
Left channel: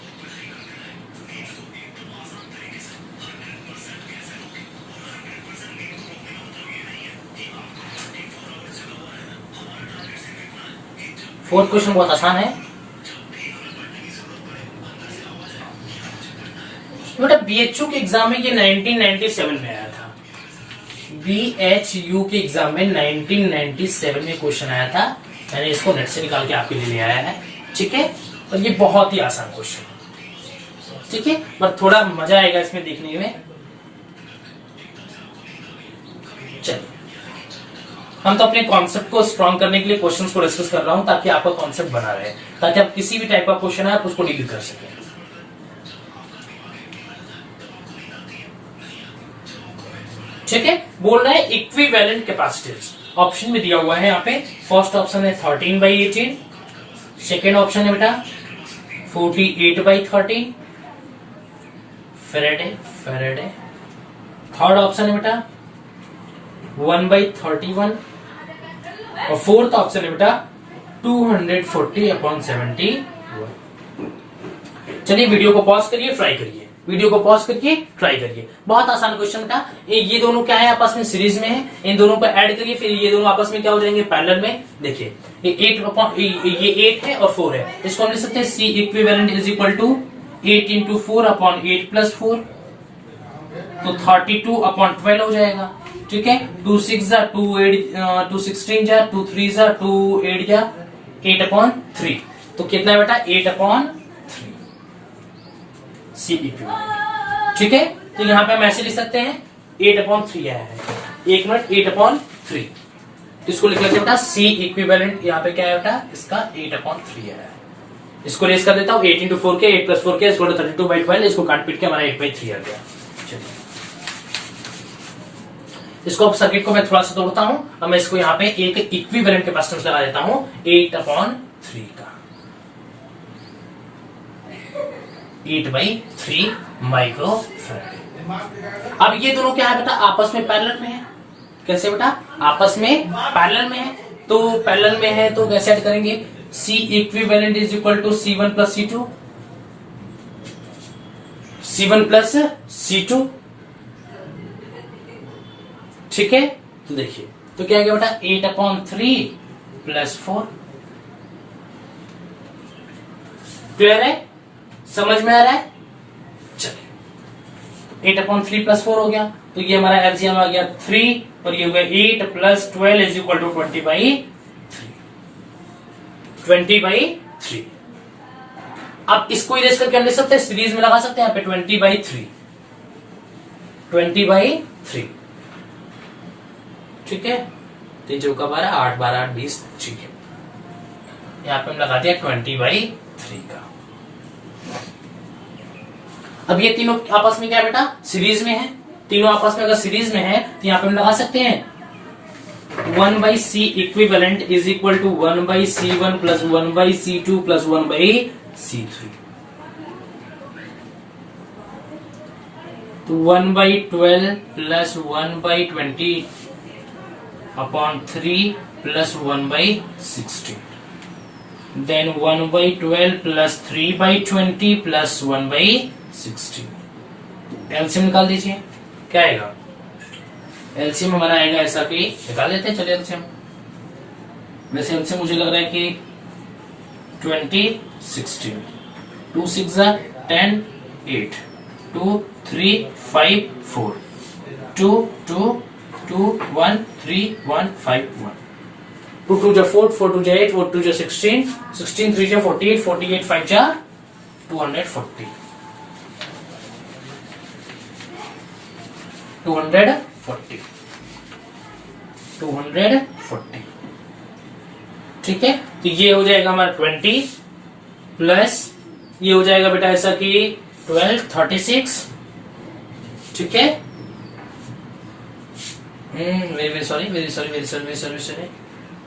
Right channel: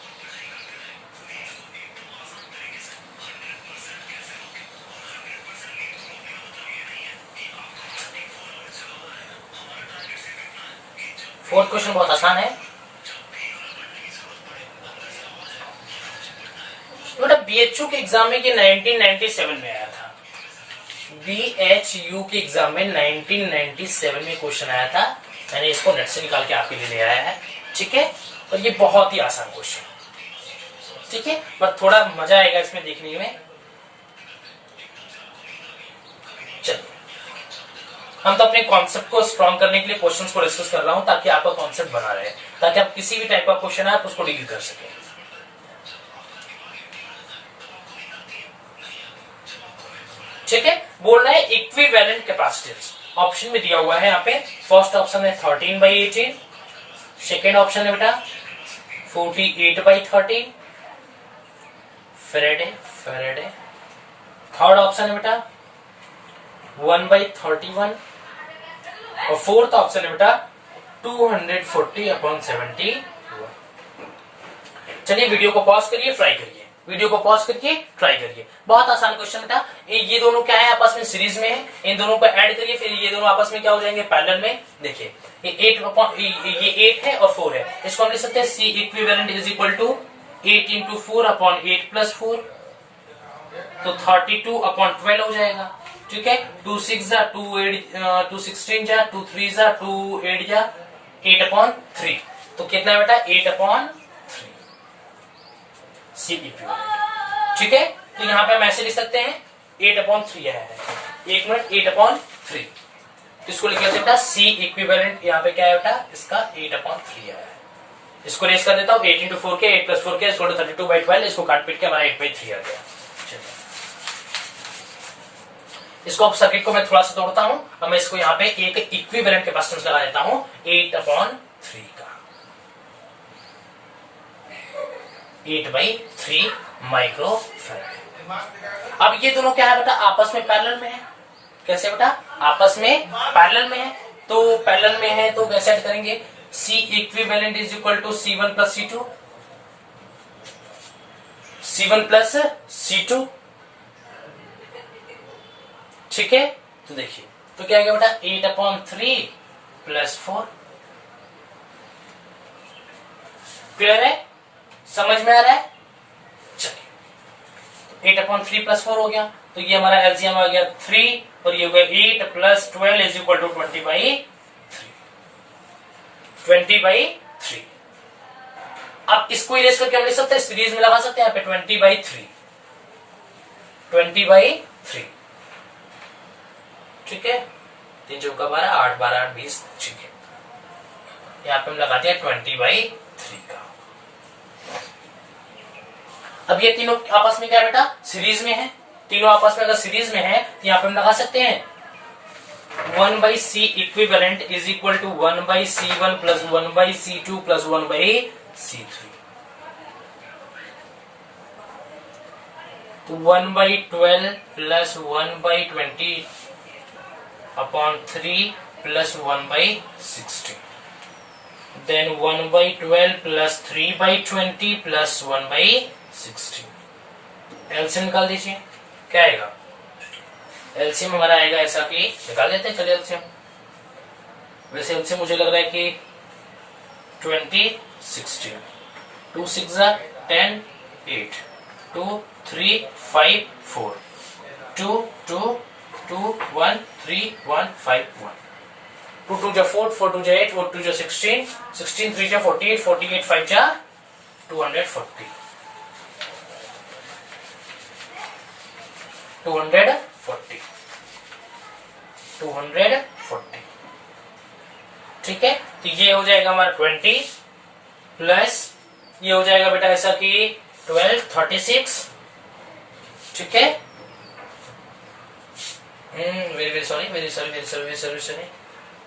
फोर्थ क्वेश्चन बहुत आसान है बेटा। BHU के एग्जाम में ये 1997 में आया था। BHU के एग्जाम में 1997 में क्वेश्चन आया था, मैंने इसको नेट से निकाल के आपके लिए ले आया है। ठीक है, और ये बहुत ही आसान क्वेश्चन है। ठीक है, बट थोड़ा मजा आएगा इसमें देखने में। चलिए हम तो अपने कॉन्सेप्ट को स्ट्रॉन्ग करने के लिए क्वेश्चंस को डिस्कस कर रहा हूं ताकि आपका कॉन्सेप्ट बना रहे, ताकि आप किसी भी टाइप का क्वेश्चन है आप उसको डील कर सकें। ठीक है, बोल रहा है इक्विवेलेंट कैपेसिटेंस, ऑप्शन में दिया हुआ है यहाँ पे। फर्स्ट ऑप्शन है 13/18, सेकेंड ऑप्शन है बेटा 48/13 फैराडे। थर्ड ऑप्शन है बेटा 1/31 और फोर्थ ऑप्शन है बेटा 240/71। चलिए वीडियो को पॉज करिए, ट्राई करिए, वीडियो को पॉज करके ट्राई करिए। बहुत आसान क्वेश्चन बेटा। ये दोनों क्या है आपस में सीरीज में है, इन दोनों को ऐड करिए, फिर ये दोनों आपस में क्या हो जाएंगे पैरेलल में। देखिए ये 8 है और 4 है, इसको हम लिख सकते हैं C इक्विवेलेंट = 8 × 4/8 + 4 तो 32/12 हो जाएगा। ठीक है, 2 6 जा 2 8 2 16 जा 2 3 जा 2 8 जा 8/3 तो कितना है बेटा 8/3 C इक्विवेलेंट। ठीक है, तो यहाँ पे हम ऐसे लिख सकते हैं 8/3 आया है, 1 मिनट 8/3 इसको लिख लेते हैं बेटा C इक्विवेलेंट। यहाँ पे क्या है बेटा इसका 8/3 आया है, इसको रेस कर देता हूँ 8 × 4 के 8 + 4 के इसको 32/12, इसको काट पीट के हमारा 8/3 आ गया। चलिए इसको सर्किट को मैं थोड़ा सा तोड़ता हूं, अब मैं इसको यहाँ पे एक इक्विवेलेंट कैपेसिटेंस लगा देता हूं 8/3 का। 8/3 माइक्रो फैराडे। अब ये दोनों क्या है बेटा, आपस में पैरेलल में है। कैसे बेटा, आपस में पैरेलल में है। तो पैरेलल में है तो कैसे ऐड करेंगे, C equivalent is equal to C1 plus C2, C1 plus C2। ठीक है, तो देखिए तो क्या आएगा बेटा, 8/3 प्लस 4। क्लियर है, समझ में आ रहा है। चलिए 8/3 प्लस 4 हो गया, तो ये हमारा एलसीएम आ गया 3 और ये हो गया 8 प्लस 12 इज इक्वल टू 20/3। 20/3। अब इसको इरेज करके हम लिख सकते हैं, सीरीज में लगा सकते हैं यहाँ पे 20/3। 20/3। ठीक है, 3 चौका 12, 8 12 8 20। ठीक है, यहाँ पे हम लगा दिया 20/3 का। अब ये तीनों आपस में क्या है बेटा, सीरीज में है। तीनों आपस में अगर सीरीज में है तो यहाँ पे हम लगा सकते हैं 1/C equivalent is equal to 1/C1 plus 1/C2 plus 1/C3। तो 1/12 plus 1/20/3 plus 1/16। Then 1/12 plus 3/20 plus 1/16। LCM निकाल दीजिए, क्या आएगा, एलसीएम हमारा आएगा ऐसा कि निकाल देते हैं। चलिए एलसीएम, वैसे एलसीएम मुझे लग रहा है कि 20 16 2 6 10 8 2 3 5 4 2 2 2 1 3 1 5 1 2 2 4 4 2 8 4 2 16 16 3 48 48 5 240 240। ठीक है, तो ये हो जाएगा हमारा 20 प्लस ये हो जाएगा बेटा ऐसा कि 12 36। ठीक है, वेरी सॉरी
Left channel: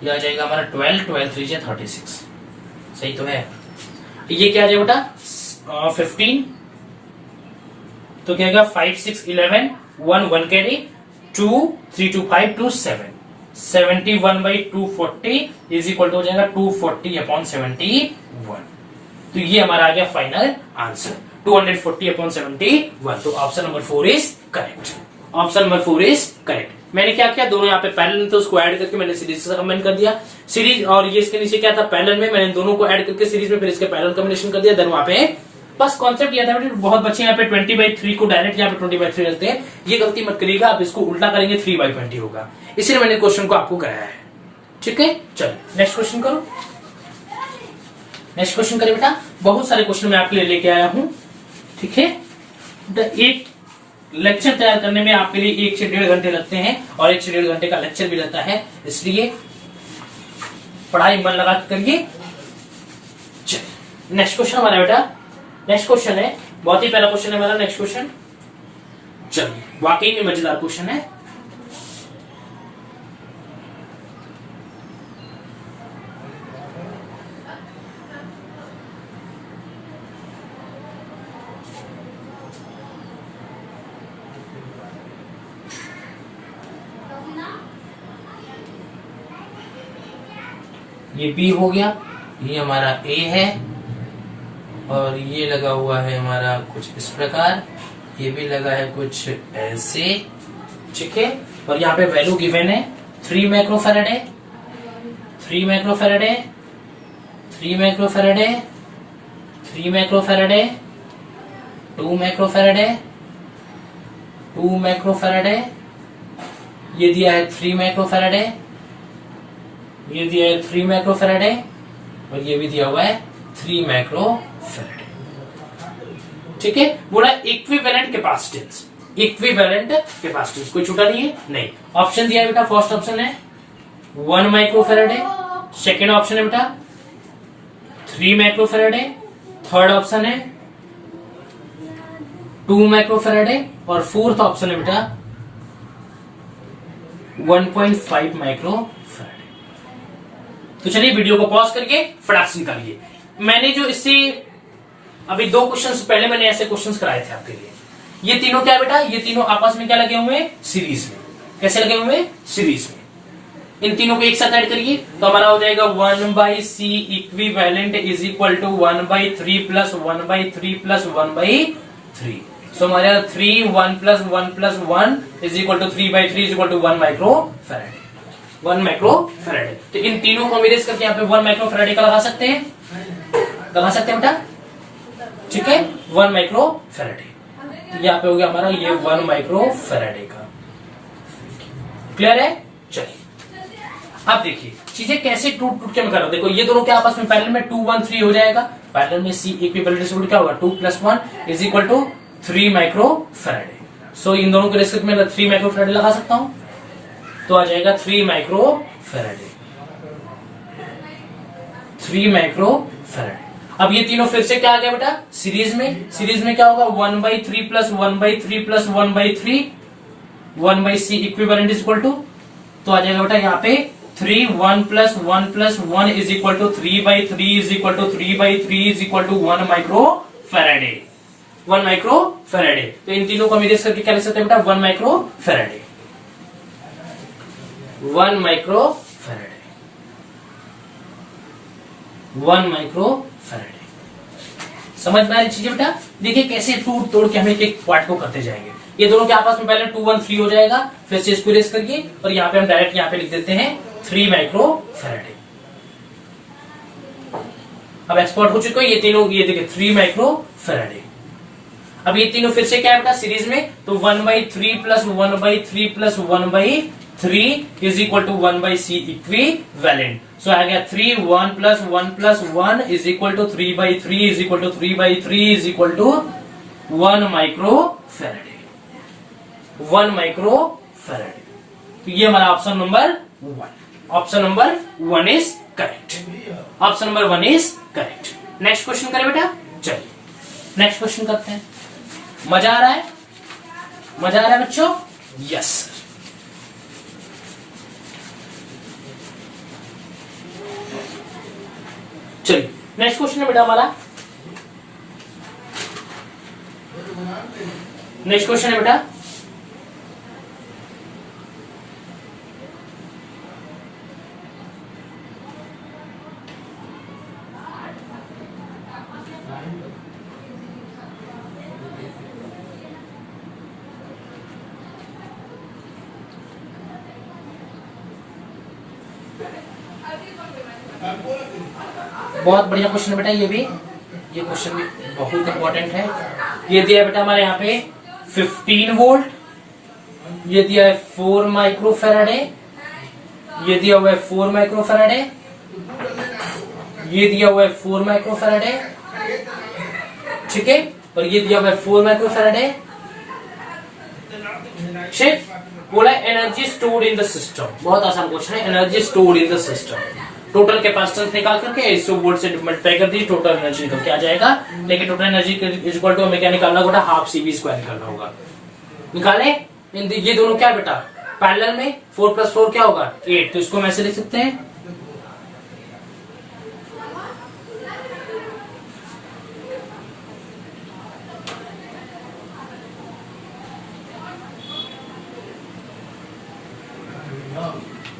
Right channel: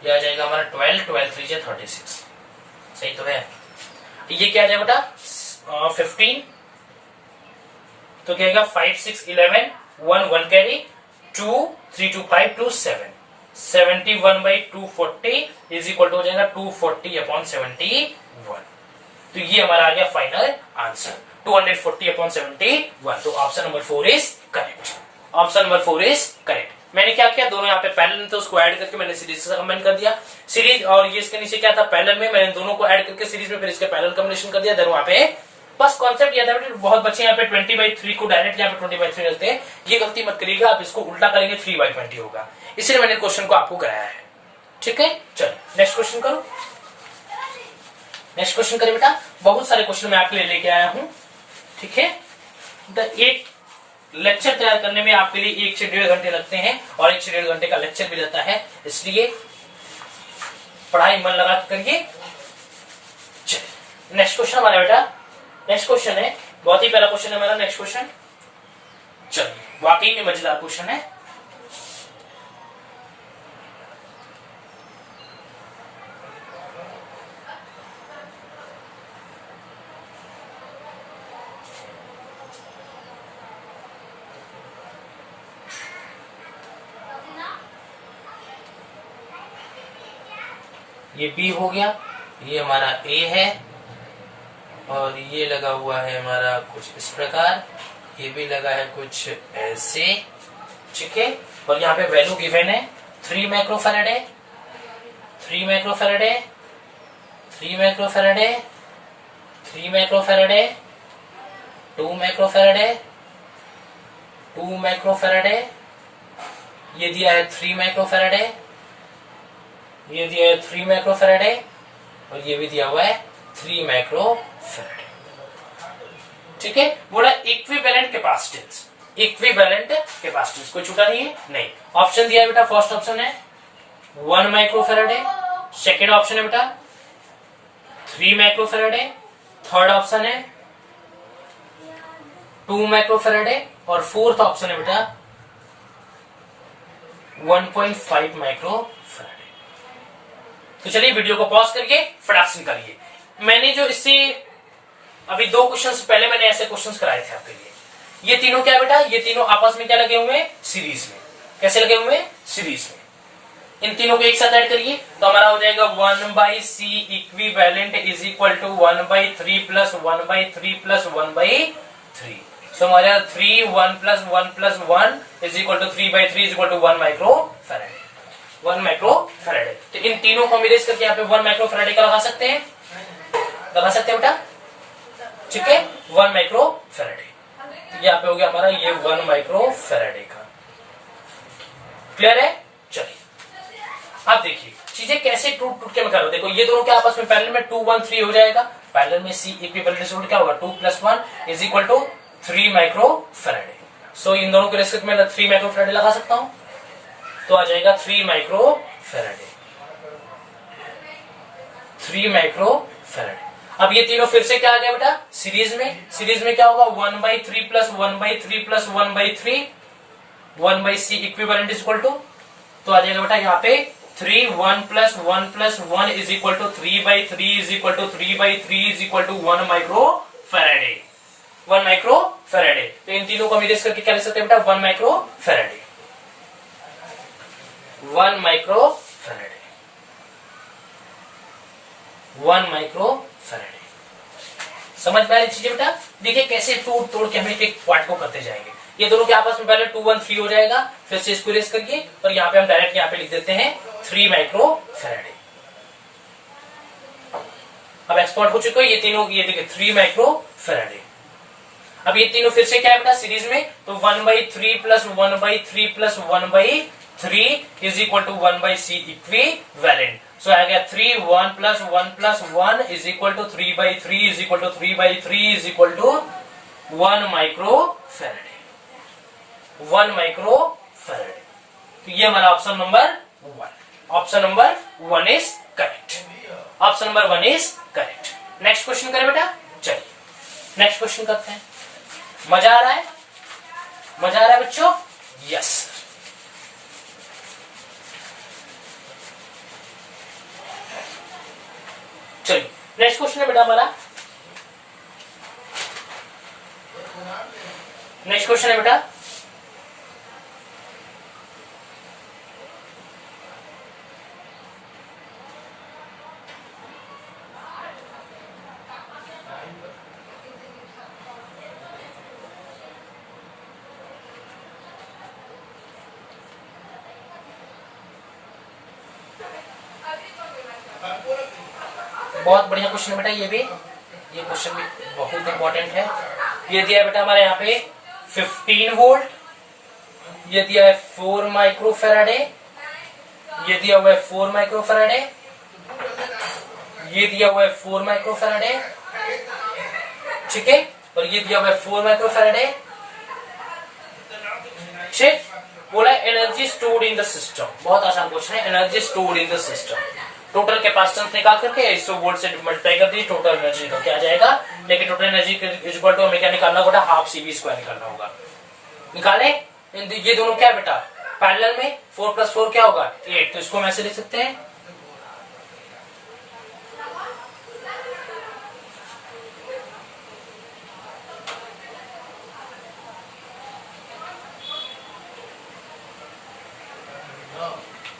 ये आ जाएगा हमारा 12 12 3 36। सही तो है। ये क्या आ जाएगा बेटा 15, तो क्या आएगा 5 6 11 1 1 कैरी 2 3 2 5 2 7 71/240 इज इक्वल टू हो जाएगा 240/71। तो ये हमारा आ गया फाइनल आंसर 240/71। तो option number 4 is correct. Option number 4 is correct. मैंने क्या किया, दोनों यहाँ पे पैरेलल थे उसको ऐड करके मैंने सीरीज से कमेंट कर दिया। सीरीज और ये इसके नीचे क्या था, पैरेलल में, मैंने दोनों को ऐड करके सीरीज में फिर इसके पैरेलल कॉम्बिनेशन कर दिया। देन वहां पे बस कॉन्सेप्ट यह था, बहुत बच्चे यहाँ पे 20/3 को डायरेक्ट यहाँ पे 20/3 रखते हैं। ये गलती मत करिएगा, आप इसको उल्टा करेंगे 3/20 होगा। इसलिए मैंने क्वेश्चन को आपको कराया है। ठीक है, चल नेक्स्ट क्वेश्चन करो। नेक्स्ट क्वेश्चन करें बेटा, बहुत सारे क्वेश्चन मैं आपके लिए लेके आया हूं। ठीक है, एक लेक्चर तैयार करने में आपके लिए 1 से 1.5 घंटे लगते हैं और 1 से 1.5 घंटे का लेक्चर भी रहता है, इसलिए पढ़ाई मन लगा करिए। नेक्स्ट क्वेश्चन हमारा बेटा, नेक्स्ट क्वेश्चन है, बहुत ही पहला क्वेश्चन है मेरा। नेक्स्ट क्वेश्चन चलिए, वाकई में मजेदार क्वेश्चन है। ये B हो गया, ये हमारा A है और ये लगा हुआ है हमारा कुछ इस प्रकार, ये भी लगा है कुछ ऐसे। ठीक है, और यहाँ पे वैल्यू गिवन है 3 माइक्रोफैराडे 3 माइक्रोफैराडे 3 माइक्रोफैराडे 3 माइक्रोफैराडे 2 माइक्रोफैराडे 2 माइक्रोफैराडे, ये दिया है 3 माइक्रोफैराडे, ये दिया है 3 माइक्रोफैराडे और ये भी दिया हुआ है 3 माइक्रोफैराडे। ठीक है, बोला इक्विवेलेंट कैपेसिटेंस, इक्विवेलेंट कैपेसिटेंस कोई छूटा नहीं है, नहीं। ऑप्शन दिया है बेटा, फर्स्ट ऑप्शन है 1 माइक्रोफैराडे, सेकेंड ऑप्शन है बेटा 3 माइक्रोफैराडे, थर्ड ऑप्शन है 2 माइक्रोफैराडे और फोर्थ ऑप्शन है बेटा 1.5 माइक्रोफैराडे। तो चलिए वीडियो को पॉज करके फटाक से निकालिए। मैंने जो इससे अभी 2 क्वेश्चंस पहले मैंने ऐसे क्वेश्चंस कराए थे आपके लिए। ये तीनों क्या बेटा, ये तीनों आपस में क्या लगे हुए हैं, सीरीज में। कैसे लगे हुए हैं, सीरीज में। इन तीनों को एक साथ ऐड करिए तो हमारा हो जाएगा 1/c equivalent is equal to 1/3 plus 1/3 plus 1/3। So हमारे 3 1 plus 1 plus 1 is equal to 3/3 is equal to 1 micro Faraday. 1 micro Faraday. तो इन तीनों को मिलेज करके यहाँ पे 1 माइक्रो फैराडे का लगा सकते हैं, लगा सकते हैं बेटा, ठीक है, 1 माइक्रो फैराडे। यहाँ पे हो गया हमारा ये 1 माइक्रो फैराडे का। क्लियर है? चलिए अब देखिए चीजें कैसे टूट टूट के मैं कर रहा हूं। देखो ये दोनों के आपस में पैरेलल में 2 1 3 हो जाएगा। पैरेलल में सी इक्विवेलेंट क्या होगा, 2 + 1 is equal to 3 micro farad. So इन दोनों के रेस्पेक्ट में 3 माइक्रो फैराडे लगा सकता हूं, तो आ जाएगा 3 माइक्रो फैराडे। 3 micro Faraday. अब ये तीनों फिर से क्या आ गया बेटा, सीरीज में। सीरीज में क्या होगा, 1/3 plus 1/3 plus 1/3 1/c equivalent is equal to, तो आ जाएगा बेटा यहाँ पे 3 1 plus 1 plus 1 is equal to 3/3 is equal to 3/3 is equal to 1 micro Faraday. 1 micro Faraday. तो इन तीनों को मिलेज करके क्या लिख सकते हैं बेटा, 1 micro Faraday. 1 micro Faraday. 1 micro Faraday. समझ में आ रही चीजें बेटा? देखिए कैसे तोड़ तोड़ के हम एक पार्ट को करते जाएंगे। ये दोनों के आपस में पहले 2 1 3 हो जाएगा, फिर से इसको इरेज करिए और यहाँ पे हम डायरेक्ट यहाँ पे लिख देते हैं 3 माइक्रो फैराडे। अब एक्सपोर्ट हो चुके ये तीनों, ये देखिए 3 माइक्रो फैराडे। अब ये तीनों फिर से क्या है बेटा, सीरीज में, तो 1/3 plus 1/3 plus 1/3 is equal to 1/c equivalent. So आ गया 3 1 plus 1 plus 1 is equal to 3/3 is equal to 3/3 is equal to 1 micro Faraday. 1 micro Faraday. तो ये हमारा option number 1। Option number 1 is correct. Option number 1 is correct. Next question करें बेटा, चलिए next question करते हैं। मजा आ रहा है? मजा आ रहा है बच्चों? यस। चलिए नेक्स्ट क्वेश्चन है बेटा हमारा, नेक्स्ट क्वेश्चन है बेटा, बहुत बढ़िया क्वेश्चन है बेटा। ये क्वेश्चन भी बहुत इंपॉर्टेंट है। ये दिया है बेटा हमारे यहाँ पे 15 वोल्ट, ये दिया है 4 माइक्रो फैराडे, ये दिया हुआ है 4 माइक्रो फैराडे, ये दिया हुआ है 4 माइक्रो फैराडे, ठीक है, और ये दिया हुआ है 4 माइक्रो फैराडे। ठीक, बोला energy stored in the system. बहुत आसान क्वेश्चन है, energy stored in the system. Total capacitance निकाल करके 100 वोल्ट से मल्टीप्लाई कर दी, टोटल एनर्जी तो क्या जाएगा, लेकिन टोटल एनर्जी इक्वल टू हमें क्या निकालना होगा, हाफ CV स्क्वायर निकालना होगा। निकाले ये दोनों क्या बेटा, पैरेलल में 4 + 4 क्या होगा 8, तो इसको हम ऐसे लिख सकते हैं,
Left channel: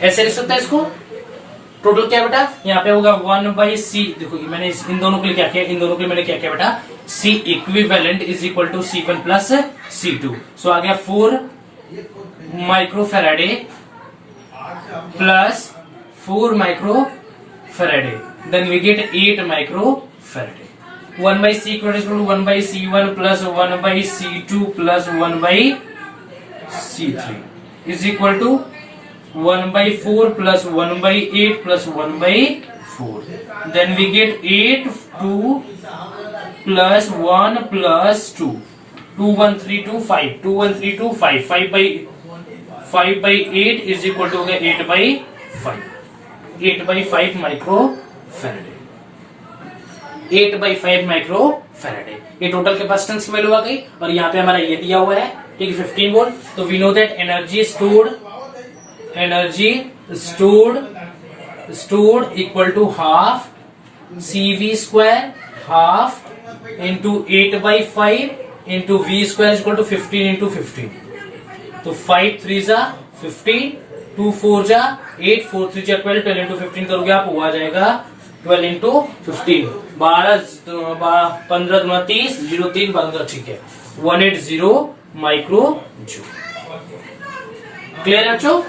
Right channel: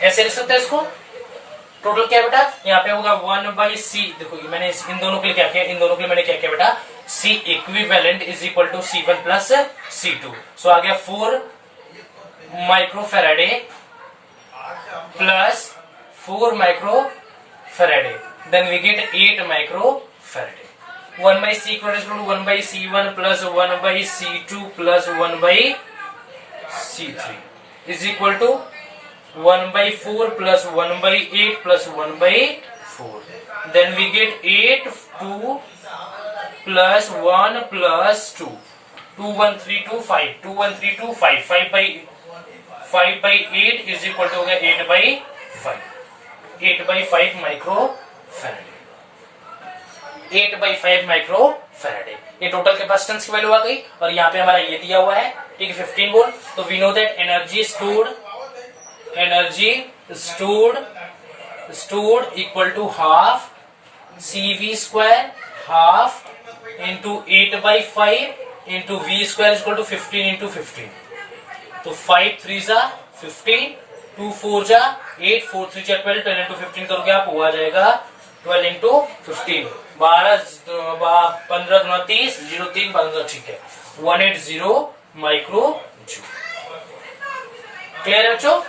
ऐसे लिख सकते हैं इसको। टोटल क्या है बेटा, यहाँ पे होगा 1/c। देखो मैंने इन दोनों के लिए क्या किया, इन दोनों के लिए मैंने क्या किया बेटा, C equivalent is equal to C1 plus C2। So आ गया 4 micro faraday plus 4 micro faraday, then we get 8 micro faraday. 1/c equal to 1/c1 plus 1/c2 plus 1/c3 is equal to 1/4 plus 1/8 plus 1/4. Then we get 8 2 plus 1 plus 2. 2 1 3 2 5. 2 1 3 2 5. 5/8 is equal to 8/5. 8/5 micro Faraday. 8/5 micro faraday. ये total capacitance की value आ गई, और यहाँ पे हमारा ये दिया हुआ है, ठीक है, 15 वोल्ट। तो we know that energy stored equal to half CV square, half into 8/5 into V square equal to 15 into 15। तो 5 3 जा 15, 2 4 जा 8, 4 3 जा 12, 12 इंटू 15 करोगे आप, वो आ जाएगा 12 इंटू 15, 15 गुना 30, 03 15, ठीक है, 180 माइक्रो जूल। क्लियर है बच्चों?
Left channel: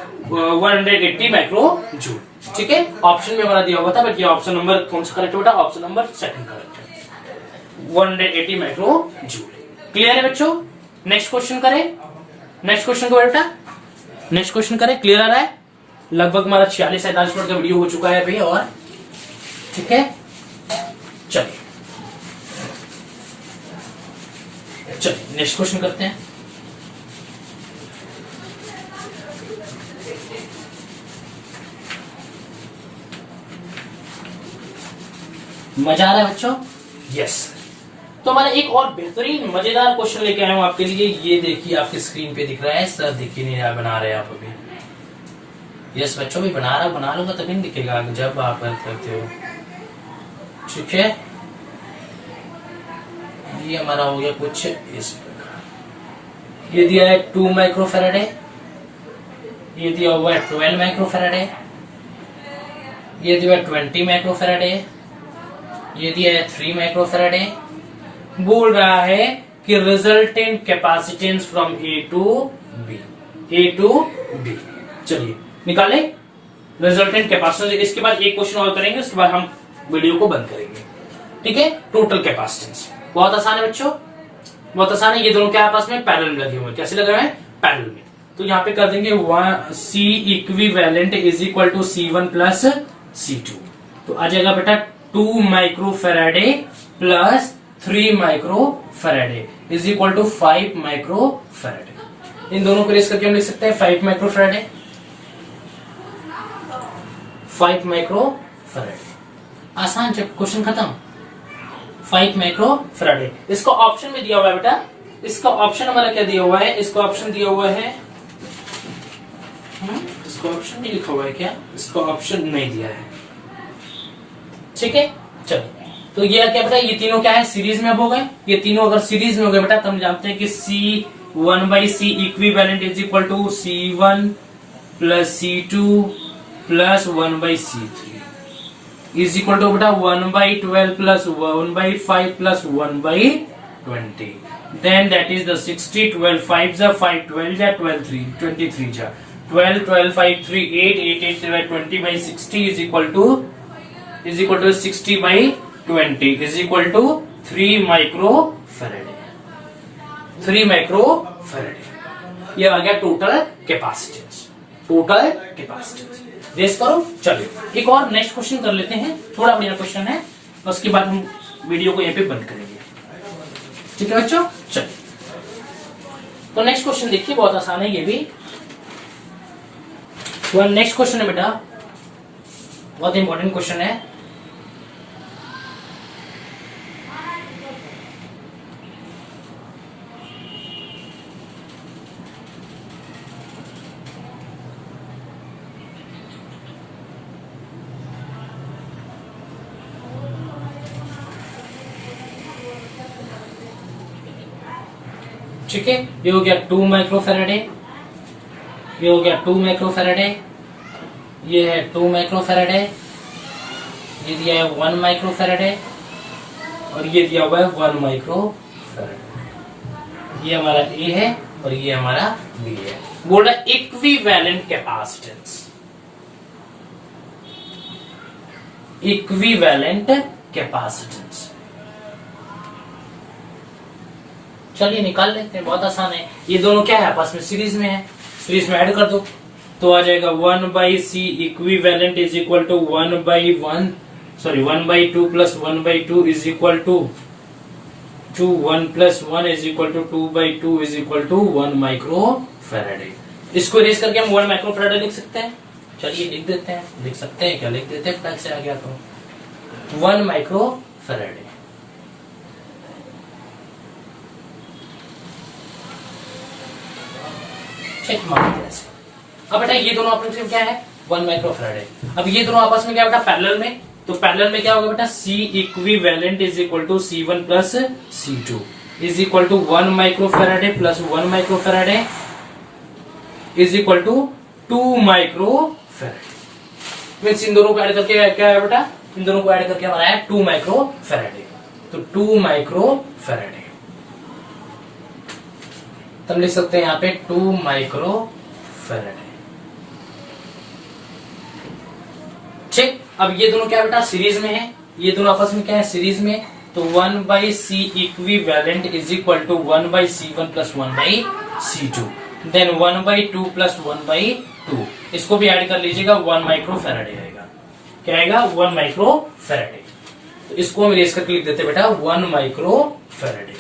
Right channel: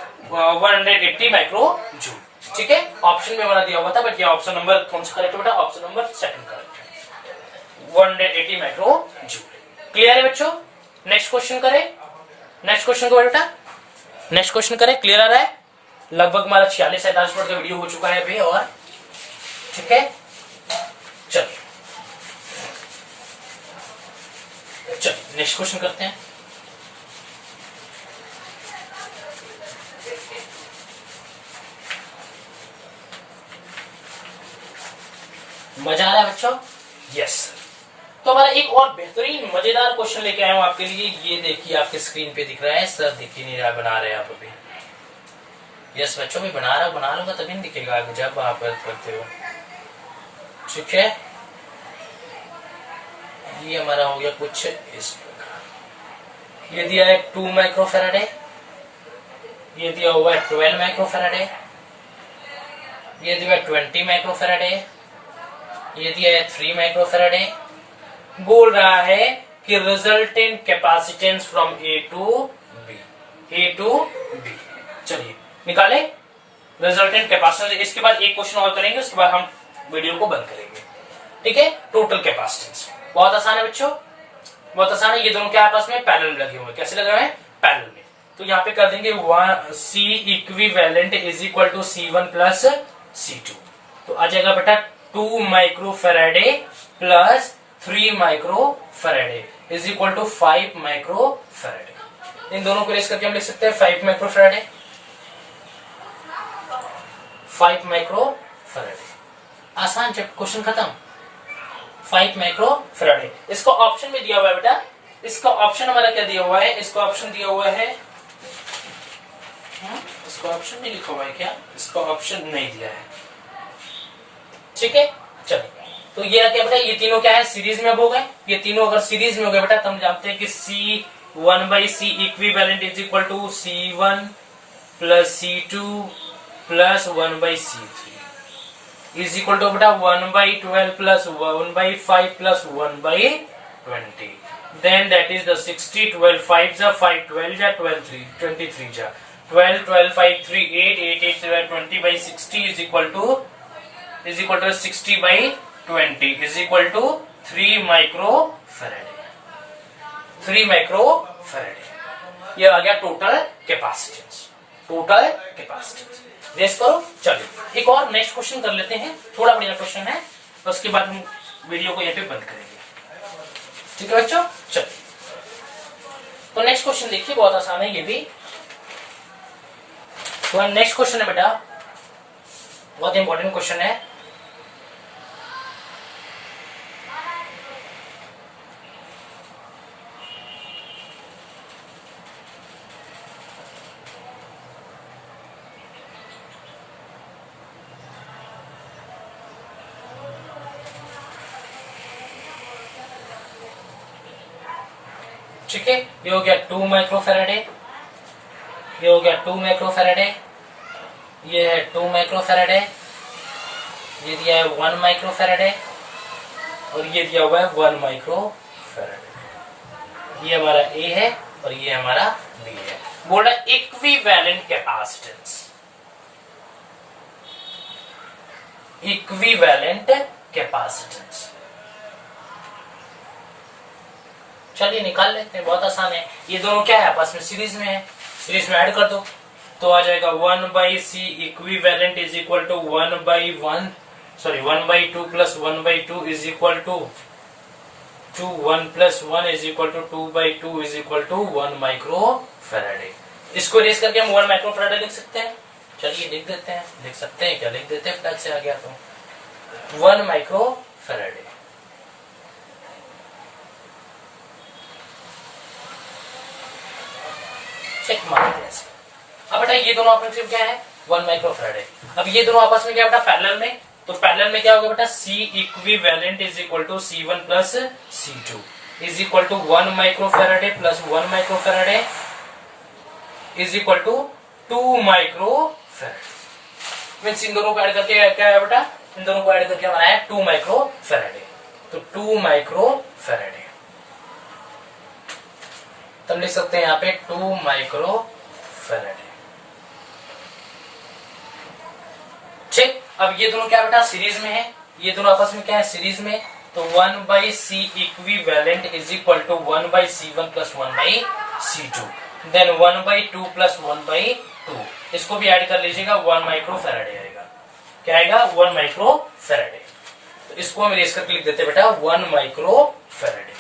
180 माइक्रो जूल, ठीक है। ऑप्शन में हमारा दिया हुआ था, बट ये ऑप्शन नंबर कौन सा करेक्ट बेटा? ऑप्शन नंबर सेकंड करेक्ट है, 180 माइक्रो जूल। क्लियर है बच्चों? नेक्स्ट क्वेश्चन करें, नेक्स्ट क्वेश्चन को बेटा, नेक्स्ट क्वेश्चन करें। क्लियर आ रहा है? लगभग हमारा 46-47 मिनट का वीडियो हो चुका है अभी, और ठीक है, चलिए चलिए नेक्स्ट क्वेश्चन करते हैं। मजा आ रहा है बच्चों? यस। तो हमारा एक और बेहतरीन मजेदार क्वेश्चन लेके आया हूं आपके लिए। ये देखिए आपके स्क्रीन पे दिख रहा है, सर दिख ही नहीं रहा, बना रहे हैं आप अभी। यस बच्चों, भी बना लूंगा तभी नहीं दिखेगा आगे जब आप हेल्प करते हो, ठीक है। ये हमारा हो गया कुछ इस प्रकार। ये दिया है 2 माइक्रोफैराड है, ये दिया हुआ है 12 माइक्रोफैराड है, ये दिया है 20 माइक्रोफैराड है, ये दिया है 3 माइक्रोफैराड है। बोल रहा है कि resultant capacitance from A to B, A to B. चलिए निकाले रिजल्टेंट कैपेसिटेंस। इसके बाद एक क्वेश्चन और करेंगे, उसके बाद हम वीडियो को बंद करेंगे, ठीक है। टोटल कैपेसिटेंस बहुत आसान है बच्चों, बहुत आसान है। ये दोनों के आपस में पैरेलल लगे हुए हैं। कैसे लगे हुए हैं? पैरेलल में। तो यहाँ पे कर देंगे C equivalent is equal to C1 plus C2। तो आ जाएगा बेटा 2 microfaraday plus 3 microfaraday is equal to 5 microfaraday. इन दोनों को रेस करके हम लिख सकते हैं 5 माइक्रोफैराडे, 5 माइक्रोफैराडे। आसान, जब क्वेश्चन खत्म। 5 माइक्रोफैराडे। इसका ऑप्शन में दिया हुआ है बेटा, इसका ऑप्शन हमारा क्या दिया हुआ है? इसका ऑप्शन दिया हुआ है, इसका ऑप्शन नहीं लिखा हुआ है क्या? इसका ऑप्शन नहीं दिया है, ठीक है। चलिए, तो ये क्या बेटा, ये तीनों क्या है? सीरीज में अब हो गए। ये तीनों अगर सीरीज में हो गए बेटा, तो हम जानते हैं कि C1/C equivalent is equal to C1 plus C2 plus 1/C3 is equal to बेटा 1/12 plus 1/5 plus 1/20। Then that is the 60, 12 5 जा 5, 12 जा 12 3 23 जा 12, 12 5 3 8, 8 8 20/60 is equal to 60/20 is equal to 3 microfaraday, 3 microfaraday. ये आ गया total capacitance, total capacitance. Guess करो। चलो एक और नेक्स्ट क्वेश्चन कर लेते हैं, थोड़ा बढ़िया क्वेश्चन है, उसके बाद हम वीडियो को यहाँ पे बंद करेंगे, ठीक है बच्चों। चलो, तो नेक्स्ट क्वेश्चन देखिए, बहुत आसान है ये भी। तो नेक्स्ट क्वेश्चन है बेटा, बहुत इंपॉर्टेंट क्वेश्चन है। ठीक है, ये हो गया 2 माइक्रोफैराडे, ये हो गया 2 माइक्रोफैराडे, ये है 2 माइक्रोफैराडे, ये दिया है 1 माइक्रोफैराडे, और ये दिया हुआ है 1 माइक्रोफैराडे। ये हमारा ए है और ये हमारा बी है। बोल रहा है इक्विवेलेंट कैपेसिटेंस, इक्विवेलेंट कैपेसिटेंस। चलिए निकाल लेते हैं, बहुत आसान है। ये दोनों क्या है? आपस में सीरीज में है, सीरीज में ऐड कर दो तो आ जाएगा 1/C equivalent is equal to 1/2 plus 1/2 is equal to 1 plus 1 is equal to 2/2 is equal to 1 microfaraday. इसको रेस करके हम 1 माइक्रोफैराडे लिख सकते हैं। चलिए लिख देते हैं, लिख सकते हैं क्या? लिख देते हैं, फटाक से आ गया तो 1 माइक्रोफैराडे। चेक मार दिया। अब बेटा ये दोनों आपस में क्या है? 1 माइक्रोफैराडे। अब ये दोनों आपस में क्या बेटा? पैरेलल में। तो पैरेलल में क्या होगा बेटा, C equivalent is equal to C1 plus C2 is equal to 1 microfarad plus 1 microfarad is equal to 2 microfarad. Means इन दोनों को ऐड करके क्या है बेटा, इन दोनों को ऐड करके हमारा है 2 माइक्रोफैराडे। तो 2 माइक्रोफैराडे, तो हम लिख सकते हैं यहाँ पे 2 माइक्रोफैराडे। ठीक, अब ये दोनों क्या बेटा सीरीज में है, ये दोनों आपस में क्या है सीरीज में, तो 1/C equivalent is equal to 1/C1 plus 1/C2 then 1/2 plus 1/2, इसको भी ऐड कर लीजिएगा 1 माइक्रोफैराडे आएगा। क्या आएगा 1 माइक्रोफैराडे। तो इसको हम इरेज करके लिख देते बेटा 1 माइक्रोफैराडे,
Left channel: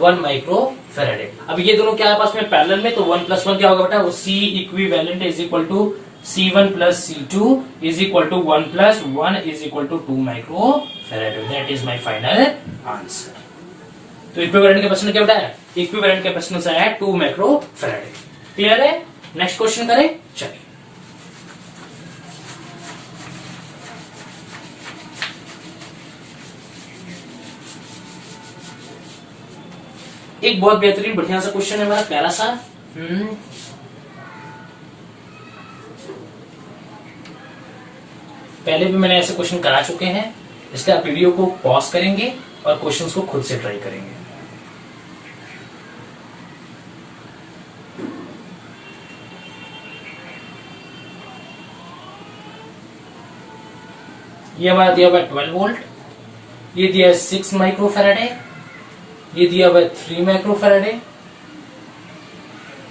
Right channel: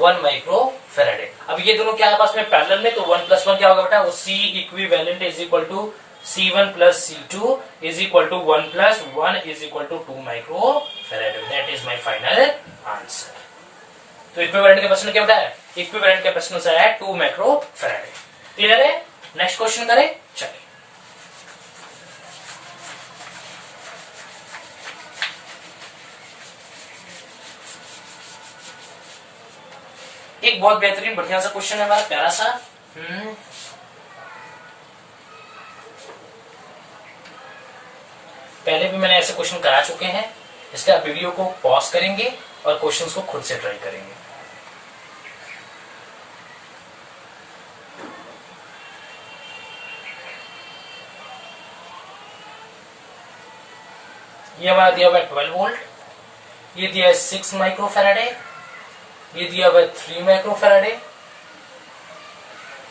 1 माइक्रोफैराडे। अब ये दोनों क्या आपस में पैरेलल में, तो 1 प्लस 1 क्या होगा बेटा, वो C equivalent is equal to C1 plus C2 is equal to 1 plus 1 is equal to 2 microfarad. That is my final answer. तो इक्विवेलेंट के प्रश्न क्या बेटा है, इक्विवेलेंट के प्रश्न से है 2 माइक्रोफैराडे। क्लियर है? नेक्स्ट क्वेश्चन करें, चलिए। एक बहुत बेहतरीन बढ़िया सा क्वेश्चन है हमारा, प्यारा सा। पहले भी मैंने ऐसे क्वेश्चन करा चुके हैं, इसलिए आप वीडियो को पॉज करेंगे और क्वेश्चंस को खुद से ट्राई करेंगे। ये हमारा दिया हुआ है 12 वोल्ट, ये दिया है 6 माइक्रोफैराडे, ये दिया हुआ है 3 माइक्रोफैराडे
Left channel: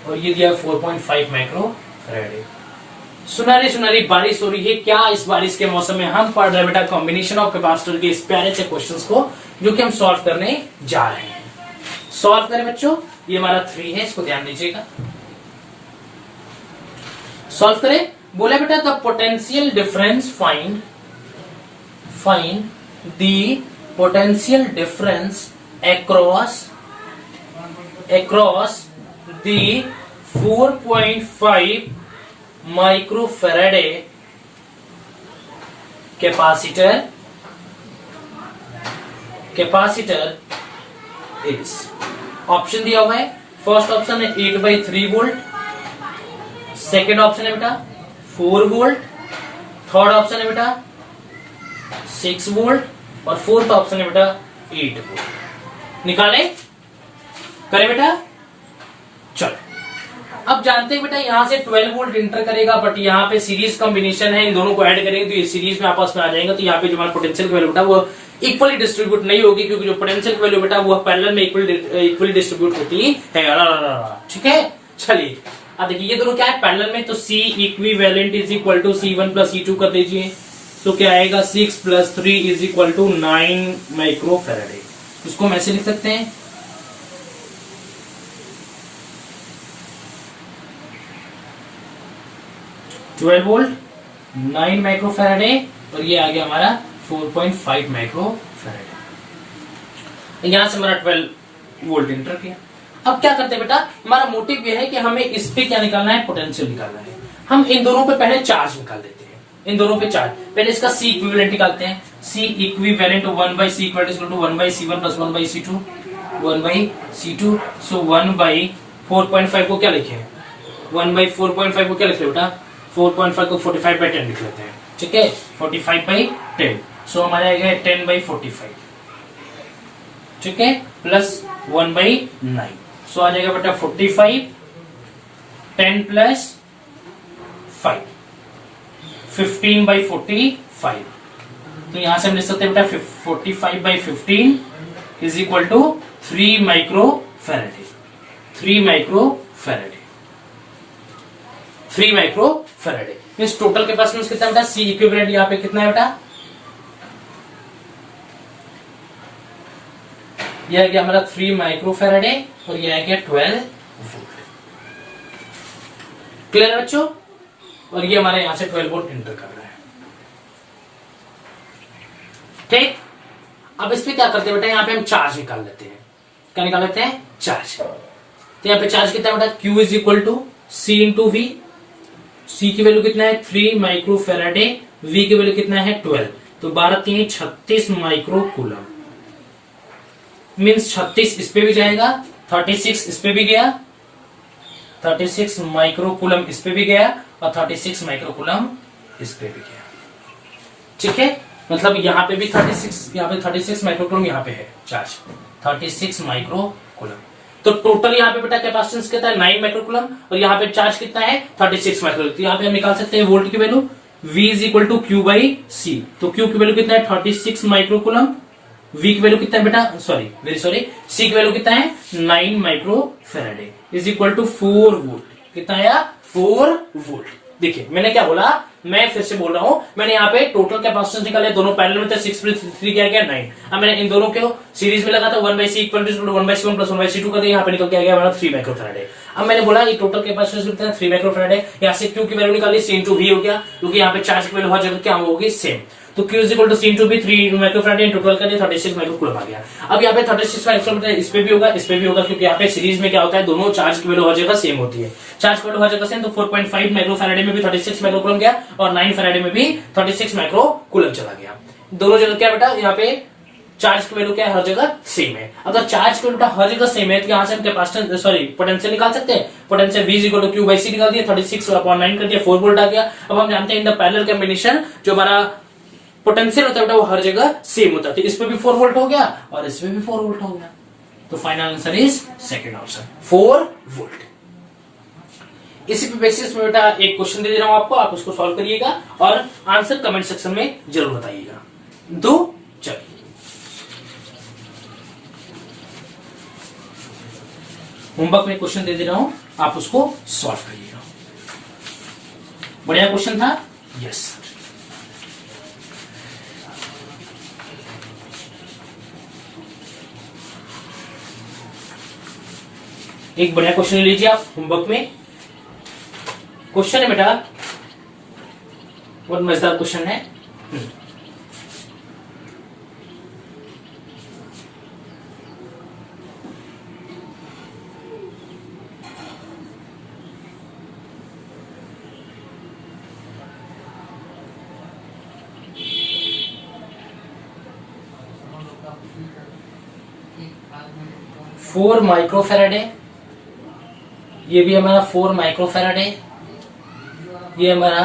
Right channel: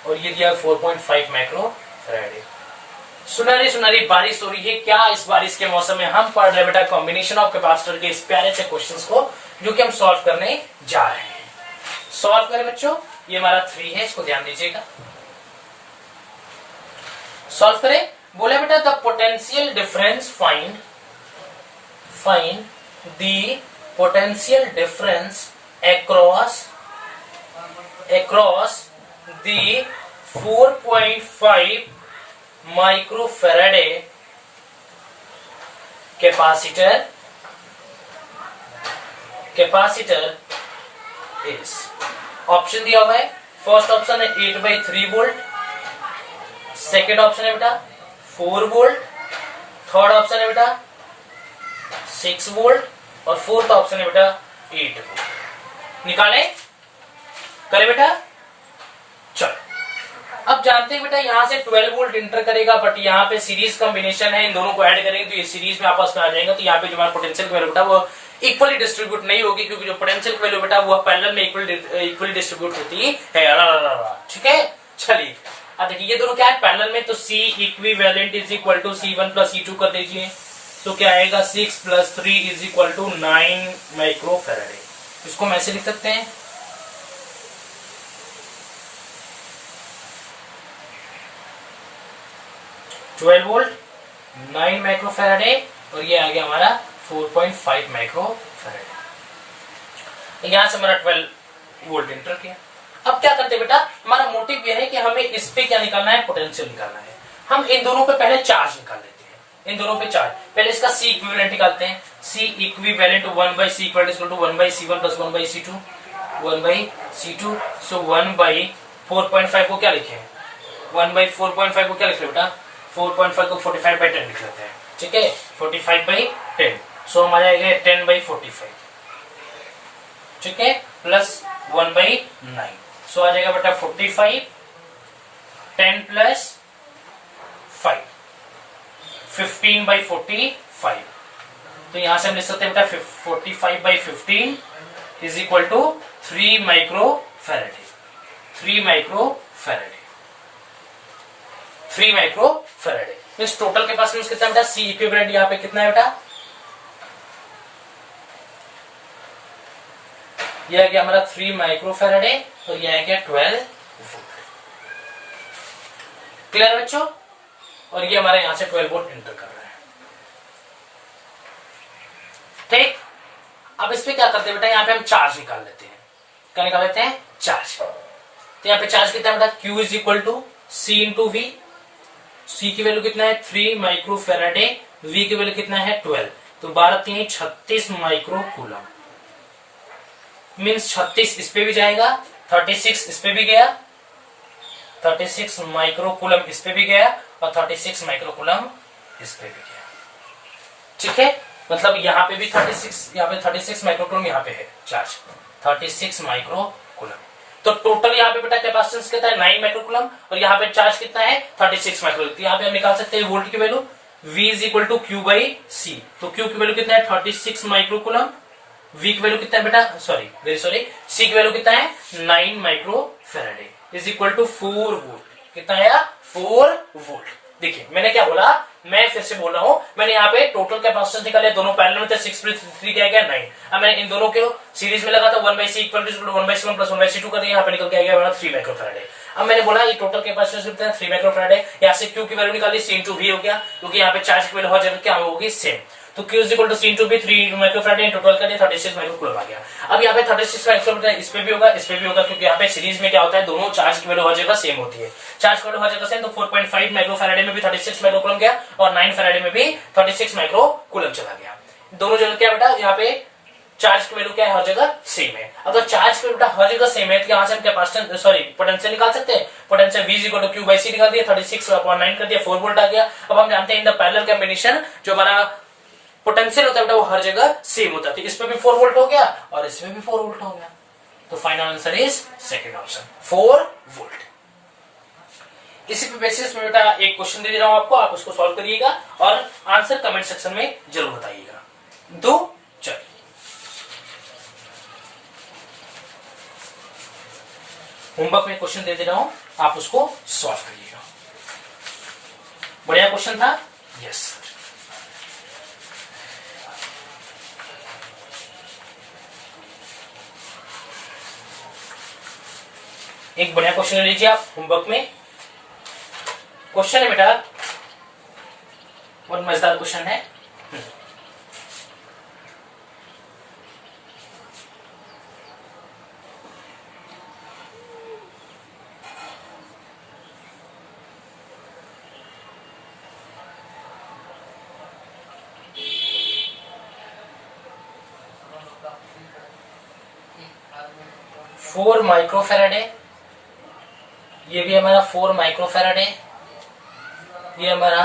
और ये दिया 4.5 माइक्रोफैराडे। सुनहरी सुनहरी बारिश हो रही है। क्या इस बारिश के मौसम में हम पढ़ रहे हैं बेटा कॉम्बिनेशन ऑफ कैपेसिटर के इस प्यारे से क्वेश्चंस को, जो कि हम सॉल्व करने जा रहे हैं। सॉल्व करें बच्चों, ये हमारा 3 है, इसको ध्यान दीजिएगा। सॉल्व करें, बोले बेटा the potential difference find the potential difference across the 4.5 microfarad capacitor is, option दिया हुआ है। फर्स्ट ऑप्शन है 8/3 वोल्ट, सेकेंड ऑप्शन है बेटा 4 वोल्ट, थर्ड ऑप्शन है बेटा 6 वोल्ट और फोर्थ ऑप्शन है बेटा 8 वोल्ट। निकाले, करे बेटा। चलो, अब जानते हैं बेटा यहां से 12 वोल्ट इंटर करेगा, बट यहाँ पे सीरीज कॉम्बिनेशन है, इन दोनों को ऐड करेंगे तो ये सीरीज में आपस में आ जाएंगे। तो यहाँ पे जो हमारा पोटेंशियल वैल्यू बेटा वो इक्वली डिस्ट्रीब्यूट नहीं होगी, क्योंकि जो पोटेंशियल वैल्यू बेटा वो पैरेलल में इक्वली डिस्ट्रीब्यूट होती है। ठीक है, चलिए अब देखिए ये दोनों क्या है पैरेलल में, तो C equivalent is equal to C1 plus C2 कर दीजिए, तो क्या आएगा 6 plus 3 is equal to 9 microfaraday. इसको हम ऐसे लिख सकते हैं, ट्वेल्व वोल्ट 9 माइक्रोफैराडे और ये आ गया हमारा 4.5 माइक्रोफैराडे। यहां से हमारा 12 वोल्ट इंटर किया। अब क्या करते हैं बेटा, हमारा मोटिव यह है कि हमें इस पे क्या निकालना है, पोटेंशियल निकालना है। हम इन दोनों पे पहले चार्ज निकाल लेते हैं, इन दोनों पे चार्ज। पहले इसका C इक्विवेलेंट निकालते हैं। C equivalent 1/C equal to 1/C1 plus 1/C2 1/C2। So 1/4.5 को क्या लिखे, 1/4.5 को क्या लिखते बेटा, 4.5 को 45/10 लिख लेते हैं। ठीक है, 45/10। सो हमारा आएगा 10/45। ठीक है, प्लस 1/9। सो आ जाएगा बेटा 45, 10 प्लस 5, 15/45। तो यहां से हम लिख सकते हैं बेटा 45/15 is equal to 3 microfaraday. 3 microfaraday, 3 माइक्रोफैराडे। इस टोटल कैपेसिटेंस कितना बेटा, C इक्विवेलेंट यहाँ पे कितना है बेटा, यह आ गया हमारा 3 माइक्रोफैराडे और यह आ गया 12 वोल्ट। क्लियर है बच्चों? और ये हमारे यहां से 12 वोल्ट इंटर कर रहा है। ठीक, अब इस पे क्या करते हैं बेटा, यहाँ पे हम चार्ज निकाल लेते हैं। क्या निकाल लेते हैं, चार्ज। तो यहाँ पे चार्ज कितना बेटा, Q is equal to C into V। C की वैल्यू कितना है 3 माइक्रो फेराडे, वी की वैल्यू कितना है 12, तो 12 36 माइक्रो कूलम। मीन्स 36 इस पे भी जाएगा, 36 इस पे भी गया, 36 माइक्रो कूलम इस पे भी गया और 36 माइक्रो कूलम इस पे भी गया। ठीक है, मतलब यहाँ पे भी 36, यहाँ पे 36 माइक्रो कूलम यहाँ पे है चार्ज 36 माइक्रो कूलम। तो टोटल यहाँ पे बेटा कैपेसिटेंस कितना है 9 माइक्रो कूलम और यहाँ पे चार्ज कितना है 36 माइक्रो। तो यहाँ पे हम निकाल सकते हैं वोल्ट की value V is equal to Q by C. तो क्यू की वैल्यू कितना है 36 माइक्रो कूलम, V की वैल्यू कितना है बेटा, सॉरी वेरी सॉरी, C की वैल्यू कितना है 9 micro farad is equal to 4 volt. कितना आया 4 वोल्ट। देखिए मैंने क्या बोला, मैं फिर से बोल रहा हूं, मैंने यहाँ पे टोटल कैपेसिटेंस निकाले, दोनों पैरेलल में थे, 6 प्लस 3 क्या गया 9। अब मैंने इन दोनों के सीरीज में लगा था 1/c equal to 1/c1 plus 1/c2 कर दिया, यहाँ पे निकल के आ गया 3 माइक्रो फेराडे। अब मैंने बोला ये टोटल कैपेसिटेंस कितना है 3 माइक्रो फेराडे, यहाँ से क्यू की वैल्यू निकाली C इंटू V हो गया, क्योंकि यहाँ पे चार्ज की वैल्यू हर जगह क्या होगी सेम। तो Q is equal to C into V 3 micro faraday total कर दिया 36 माइक्रो कूलम आ गया। अब यहाँ पे 36 माइक्रो इस पे भी होगा, इस पे भी होगा, क्योंकि यहाँ पे सीरीज में क्या होता है दोनों चार्ज की वैल्यू हर जगह सेम होती है। चार्ज की वैल्यू हर जगह सेम, तो 4.5 माइक्रो फेराडे में भी 36 माइक्रो कूलम गया और 9 फेराडे में भी 36 माइक्रो कूलम चला गया। दोनों जगह क्या बेटा, यहाँ पे चार्ज की वैल्यू क्या है हर जगह सेम है। अगर चार्ज की वैल्यू हर जगह सेम है तो यहाँ से हम कैपेसिटेंस सॉरी पोटेंशियल निकाल सकते हैं। Potential V is equal to Q by C निकाल दिया, 36/9 कर दिया, 4 वोल्ट आ गया। अब हम जानते हैं इन द पैरेलल कॉम्बिनेशन जो हमारा पोटेंशियल होता है वो हर जगह सेम होता है। तो इस पे भी 4 वोल्ट हो गया और इस पे भी 4 वोल्ट हो गया। तो final answer is second option 4 volt. इसी पे बेसिस में बेटा एक क्वेश्चन दे रहा हूं आपको, आप उसको सॉल्व करिएगा और आंसर कमेंट सेक्शन में जरूर बताइएगा। दो चलिए होमवर्क में क्वेश्चन दे रहा हूं, आप उसको सॉल्व करिएगा। बढ़िया क्वेश्चन था, यस। एक बढ़िया क्वेश्चन ले लीजिए आप होमवर्क में। क्वेश्चन है बेटा, बहुत मजेदार क्वेश्चन है। फोर माइक्रो फेराडे, ये भी हमारा 4 माइक्रो फेराडे, ये हमारा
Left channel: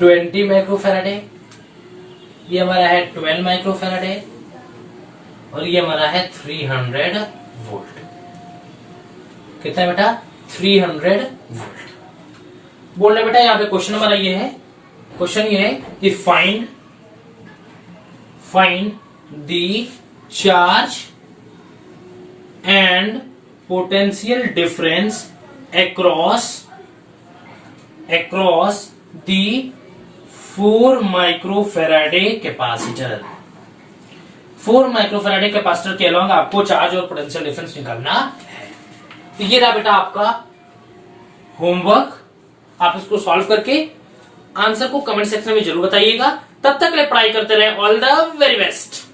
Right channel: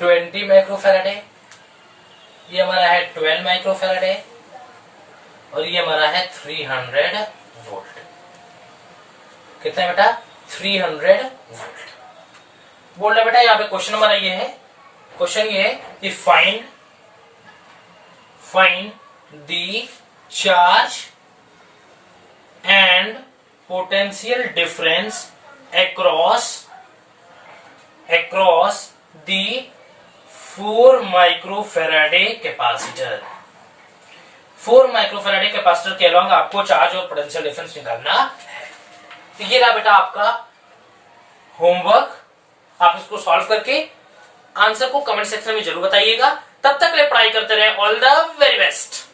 20 माइक्रो फेराडे, ये हमारा है 12 माइक्रो फेराडे और ये हमारा है 300 वोल्ट। कितना है बेटा 300 वोल्ट। बोल रहे बेटा यहाँ पे क्वेश्चन हमारा ये है, क्वेश्चन ये है कि find the charge and potential difference across the 4 microfarad capacitor। 4 microfarad capacitor के अलॉन्ग आपको चार्ज और पोटेंशियल डिफरेंस निकालना है। तो ये रहा बेटा आपका होमवर्क, आप इसको सॉल्व करके आंसर को कमेंट सेक्शन में जरूर बताइएगा। तब तक ले पढ़ाई करते रहे। All the very best.